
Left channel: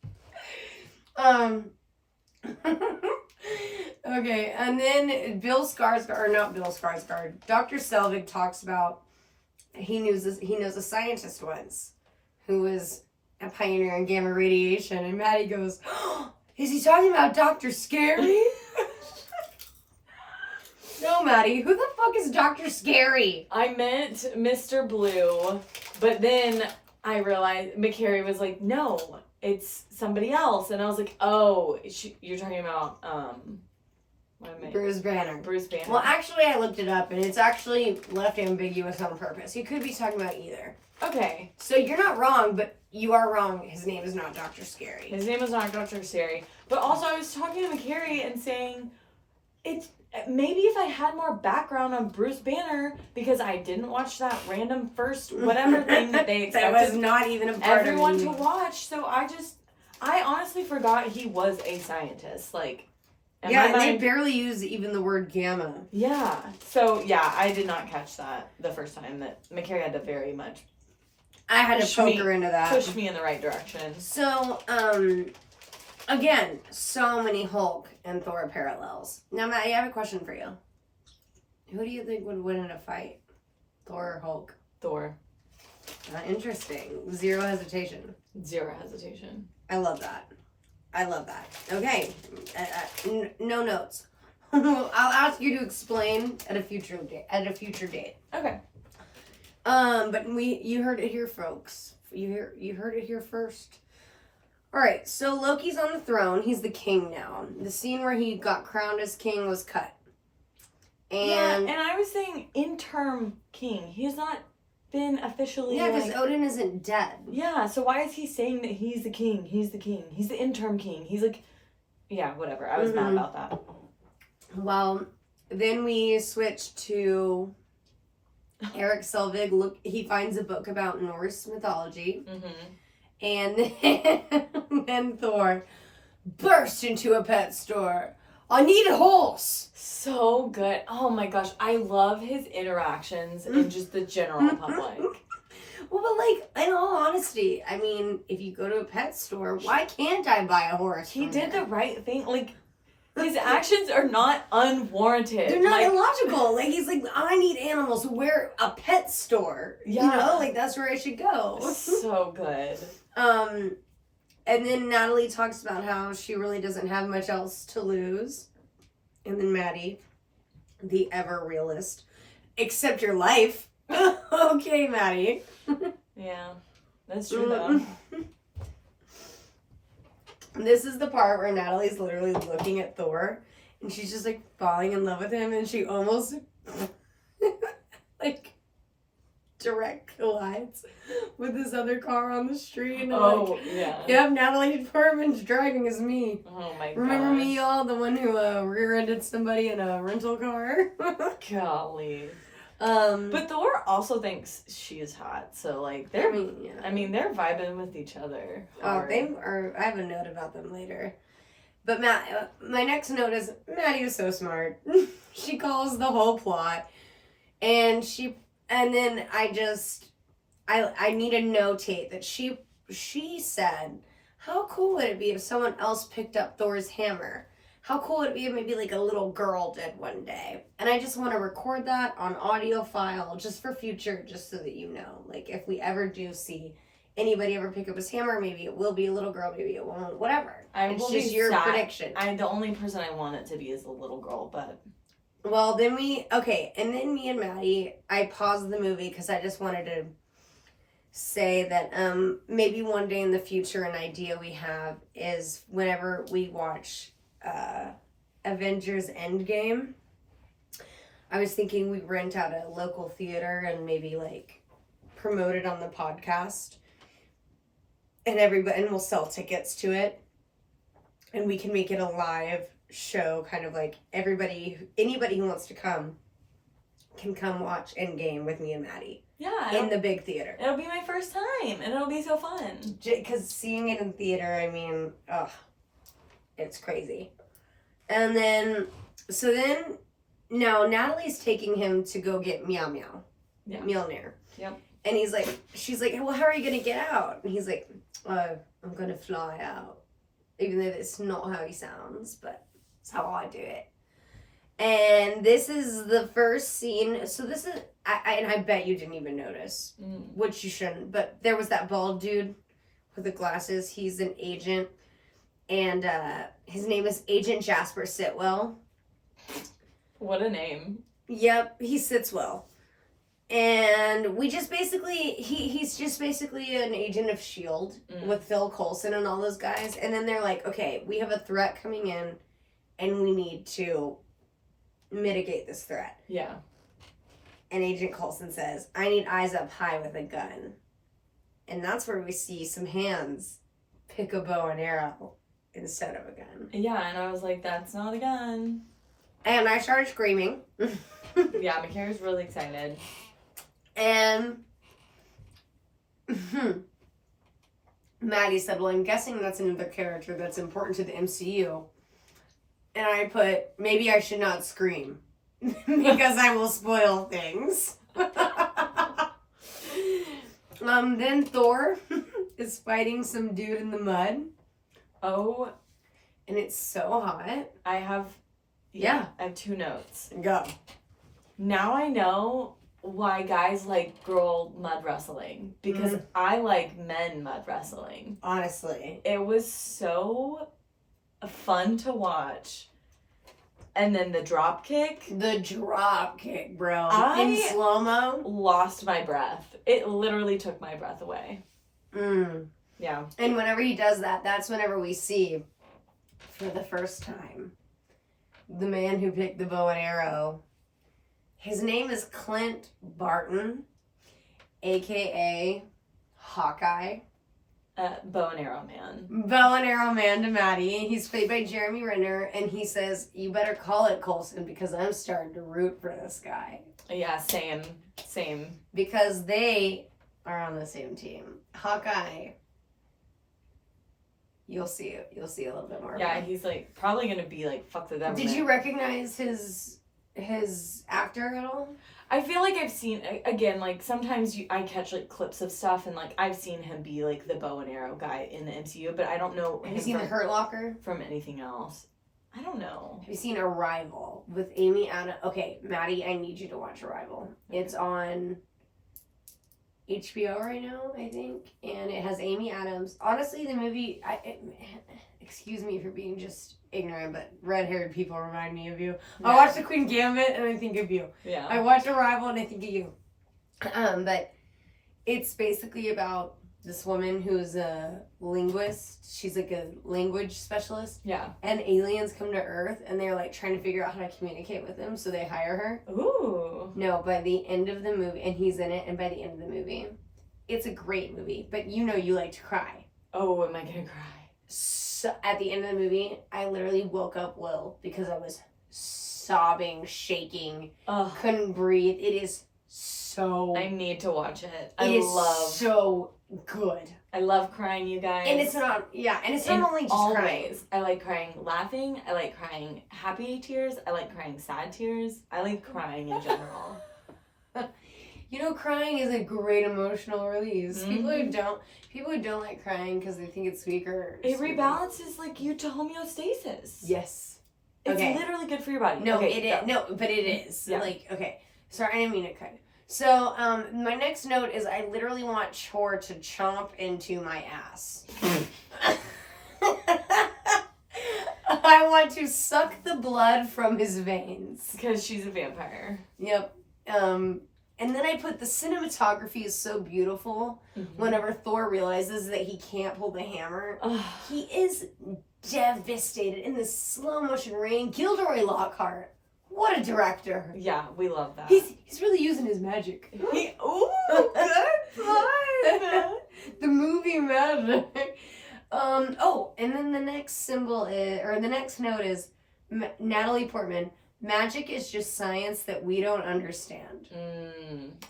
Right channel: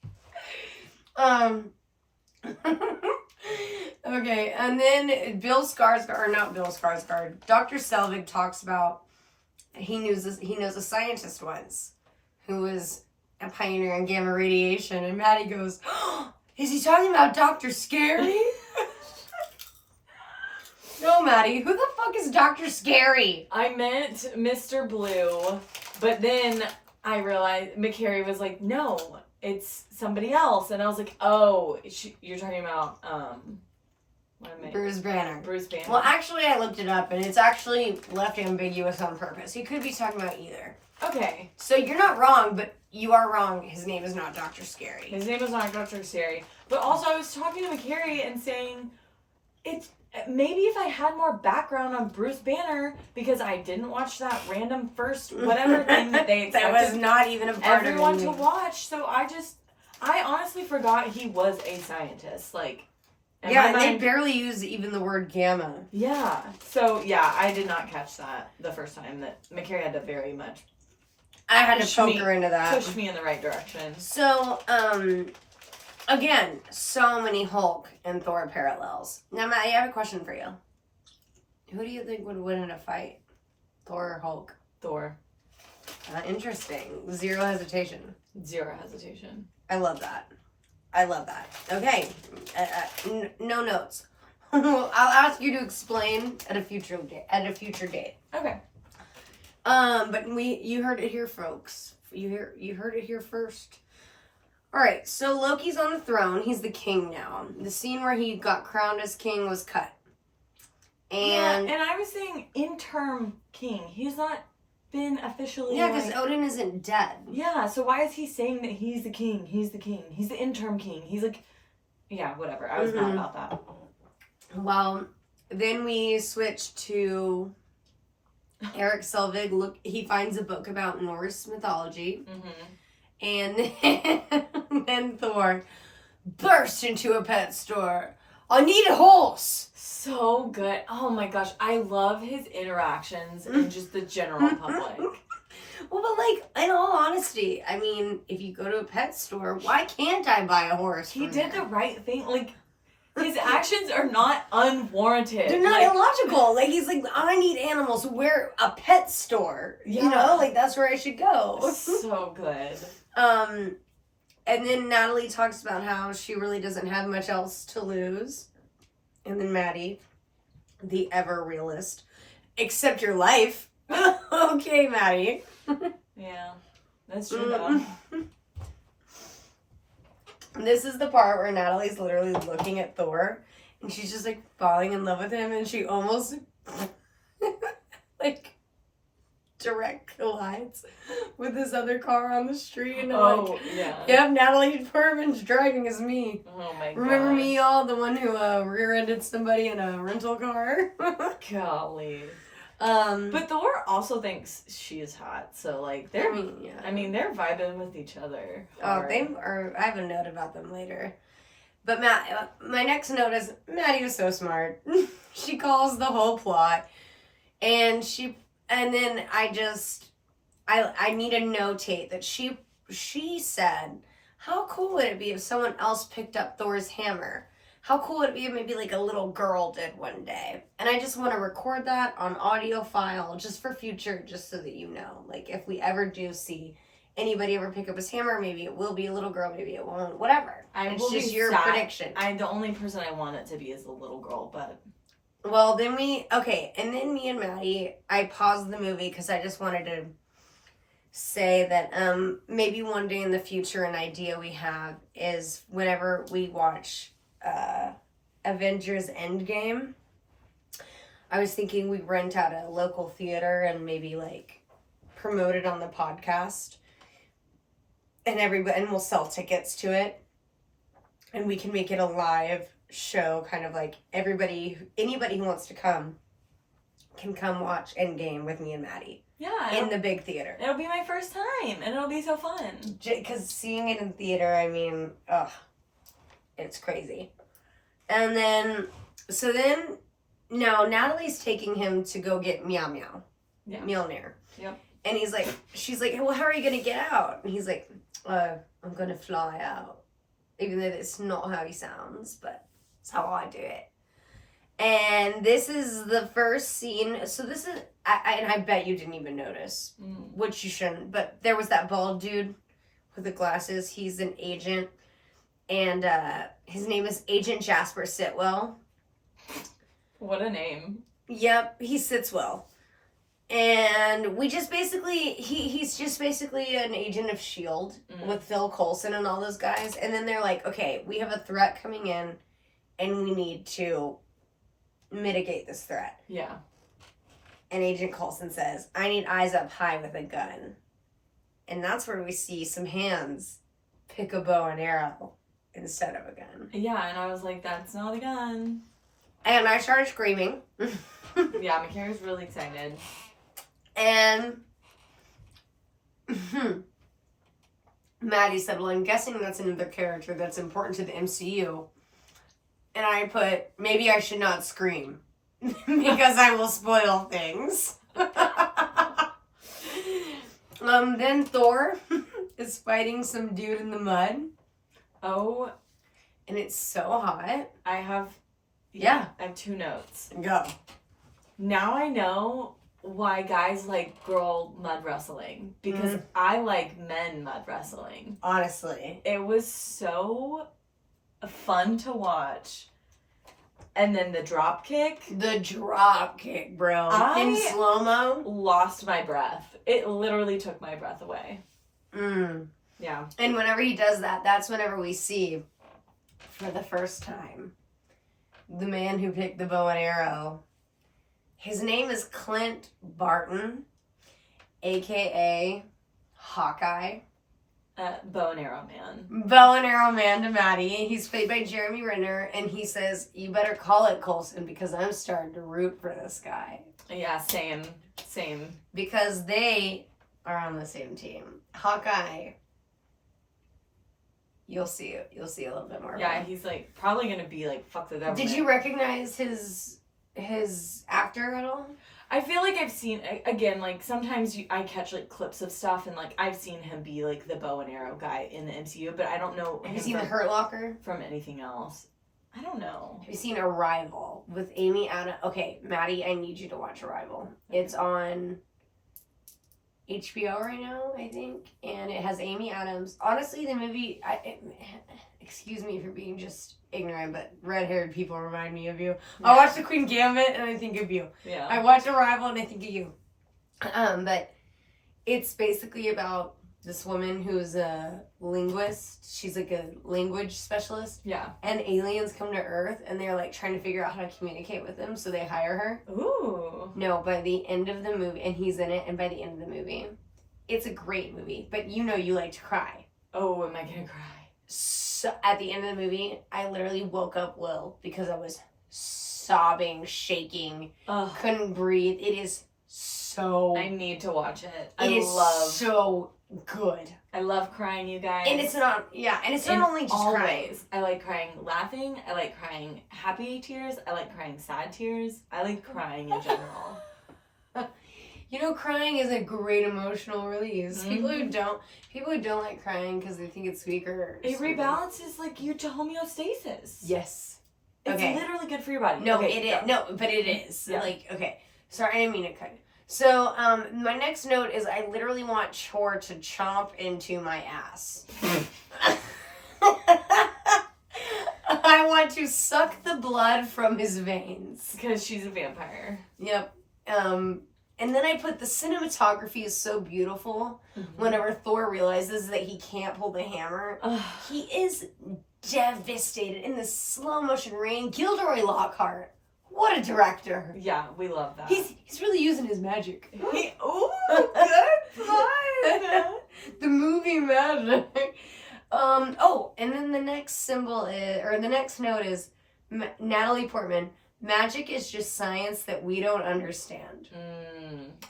Okay, and then Dr. Selvig talks about he knows a scientist once who was a pioneer in gamma radiation, and Maddie goes, oh, is he talking about Dr. Scary? No, Maddie, who the fuck is Dr. Scary? I meant Mr. Blue, but then I realized McCary was like, no, it's somebody else. And I was like, oh, you're talking about, what am I? Bruce Banner. Bruce Banner. Well, actually, I looked it up, and it's actually left ambiguous on purpose. He could be talking about either. Okay. So you're not wrong, but you are wrong. His name is not Dr. Scary. His name is not Dr. Scary. But also, I was talking to McCary and saying, maybe if I had more background on Bruce Banner, because I didn't watch that random first whatever thing that they expected that was not even a part everyone of to watch. So I honestly forgot he was a scientist. Like, yeah, and they barely use even the word gamma. Yeah. So yeah, I did not catch that the first time. That McCary had to very much. I had to poke her into that. Push me in the right direction. So, again, so many Hulk and Thor parallels. Now, Matt, I have a question for you. Who do you think would win in a fight? Thor or Hulk? Thor. Interesting. Zero hesitation. Zero hesitation. I love that. Okay. No notes. I'll ask you to explain at a future date. Okay. But you heard it here, folks. You heard it here first. All right, so Loki's on the throne. He's the king now. The scene where he got crowned as king was cut. And I was saying interim king. He's not been officially. Yeah, because Odin isn't dead. Yeah, so why is he saying that he's the king? He's the king. He's the interim king. He's like, yeah, whatever. I was mad about that. Well, then we switch to Eric Selvig. Look, he finds a book about Norse mythology. And then Thor bursts into a pet store. I need a horse. So good. Oh my gosh, I love his interactions and just the general public. Well, but like, in all honesty, I mean, if you go to a pet store, why can't I buy a horse? He did the right thing. Like, his actions are not unwarranted. They're not illogical. Like, he's like, I need animals. Where a pet store? Yeah. You know, like that's where I should go. So good. And then Natalie talks about how she really doesn't have much else to lose. And then Maddie, the ever realist, except your life. Okay, Maddie. Yeah, that's true though. This is the part where Natalie's literally looking at Thor and she's just like falling in love with him and she almost like direct collides with this other car on the street. And Yeah. Yep, Natalie Portman's driving as me. Oh my god. Remember me, y'all? The one who rear-ended somebody in a rental car? Golly. But Thor also thinks she is hot, so like they're they're vibing with each other. Hard. Oh, they are. I have a note about them later. But my next note is Maddie was so smart. She calls the whole plot, and then I need to notate that she said, how cool would it be if someone else picked up Thor's hammer? How cool would it be if maybe like a little girl did one day? And I just want to record that on audio file just for future, just so that you know. Like if we ever do see anybody ever pick up his hammer, maybe it will be a little girl, maybe it won't, whatever. It's just your prediction. The only person I want it to be is the little girl, but... Well, then me and Maddie, I paused the movie because I just wanted to say that maybe one day in the future an idea we have is whenever we watch Avengers Endgame, I was thinking we'd rent out a local theater and maybe like promote it on the podcast, and we'll sell tickets to it, and we can make it a live show, kind of like anybody who wants to come can come watch Endgame with me and Maddie. Yeah, in the big theater. It'll be my first time, and it'll be so fun. Because seeing it in theater, I mean, it's crazy. And then, now Natalie's taking him to go get Mjolnir. Yep. And she's like, well, how are you going to get out? And he's like, I'm going to fly out. Even though that's not how he sounds, but it's how I do it. And this is the first scene. So this is, and I bet you didn't even notice, which you shouldn't, but there was that bald dude with the glasses. He's an agent. And his name is Agent Jasper Sitwell. What a name. Yep, he sits well. And we just basically, he's just basically an agent of S.H.I.E.L.D. With Phil Coulson and all those guys. And then they're like, okay, we have a threat coming in and we need to mitigate this threat. Yeah. And Agent Coulson says, I need eyes up high with a gun. And that's where we see some hands pick a bow and arrow instead of a gun. Yeah, and I was like, that's not a gun. And I started screaming. Yeah, McCary's really excited. And Maddie said, well, I'm guessing that's another character that's important to the MCU. And I put, maybe I should not scream because I will spoil things. Then Thor is fighting some dude in the mud. Oh. And it's so hot. I have 2 notes. Go. Now I know why guys like girl mud wrestling. Because I like men mud wrestling. Honestly. It was so fun to watch. And then the drop kick. The drop kick, bro. In slow-mo. Lost my breath. It literally took my breath away. Yeah. And whenever he does that, that's whenever we see, for the first time, the man who picked the bow and arrow. His name is Clint Barton, a.k.a. Hawkeye. Bow and arrow man. Bow and arrow man to Maddie. He's played by Jeremy Renner, and he says, "You better call it Coulson because I'm starting to root for this guy." Yeah, same. Because they are on the same team. Hawkeye. You'll see a little bit more. Yeah, he's like probably gonna be like fuck the government. Did you recognize his actor at all? I feel like I've seen, again, like sometimes I catch like clips of stuff and like I've seen him be like the bow and arrow guy in the MCU, but I don't know. Have you seen The Hurt Locker? From anything else? I don't know. Have you seen Arrival with Amy Adams? Okay, Maddie, I need you to watch Arrival. It's on HBO right now, I think, and it has Amy Adams. Honestly, the movie, excuse me for being just ignorant, but red-haired people remind me of you. Yeah. I watch The Queen Gambit and I think of you. Yeah. I watch Arrival and I think of you. But it's basically about this woman who's a linguist. She's like a language specialist. Yeah. And aliens come to Earth and they're like trying to figure out how to communicate with them, so they hire her. Ooh. No, by the end of the movie, and he's in it, and by the end of the movie, it's a great movie, but you know you like to cry. Oh, am I gonna cry? So at the end of the movie, I literally woke up Will because I was sobbing, shaking, couldn't breathe. It is so... I need to watch it. It is so good. I love crying, you guys. And it's not, and it's not only just crying. Ways. I like crying laughing. I like crying happy tears. I like crying sad tears. I like crying in general. You know, crying is a great emotional release. Mm-hmm. People who don't like crying because they think it's weaker. It rebalances like you to homeostasis. Yes. It's literally good for your body. No, it is. No, but it is. Yeah. Like, okay. Sorry, I didn't mean to cut. So, my next note is I literally want Chor to chomp into my ass. I want to suck the blood from his veins. Because she's a vampire. Yep. And then I put the cinematography is so beautiful. Mm-hmm. Whenever Thor realizes that he can't pull the hammer, he is devastated in the slow motion rain. Gilderoy Lockhart. What a director. Yeah, we love that. He's really using his magic. Ooh, good fun. The movie magic. And then the next symbol is, or the next note is Natalie Portman. Magic is just science that we don't understand.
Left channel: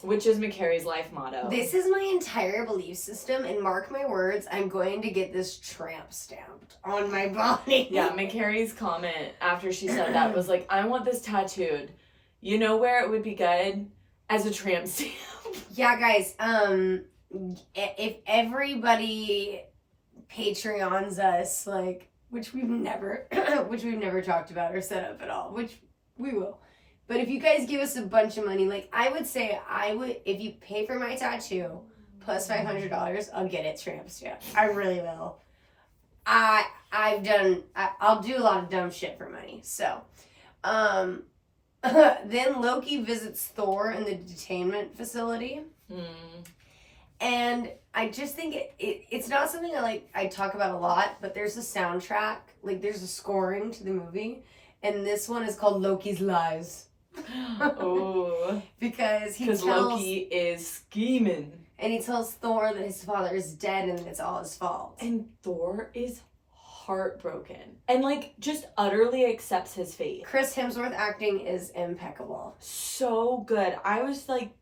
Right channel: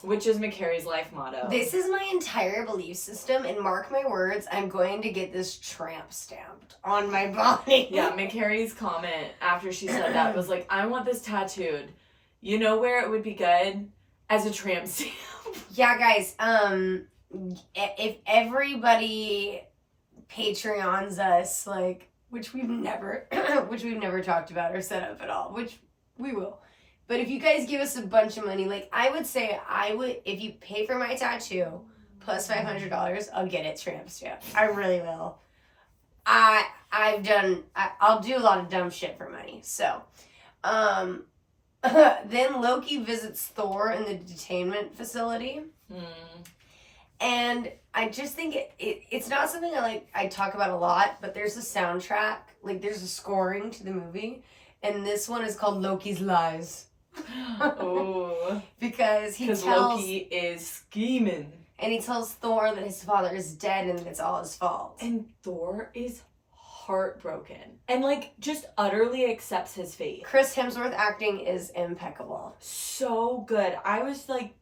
Which is McCary's life motto. This is my entire belief system, and mark my words, I'm going to get this tramp stamped on my body. Yeah, McCary's comment after she said that was like, I want this tattooed. You know where it would be good? As a tramp stamp. Yeah, guys, if everybody Patreons us, like, which we've never talked about or set up at all, which we will. But if you guys give us a bunch of money, like, I would say if you pay for my tattoo plus $500, I'll get it tramp stamped. I really will. I'll do a lot of dumb shit for money. So, then Loki visits Thor in the detainment facility. And I just think it's not something I talk about a lot, but there's a soundtrack, like there's a scoring to the movie, and this one is called Loki's Lies. Oh. Because Loki is scheming. And he tells Thor that his father is dead and it's all his fault. And Thor is heartbroken. And like just utterly accepts his fate. Chris Hemsworth acting is impeccable. So good. I was like,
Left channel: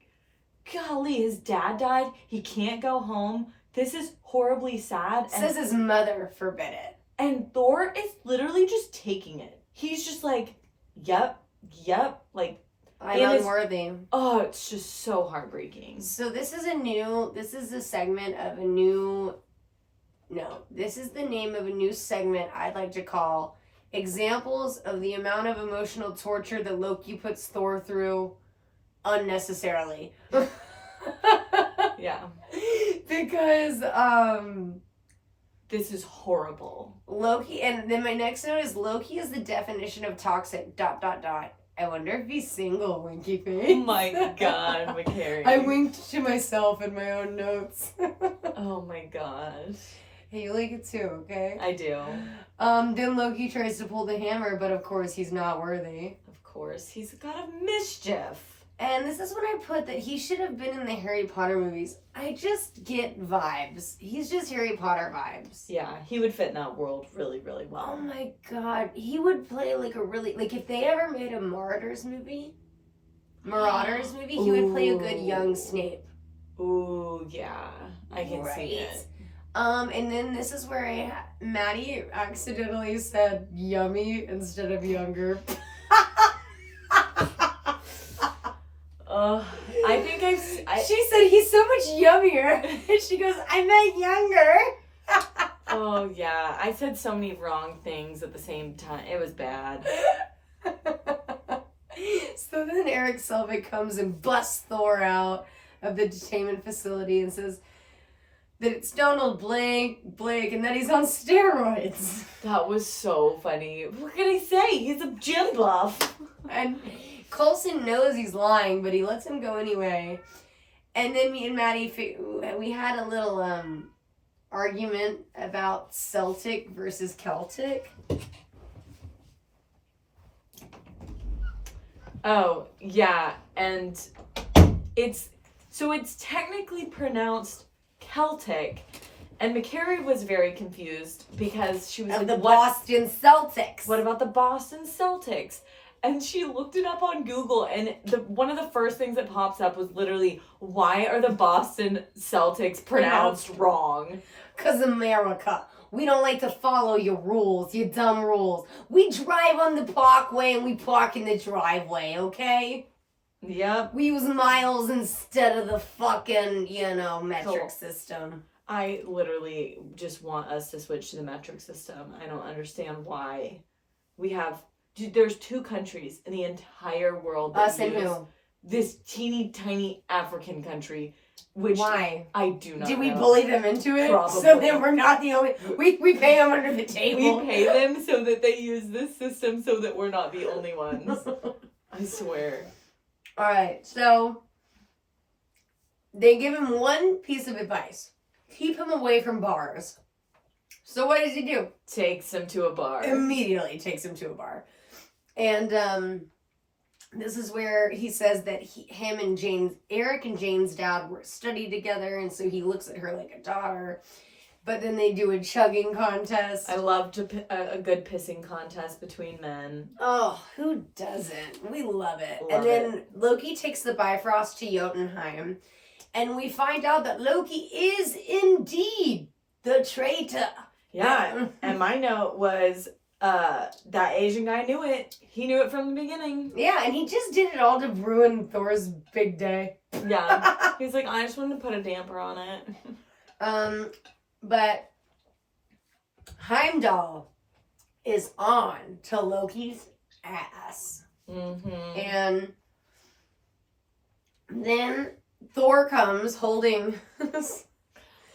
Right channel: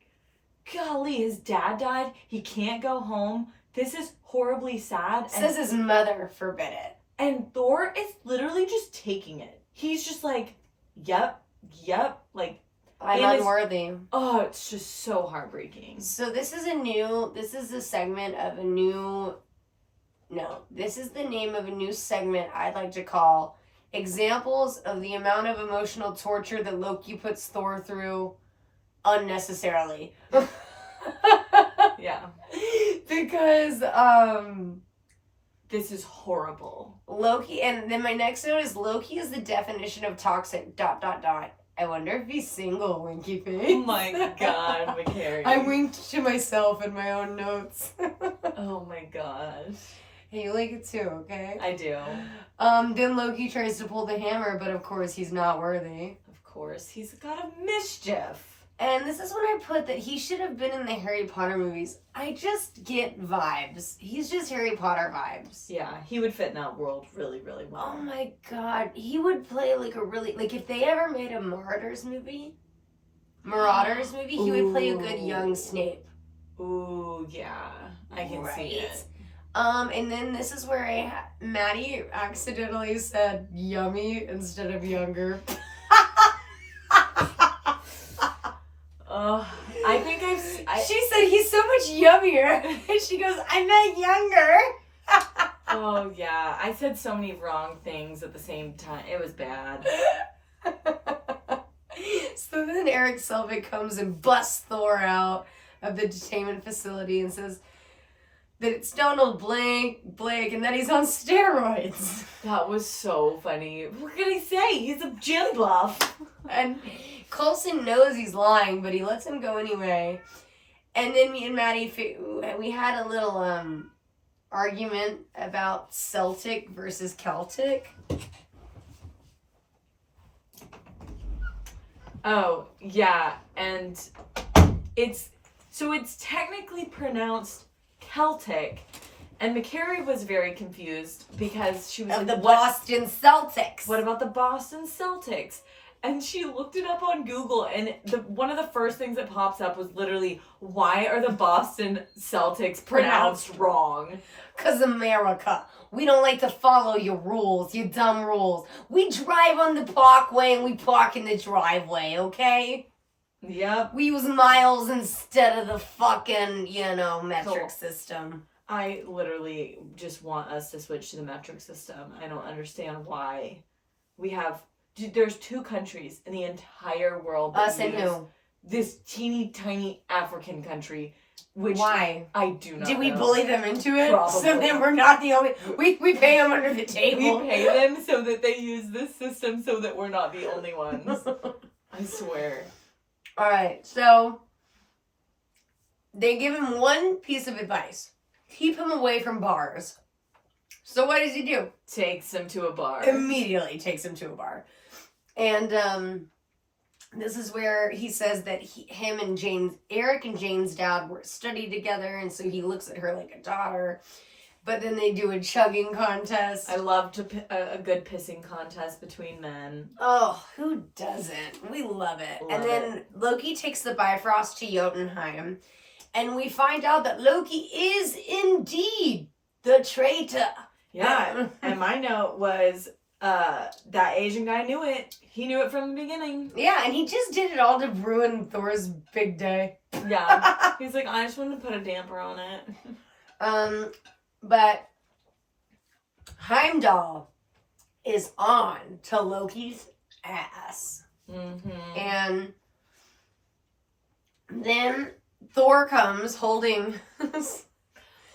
golly, his dad died. He can't go home. This is horribly sad. Says his mother forbid it. And Thor is literally just taking it. He's just like, yep. Like, I'm unworthy. It's just so heartbreaking. So this is the name of a new segment I'd like to call Examples of the Amount of Emotional Torture that Loki puts Thor through unnecessarily. Yeah. Because, this is horrible. Loki, and then my next note is Loki is the definition of toxic, ... I wonder if he's single, winky face. Oh my god, McCary. I winked to myself in my own notes. Oh my gosh. Hey, you like it too, okay? I do. Then Loki tries to pull the hammer, but of course he's not worthy. Of course, he's got a mischief. And this is when I put that he should have been in the Harry Potter movies. I just get vibes. He's just Harry Potter vibes. Yeah, he would fit in that world really, really well. Oh my god. He would play like a really, like if they ever made a Marauders movie, he would play a good young Snape. Ooh, yeah. I can see it. And then this is where Maddie accidentally said yummy instead of younger. I think She said he's so much yummier. And she goes, I meant younger. Oh, yeah. I said so many wrong things at the same time. It was bad. So then Eric Selvig comes and busts Thor out of the detainment facility and says that it's Donald Blake, and that he's on steroids. That was so funny. What can I say? He's a gym buff. And Coulson knows he's lying, but he lets him go anyway. And then me and Maddie, we had a little argument about Celtic versus Celtic. Oh, yeah. And it's technically pronounced Celtic. And McCary was very confused because she was Of like, the Boston Celtics. What about the Boston Celtics? And she looked it up on Google, and one of the first things that pops up was literally, why are the Boston Celtics pronounced wrong? 'Cause America. We don't like to follow your rules, your dumb rules. We drive on the parkway and we park in the driveway, okay? Yep. We use miles instead of the fucking, metric Cool. system. I literally just want us to switch to the metric system. I don't understand why we have... There's 2 countries in the entire world that Us and use who? this teeny tiny African country, which Why? I do not Did we know. bully them into it? Probably. So then we're not the only... We pay them under the table. We pay them so that they use this system so that we're not the only ones. I swear. Alright, so... They give him one piece of advice. Keep him away from bars. So what does he do? Takes him to a bar. Immediately takes him to a bar. And this is where he says that Eric and Jane's dad were studied together, and so he looks at her like a daughter. But then they do a chugging contest. I love a good pissing contest between men. Oh, who doesn't? We love it. And then Loki takes the Bifrost to Jotunheim, and we find out that Loki is indeed the traitor. Yeah, and my note was, that Asian guy knew it. He knew it from the beginning. Yeah, and he just did it all to ruin Thor's big day. Yeah. He's like, I just wanted to put a damper on it. But Heimdall is on to Loki's ass. Mm-hmm. And then Thor comes holding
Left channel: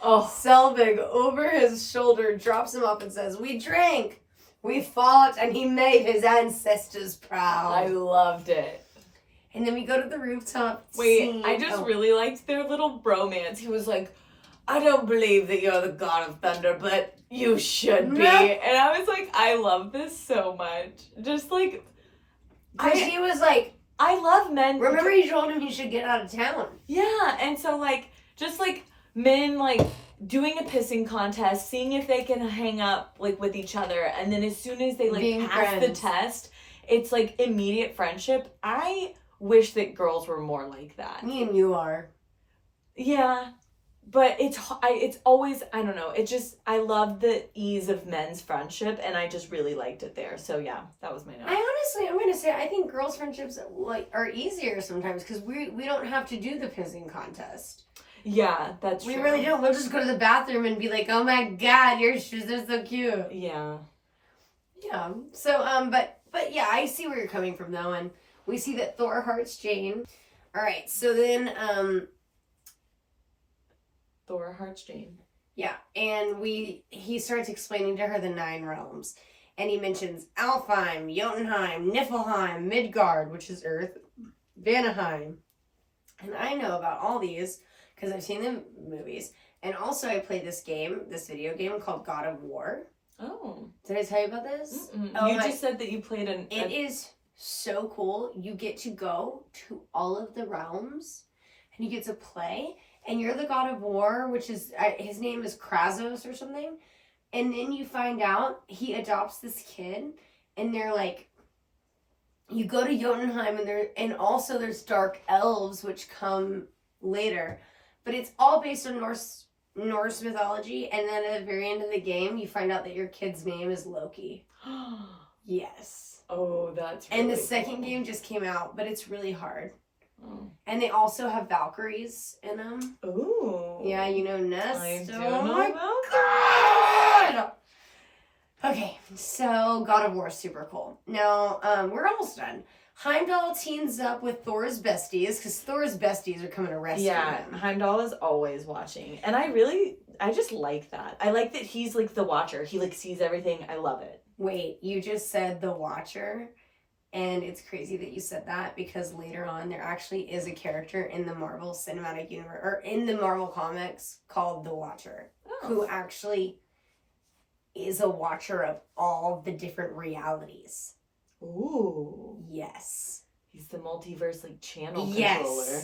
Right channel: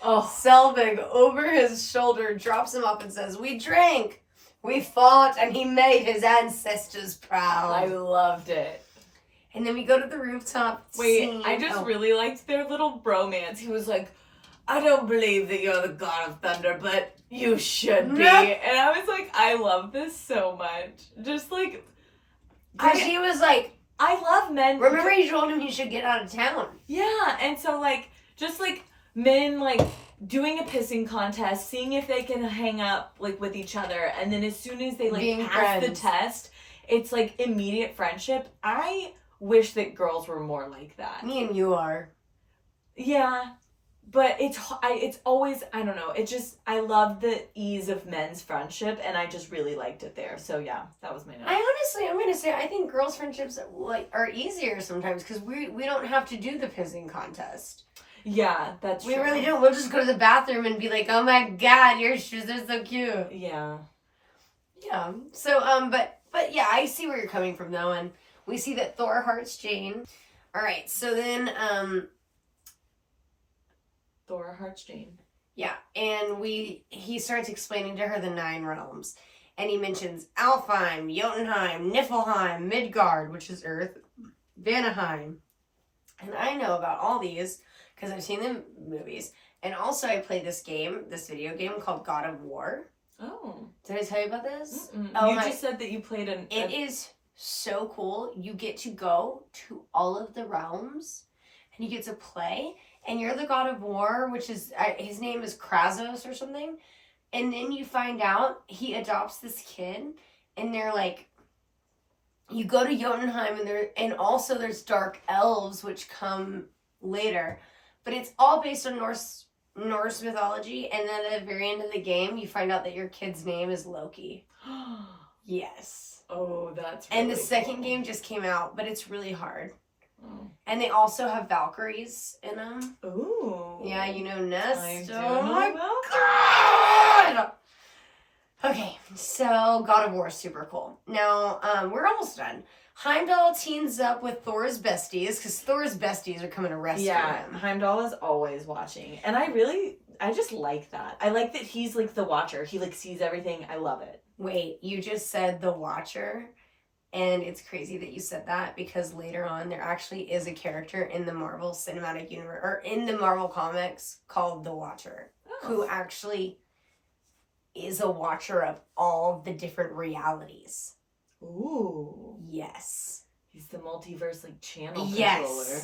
Selvig over his shoulder, drops him up and says, we drank, we fought, and he made his ancestors proud. I loved it. And then we go to the rooftop scene. I just really liked their little bromance. He was like, I don't believe that you're the god of thunder, but you should be. And I was like, I love this so much. Just like... She was like... I love men... Remember you told him he should get out of town. Yeah, and so like, just like men like doing a pissing contest, seeing if they can hang up like with each other, and then as soon as they like being pass friends. the test, it's like immediate friendship. I wish that girls were more like that. Me and you are. Yeah, but it's always, I don't know, it just, I love the ease of men's friendship, and I just really liked it there. So yeah, that was my note. I'm gonna say I think girls' friendships are easier sometimes because we don't have to do the pissing contest. Yeah, that's true. We really don't. We'll just go to the bathroom and be like, oh my god, your shoes are so cute. Yeah. Yeah. So, but yeah, I see where you're coming from though, and we see that Thor hearts Jane. Alright, so then, Thor hearts Jane. Yeah, and he starts explaining to her the 9 realms. And he mentions Alfheim, Jotunheim, Niflheim, Midgard, which is Earth, Vanaheim. And I know about all these because I've seen the movies. And also I played this video game called God of War. Oh. Did I tell you about this? Mm-mm. Oh, you just said that you played It is so cool. You get to go to all of the realms and you get to play. And you're the god of war, which is, his name is Krasos or something. And then you find out he adopts this kid. And they're like, you go to Jotunheim and also there's dark elves, which come later. But it's all based on Norse mythology. And then at the very end of the game, you find out that your kid's name is Loki. Yes. Oh, that's really And the second cool. game just came out, but it's really hard. Oh. And they also have Valkyries in them. Ooh. Yeah, you know Nest. I do Oh know my about god! Okay, so God of War is super cool. Now, we're almost done. Heimdall teams up with Thor's besties, because Thor's besties are coming to rescue him. Heimdall is always watching. And I just like that. I like that he's like the watcher. He like sees everything. I love it. Wait, you just said the Watcher, and it's crazy that you said that because later on there actually is a character in the Marvel Cinematic Universe, or in the Marvel comics called the Watcher, who actually is a watcher of all the different realities. Ooh. Yes. He's the multiverse like channel Yes. controller.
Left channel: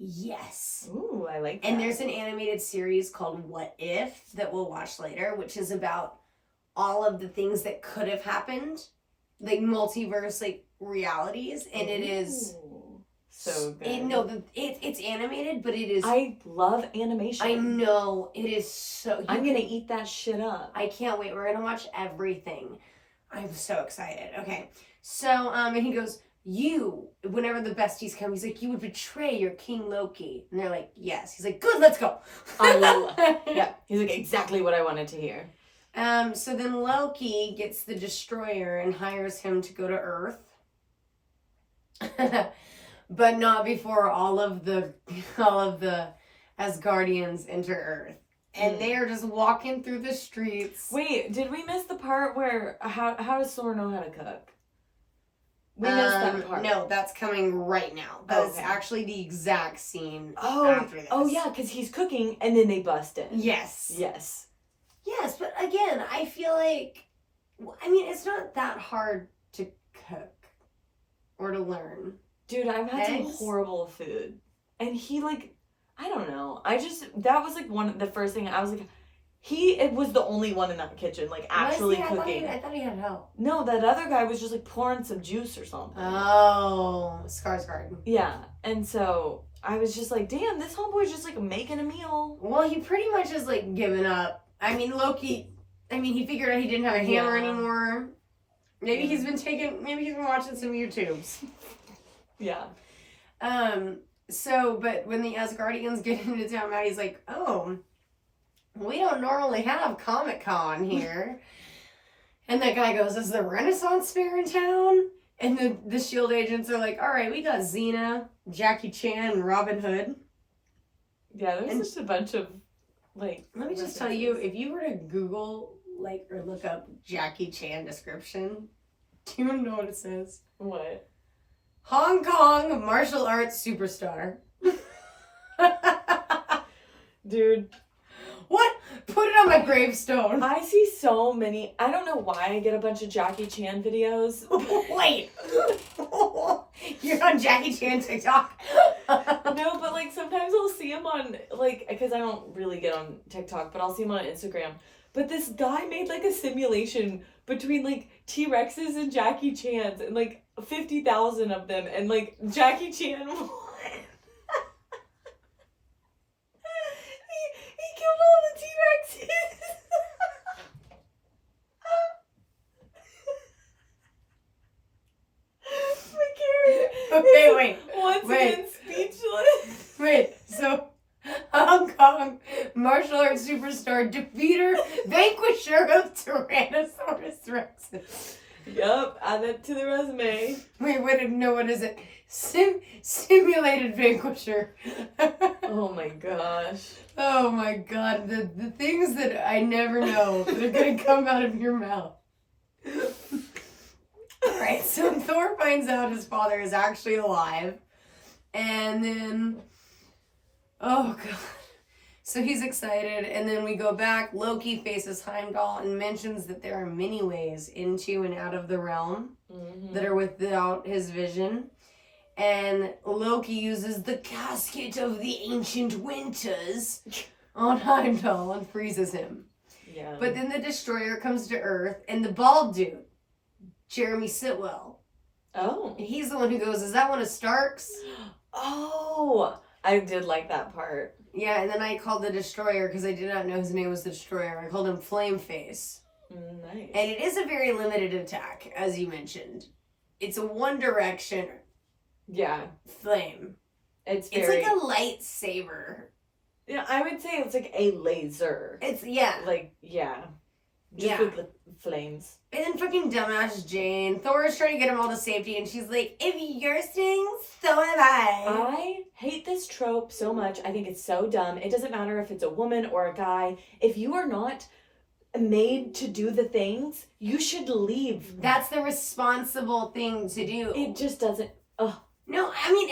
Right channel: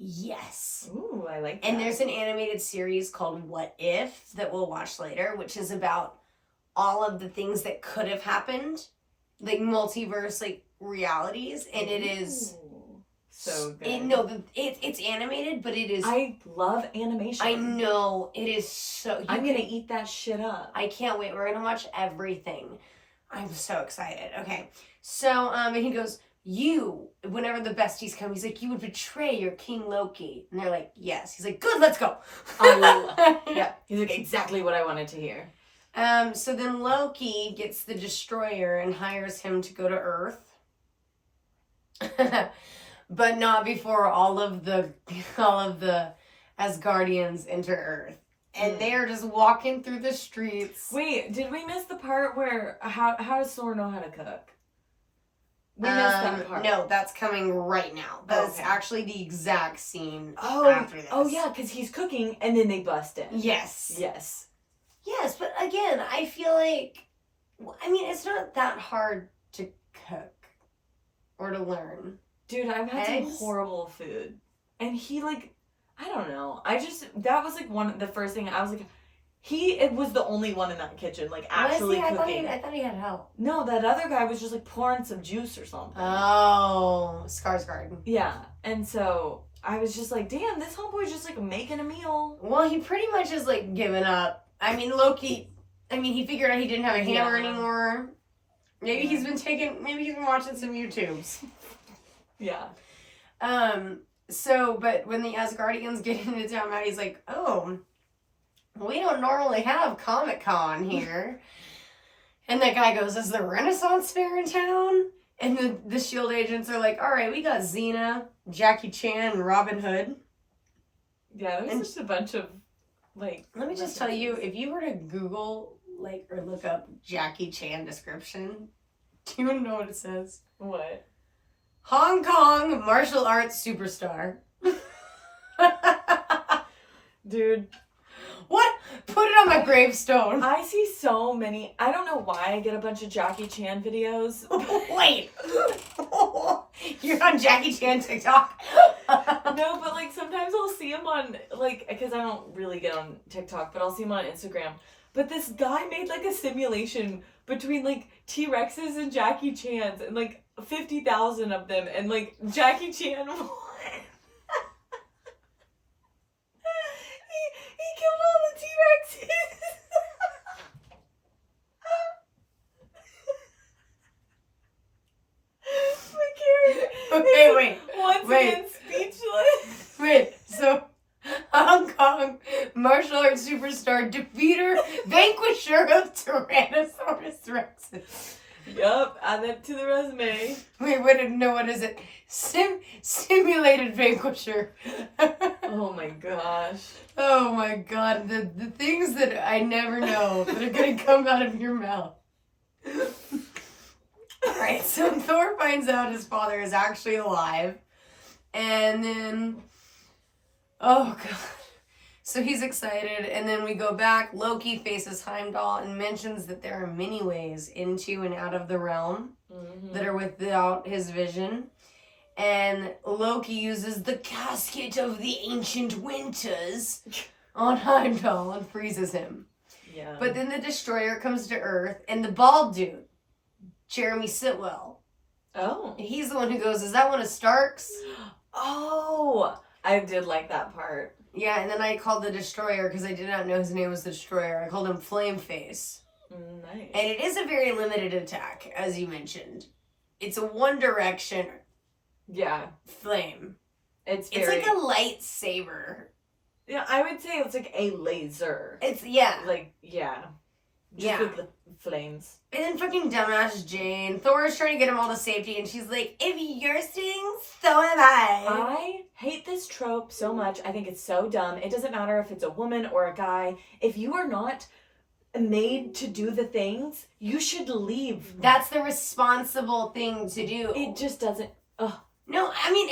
Yes. Ooh, I like that. And there's an animated series called What If that we'll watch later, which is about all of the things that could have happened, like multiverse, like realities, and it is so good. It's animated, but it is. I love animation. I know it is so. I'm gonna eat that shit up. I can't wait. We're gonna watch everything. I'm so excited. Okay, so and he goes, you. Whenever the besties come, he's like, you would betray your King Loki, and they're like, yes. He's like, good, let's go. Yeah, he's like exactly what I wanted to hear. So then Loki gets the Destroyer and hires him to go to Earth. But not before all of the Asgardians enter Earth. And they are just walking through the streets. Wait, did we miss the part where how does Thor know how to cook? We missed that part. No, that's coming right now. That's actually the exact scene after this. Oh yeah, because he's cooking and then they bust in. Yes. Yes. Yes, but again, I feel like, I mean, it's not that hard to cook or to learn. Dude, I've had some horrible food. And he, like, I don't know. That was, like, the first thing I was like, it was the only one in that kitchen, like, actually cooking. I thought he had help. No, that other guy was just, like, pouring some juice or something. Oh, Skarsgård. Yeah, and so I was just like, damn, this homeboy's just, like, making a meal. Well, he pretty much is, like, giving up. I mean, Loki, he figured out he didn't have a hammer anymore. Maybe he's been watching some YouTubes. Yeah. But when the Asgardians get into town, Maddie's like, oh, we don't normally have Comic-Con here. And that guy goes, is the Renaissance Fair in town? And the S.H.I.E.L.D. agents are like, all right, we got Xena, Jackie Chan, and Robin Hood. Yeah, there's just a bunch of, like... Let me just tell you, if you were to Google, like, or look up Jackie Chan description, do you know what it says? What? Hong Kong martial arts superstar. Dude. What? Put it on my gravestone. I see so many. I don't know why I get a bunch of Jackie Chan videos. Wait. You're on Jackie Chan TikTok? No, but like sometimes I'll see him on, like, because I don't really get on TikTok, but I'll see him on Instagram. But this guy made like a simulation between like T-Rexes and Jackie Chan's and like 50,000 of them, and like Jackie Chan won. he killed all the T-Rexes. Okay, wait. Once again, speechless. Wait, so Hong Kong martial arts superstar, defeater, vanquisher of Tyrannosaurus Rexes. Yup, add that to the resume. Wait, no, what is it? Simulated vanquisher. Oh my gosh. Oh my god, the things that I never know that are gonna come out of your mouth. Alright, so Thor finds out his father is actually alive. And then, oh god. So he's excited, and then we go back. Loki faces Heimdall and mentions that there are many ways into and out of the realm that are without his vision. And Loki uses the casket of the ancient winters on Heimdall and freezes him. Yeah. But then the destroyer comes to Earth, and the bald dude, Jeremy Sitwell, Oh. and he's the one who goes, "Is that one of Stark's?" Oh, I did like that part. Yeah, and then I called the destroyer because I did not know his name was the destroyer. I called him Flameface. Nice. And it is a very limited attack, as you mentioned. It's a one direction flame. It's like a lightsaber. Yeah, I would say it's like a laser. Just with the flames. And then fucking dumbass Jane. Thor is trying to get them all to safety, and she's like, "If you're staying, so am I." I hate this trope so much. I think it's so dumb. It doesn't matter if it's a woman or a guy. If you are not made to do the things, you should leave. That's the responsible thing to do. It just doesn't. Ugh. No, I mean,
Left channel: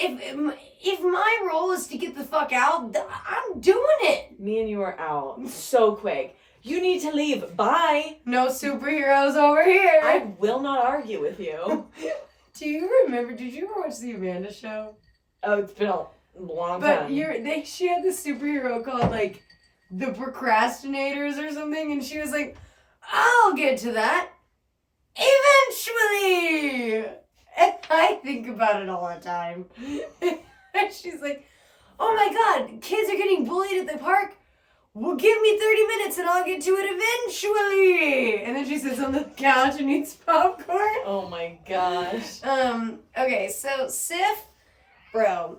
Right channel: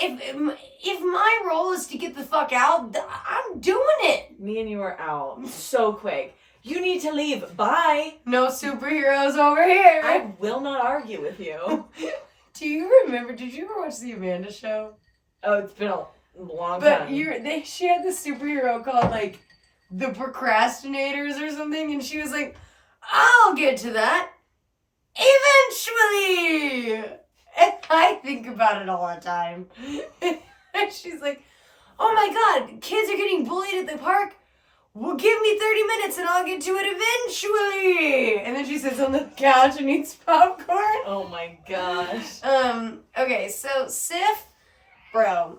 if my role is to get the fuck out, I'm doing it. Me and you are out so quick. You need to leave. Bye. No superheroes over here. I will not argue with you. Do you remember? Did you ever watch the Amanda Show? Oh, it's been a long But time. she had this superhero called like the Procrastinators or something, and she was like, "I'll get to that eventually." And I think about it all the time. And she's like, "Oh my God, kids are getting bullied at the park. Well, give me 30 minutes and I'll get to it eventually." And then she sits on the couch and eats popcorn. Oh my gosh. Okay, so Sif, bro,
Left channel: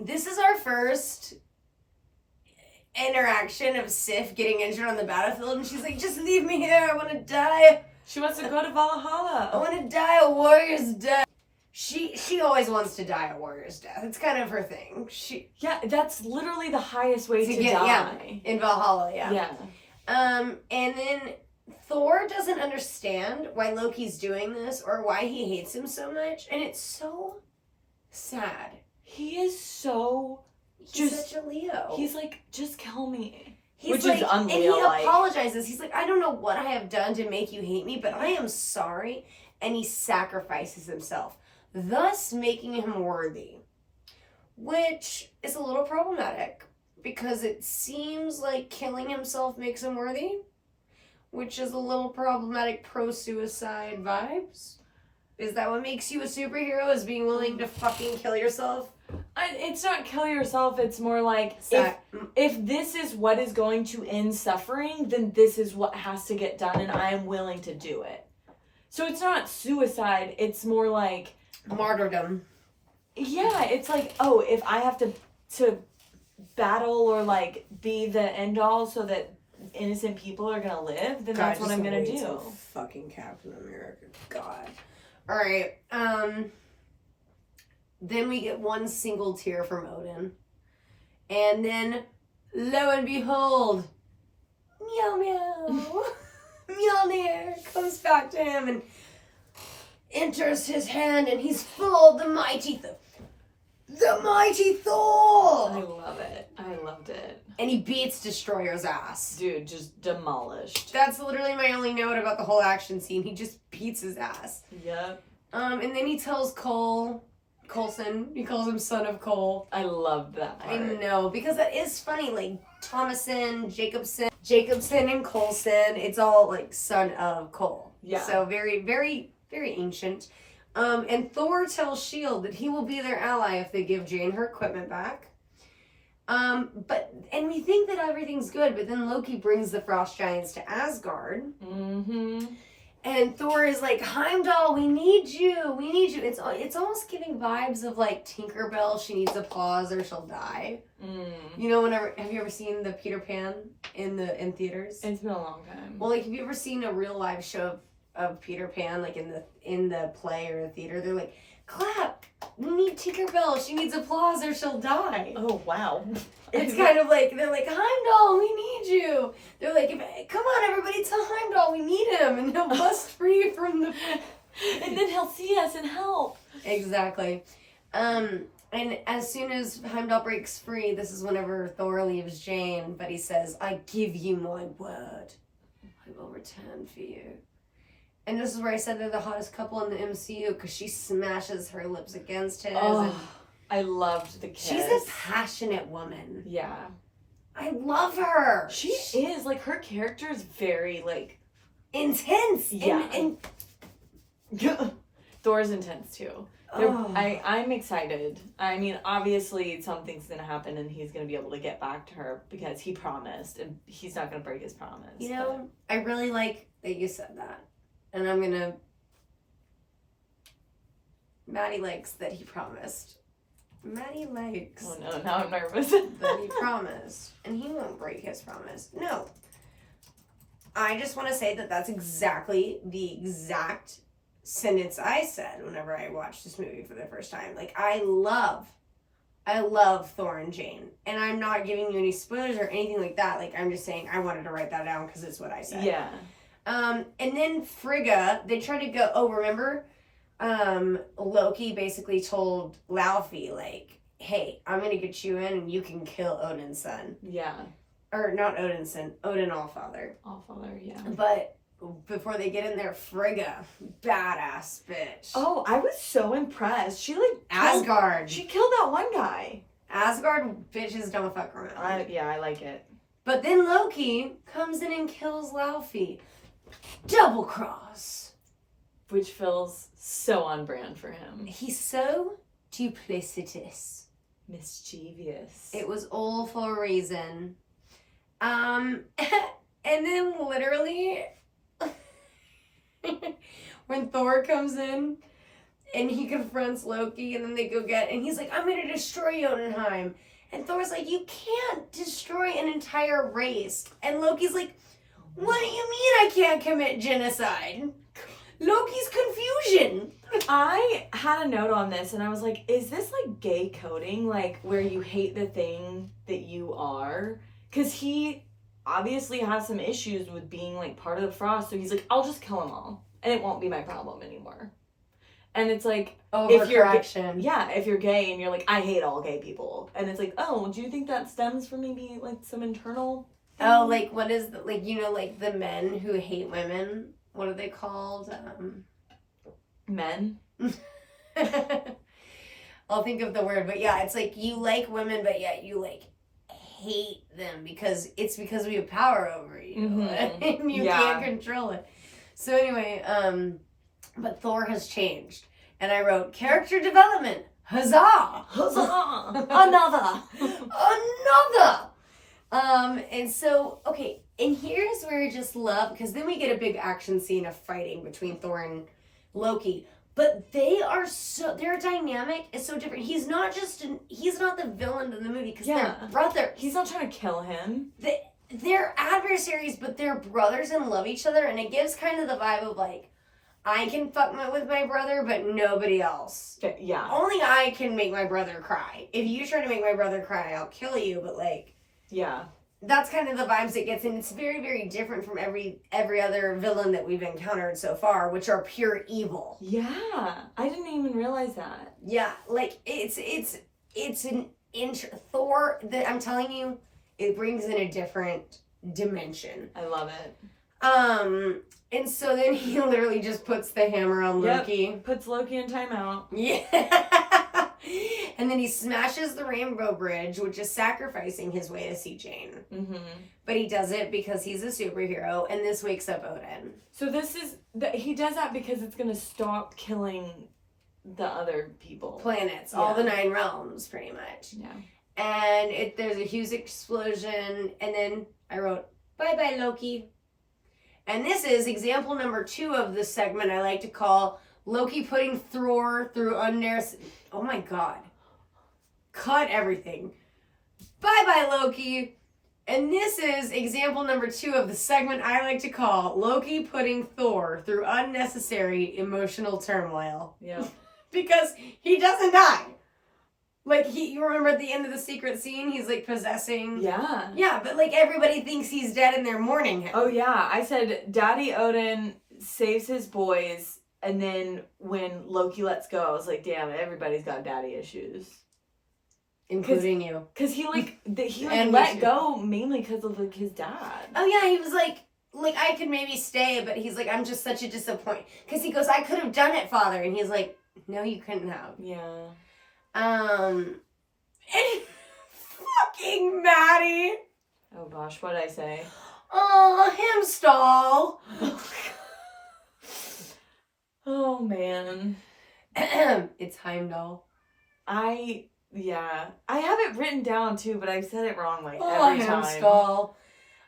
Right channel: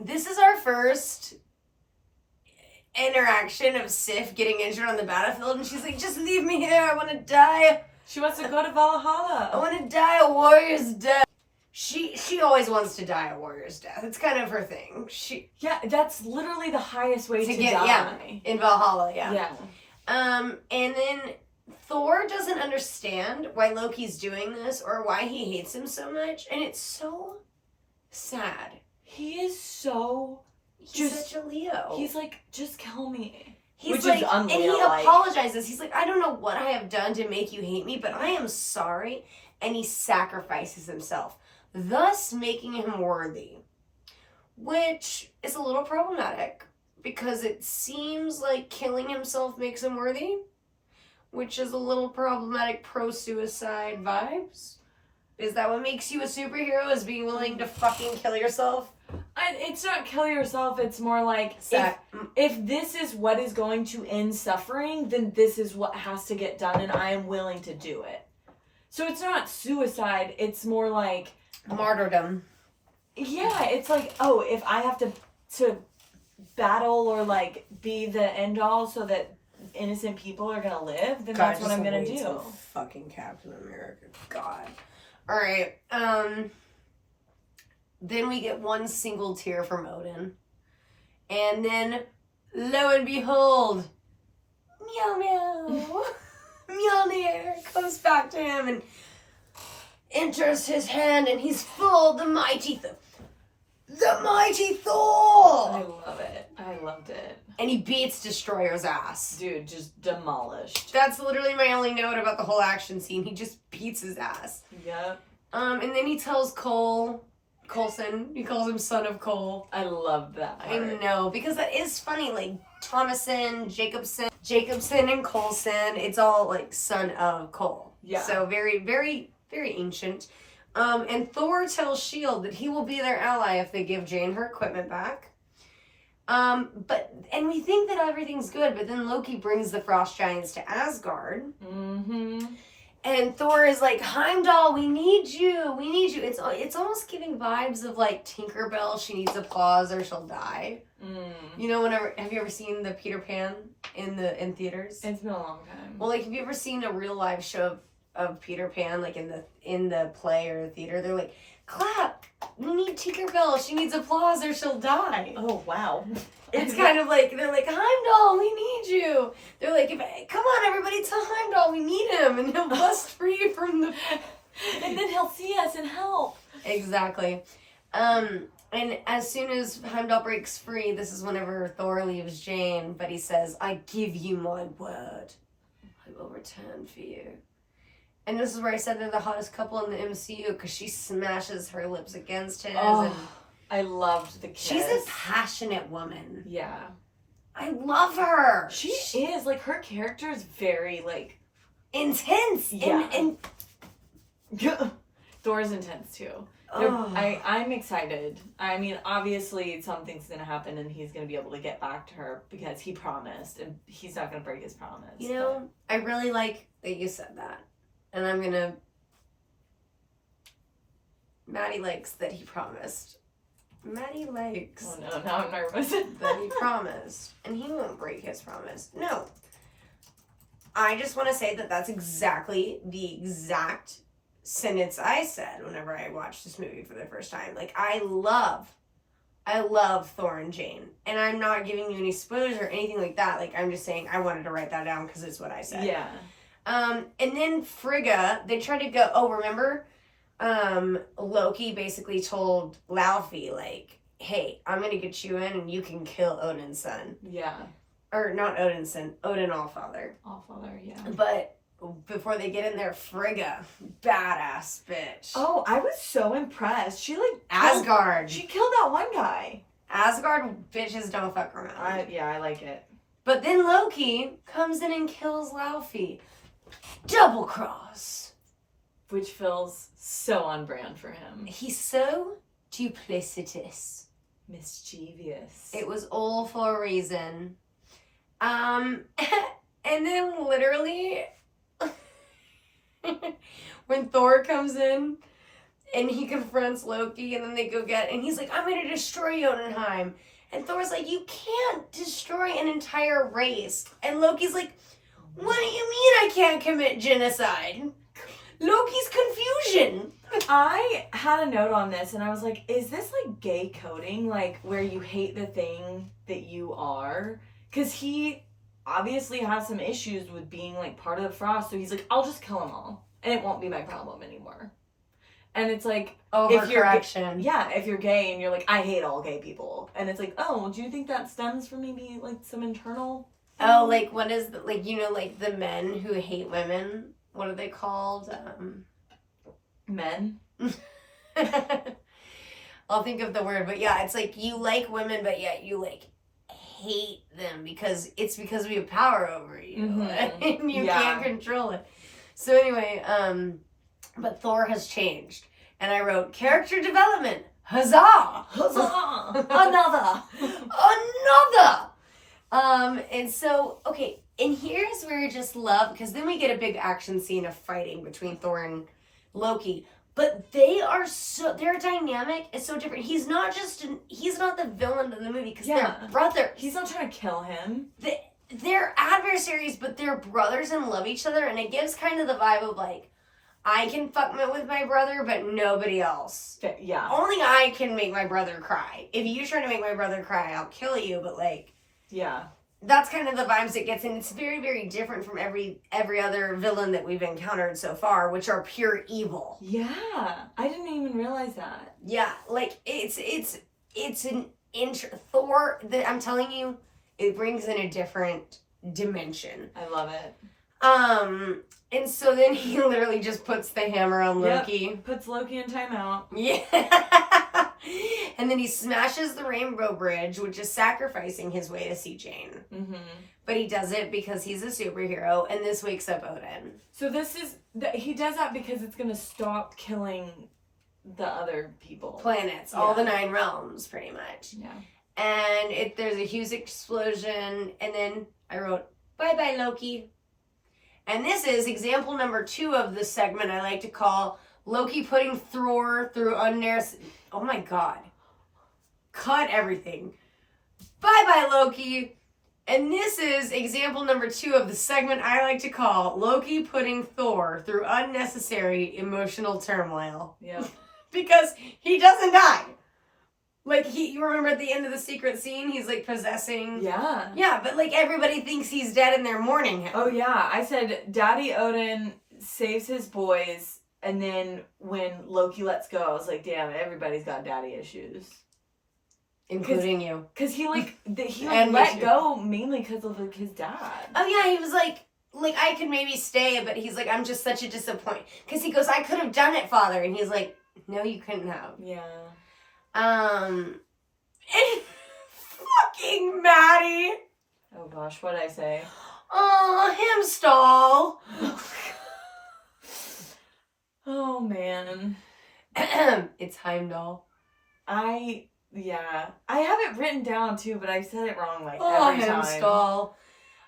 this is our first interaction of Sif getting injured on the battlefield, and she's like, "Just leave me here, I want to die. She wants to go to I Valhalla. want to die a warrior's death." She always wants to die a warrior's death. It's kind of her thing. Yeah, that's literally the highest way to die. Yeah, in Valhalla, Yeah. And then Thor doesn't understand why Loki's doing this or why he hates him so much, and it's so sad. He is so He's such a Leo. He's like, just kill me. Which is and he unleo-like. apologizes. He's like, "I don't know what I have done to make you hate me, but I am sorry." And he sacrifices himself, thus making him worthy. Which is a little problematic, because it seems like killing himself makes him worthy, which is a little problematic pro-suicide vibes. Is that what makes you a superhero, is being willing to fucking kill yourself? It's not kill yourself, it's more like, if this is what is going to end suffering, then this is what has to get done, and I am willing to do it. So it's not suicide, it's more like martyrdom. Yeah, it's like, oh, if I have to battle or like be the end all so that innocent people are gonna live, then that's what I'm gonna do. Fucking Captain America. God. Alright, then we get one single tear from Odin. And then, lo and behold, meow meow, Mjolnir comes back to him and enters his hand, and he's full of the mighty Thor! I love it. I loved it. And he beats Destroyer's ass. Dude, just demolished. That's literally my only note about the whole action scene. He just beats his ass. Yep. And then he tells Coulson, he calls him son of Cole. I love that part. I know, because that is funny, like Thomason, Jacobson and Coulson, it's all like son of Cole. Yeah. So very, very, very ancient. And Thor tells S.H.I.E.L.D. that he will be their ally if they give Jane her equipment back. And we think that everything's good, but then Loki brings the Frost Giants to Asgard. Mm-hmm. And Thor is like, "Heimdall, we need you. We need you." It's almost giving vibes of like Tinkerbell. She needs applause or she'll die. You know, have you ever seen the Peter Pan in theaters? It's been a long time. Well, like, have you ever seen a real live show of Peter Pan, like in the play or the theater? They're like, "Clap! We need Tinkerbell. She needs applause or she'll die." Oh wow. It's kind of like, they're like, "Heimdall, we need you." They're like, "Come on, everybody, tell Heimdall we need him, and he'll bust free from the..." And then he'll see us and help. Exactly. And And as soon as Heimdall breaks free, this is whenever Thor leaves Jane, but he says, I give you my word. I will return for you. And this is where I said they're the hottest couple in the MCU, because she smashes her lips against his. Oh, and I loved the kiss. she's a passionate woman. Yeah. I love her. She is. Like, her character is very, like... intense. Yeah. And Thor's intense, too. I'm excited. I mean, obviously something's gonna happen and he's gonna be able to get back to her because he promised and he's not gonna break his promise. You know, I really like that you said that. And I'm gonna... Maddie likes that he promised. Maddie likes Oh no, now I'm nervous. that he promised. And he won't break his promise. No. I just want to say that that's exactly the exact sentence I said whenever I watched this movie for the first time. Like, I love Thor and Jane. And I'm not giving you any spoilers or anything like that. Like, I'm just saying I wanted to write that down because it's what I said. Yeah. And then Frigga, they tried to go, remember? Loki basically told Laufey, like, hey, I'm going to get you in and you can kill Odin's son. Yeah. Or not Odin's son, Odin Allfather. Allfather, yeah. But before they get in there, Frigga, badass bitch. Oh, I was so impressed. She, like... Asgard. She killed that one guy. Asgard bitches don't fuck around. I like it. But then Loki comes in and kills Laufey. Double cross. Which feels so on brand for him. He's so duplicitous. Mischievous. It was all for a reason. And then literally... when Thor comes in and he confronts Loki and then they go and he's like, I'm gonna destroy Jotunheim. And Thor's like, you can't destroy an entire race. And Loki's like, what do you mean I can't commit genocide? Loki's confusion. I had a note on this and I was like, is this like gay coding? Like where you hate the thing that you are? Because he obviously has some issues with being like part of the Frost. So he's like, I'll just kill them all and it won't be my problem anymore. And it's like, overcorrection. If you're gay and you're like, I hate all gay people. And it's like, oh, do you think that stems from maybe like some internal thing? Oh, like what is the, like, you know, like the men who hate women? What are they called? Men? I'll think of the word, but yeah, it's like you like women, but yet you like hate them because we have power over you and you can't control it. So anyway, but Thor has changed, and I wrote character development. Huzzah! Huzzah! Another! And so, okay, and here's where I just love, because then we get a big action scene of fighting between Thor and Loki. But their dynamic is so different. He's not the villain of the movie, because they're brothers. He's not trying to kill him. They're adversaries, but they're brothers and love each other, and it gives kind of the vibe of like, I can fuck with my brother, but nobody else. Yeah. Only I can make my brother cry. If you try to make my brother cry, I'll kill you, but like... Yeah. That's kind of the vibes it gets, and it's very, very different from every other villain that we've encountered so far, which are pure evil. Yeah. I didn't even realize that. Yeah, like, it's an Thor, that I'm telling you, it brings in a different dimension. I love it. And so then he literally just puts the hammer on Loki. Yep. Puts Loki in timeout. Yeah. And then he smashes the Rainbow Bridge, which is sacrificing his way to see Jane. Mm-hmm. But he does it because he's a superhero, and this wakes up Odin. So he does that because it's going to stop killing the other people. Planets, all the 9 realms, pretty much. Yeah. And there's a huge explosion, and then I wrote, bye-bye, Loki. And this is example number 2 of the segment I like to call Loki putting Thor through unnecessary... Oh my god. Cut everything. Bye-bye, Loki. And this is example number 2 of the segment I like to call Loki putting Thor through unnecessary emotional turmoil. Yeah. Because he doesn't die. Like, you remember at the end of the secret scene, he's, like, possessing... Yeah. Yeah, but, like, everybody thinks he's dead and they're mourning him. Oh, yeah. I said Daddy Odin saves his boys, and then when Loki lets go, I was like, damn, everybody's got daddy issues. Including you. Because he And let me too. go mainly because of his dad. Oh yeah, he was like I could maybe stay, but he's like, I'm just such a disappointment. Because he goes, I could have done it, Father. And he's like, no, you couldn't have. Yeah. And fucking Maddie. Oh gosh, what did I say? Oh, him stall. Oh man. It's Heimdall. I have it written down too, but I said it wrong like Oh, every time. Hemstall.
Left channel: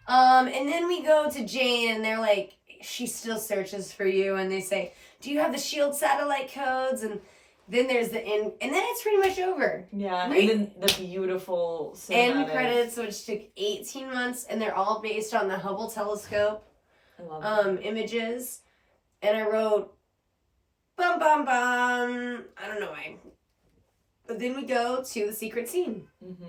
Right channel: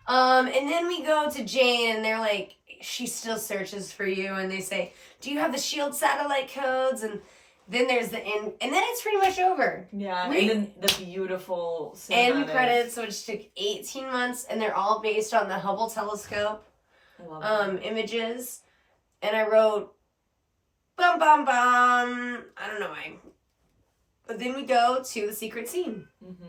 And then we go to Jane, and they're like, she still searches for you, and they say, do you have the SHIELD satellite codes? And then there's the end, and then it's pretty much over. Yeah, and then the beautiful end credits, which took 18 months, and they're all based on the Hubble telescope I love images. And I wrote, bum bum bum. I don't know why. But then we go to the secret scene. Mm-hmm.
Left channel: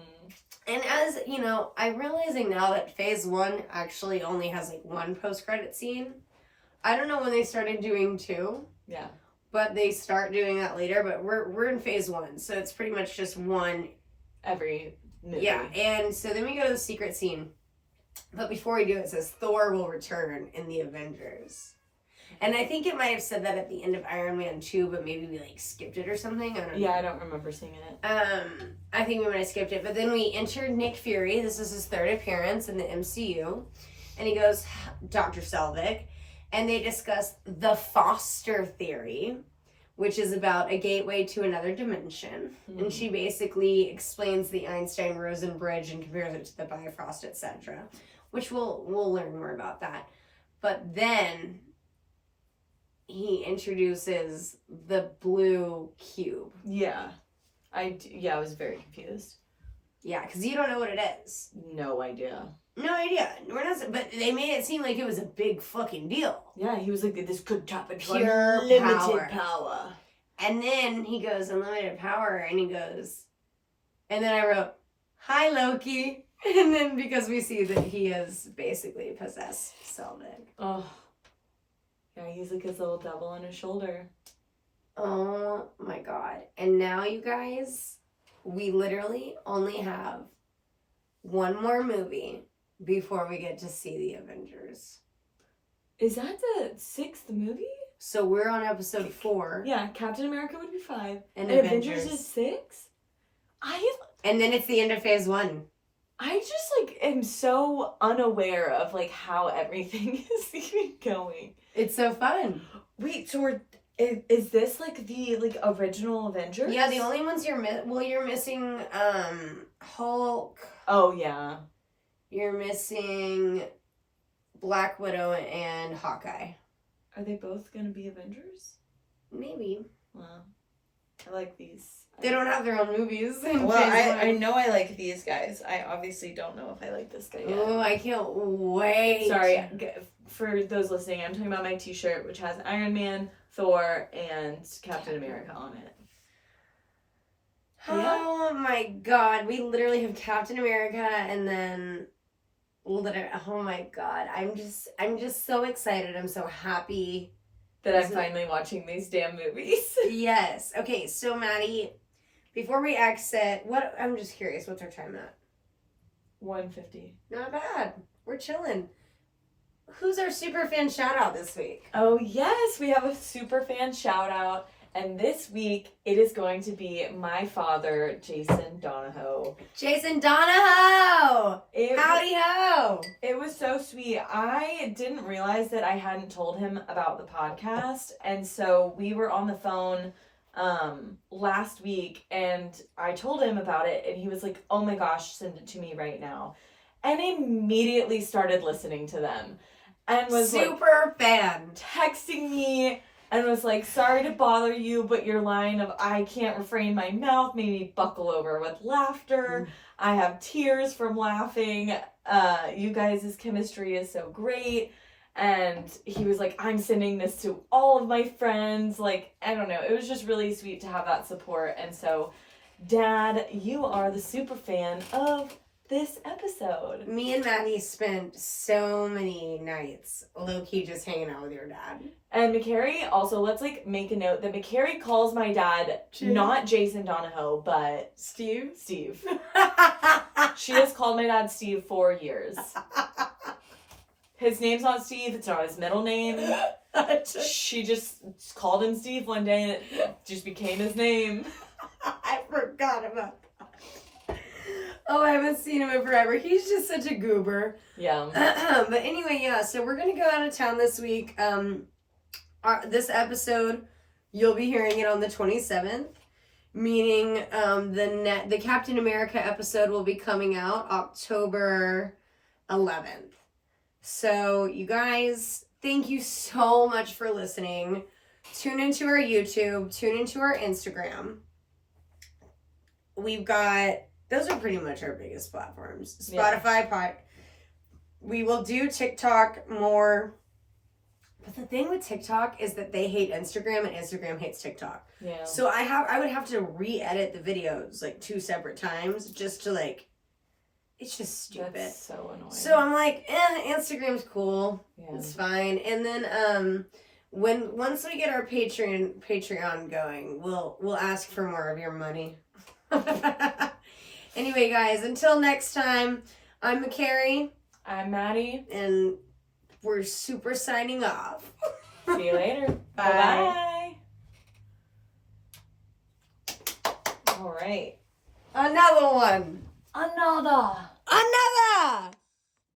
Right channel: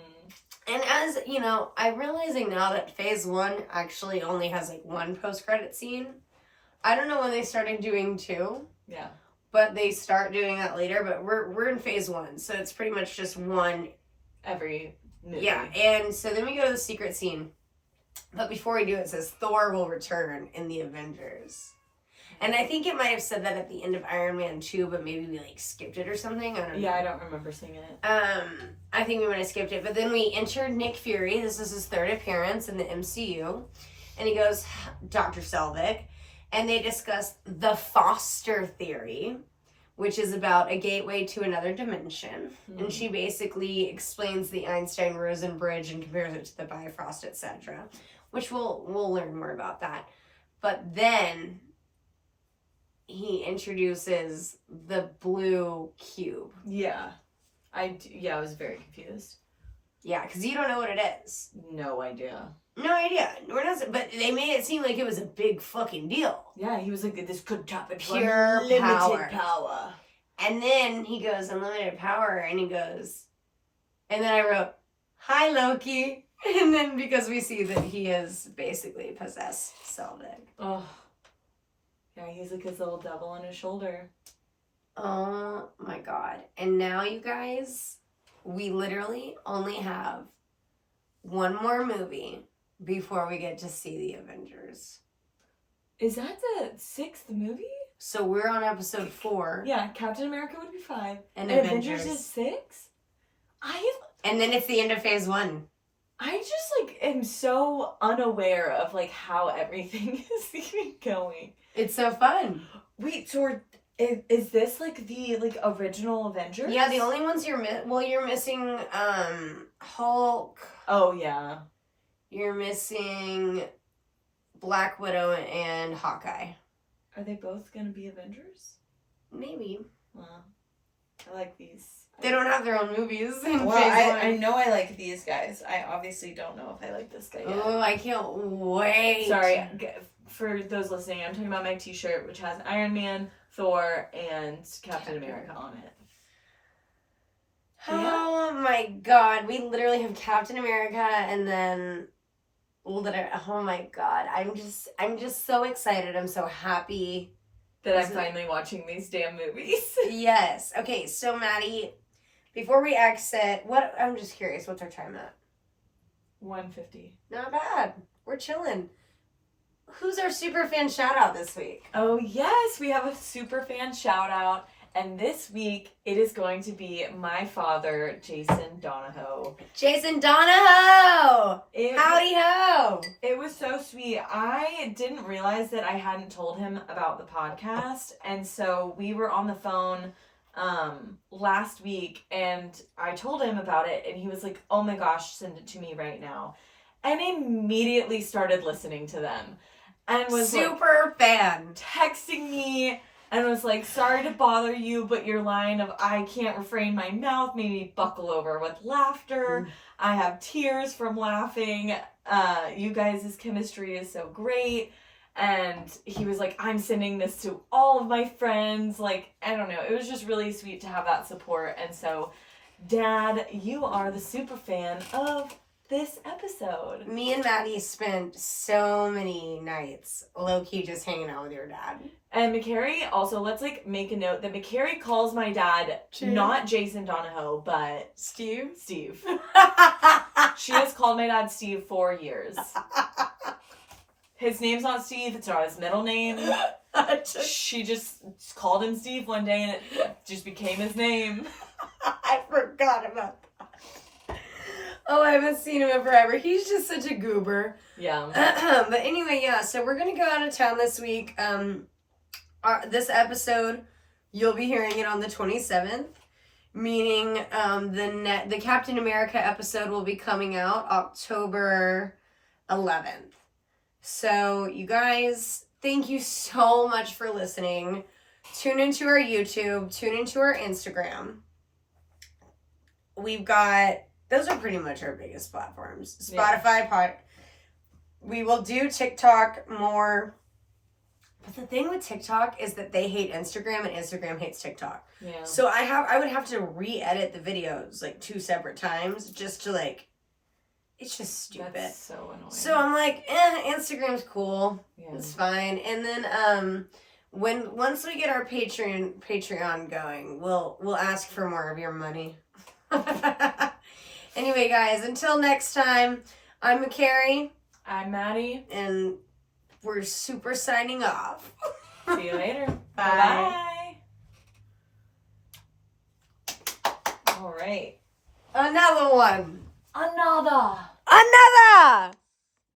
And as, you know, I'm realizing now that phase 1 actually only has like one post-credit scene. I don't know when they started doing 2. Yeah. But they start doing that later. But we're in phase 1. So it's pretty much just one. Every movie. Yeah. And so then we go to the secret scene. But before we do it says Thor will return in the Avengers. And I think it might have said that at the end of Iron Man 2, but maybe we like skipped it or something. I don't know. Yeah, I don't remember seeing it. I think we might have skipped it. But then we entered Nick Fury. This is his 3rd appearance in the MCU. And he goes, Dr. Selvig. And they discuss the Foster theory, which is about a gateway to another dimension. Mm-hmm. And she basically explains the Einstein-Rosen bridge and compares it to the Bifrost, etc. Which we'll learn more about that. But then he introduces the blue cube. Yeah. I was very confused. Yeah, because you don't know what it is. No idea. No idea. We're not, but they made it seem like it was a big fucking deal. Yeah, he was like, this could tap into pure unlimited power. And then he goes, unlimited power, and he goes, and then I wrote, hi, Loki. And then because we see that he is basically possessed Selvig. Oh. Yeah, he's like his little devil on his shoulder. Oh my god. And now, you guys, we literally only have one more movie before we get to see the Avengers. Is that the 6th movie? So we're on episode 4. Yeah, Captain America would be 5. And Avengers is 6? And then it's the end of phase 1. I just like am so unaware of like how everything is even going. It's so fun. Wait, so is this like the original Avengers? Yeah, the only ones you're missing Hulk. Oh yeah. You're missing Black Widow and Hawkeye. Are they both gonna be Avengers? Maybe. Well, I like these. They don't have their own movies. Well, I know I like these guys. I obviously don't know if I like this guy yet. Oh, I can't wait. Sorry, for those listening, I'm talking about my t-shirt, which has Iron Man, Thor, and Captain America on it. Oh my god. We literally have Captain America and then oh my god. I'm just so excited. I'm so happy that I'm finally watching these damn movies. Yes. Okay, so Maddie, before we exit, I'm just curious, what's our time at? 1:50. Not bad. We're chilling. Who's our super fan shout out this week? Oh yes, we have a super fan shout out. And this week, it is going to be my father, Jason Donahoe. Jason Donahoe! Howdy ho! It was so sweet. I didn't realize that I hadn't told him about the podcast. And so we were on the phone last week, and I told him about it. And he was like, oh my gosh, send it to me right now. And immediately started listening to them. And was super fan. Texting me. And was like, sorry to bother you, but your line of I can't refrain my mouth made me buckle over with laughter. I have tears from laughing. You guys' chemistry is so great. And he was like, I'm sending this to all of my friends. Like, I don't know. It was just really sweet to have that support. And so, Dad, you are the super fan of this episode. Me and Maddie spent so many nights low-key just hanging out with your dad. And McCary, also, let's like make a note that McCary calls my dad not Jason Donahoe, but Steve. She has called my dad Steve for years. His name's not Steve, it's not his middle name. She just called him Steve one day and it just became his name. I forgot about that. Oh, I haven't seen him in forever. He's just such a goober. Yeah. But anyway, yeah, so we're going to go out of town this week. This episode, you'll be hearing it on the 27th, meaning the Captain America episode will be coming out October 11th. So, you guys, thank you so much for listening. Tune into our YouTube, tune into our Instagram. We've got, those are pretty much our biggest platforms. Spotify, we will do TikTok more. But the thing with TikTok is that they hate Instagram and Instagram hates TikTok. Yeah. So I would have to re-edit the videos like 2 separate times just to like, it's just stupid. That's so annoying. So I'm like, Instagram's cool. Yeah. It's fine. And then once we get our Patreon going, we'll ask for more of your money. Anyway, guys, until next time, I'm McCary. I'm Maddie. And we're super signing off. See you later. Bye. Bye. All right. Another one. Another. Another.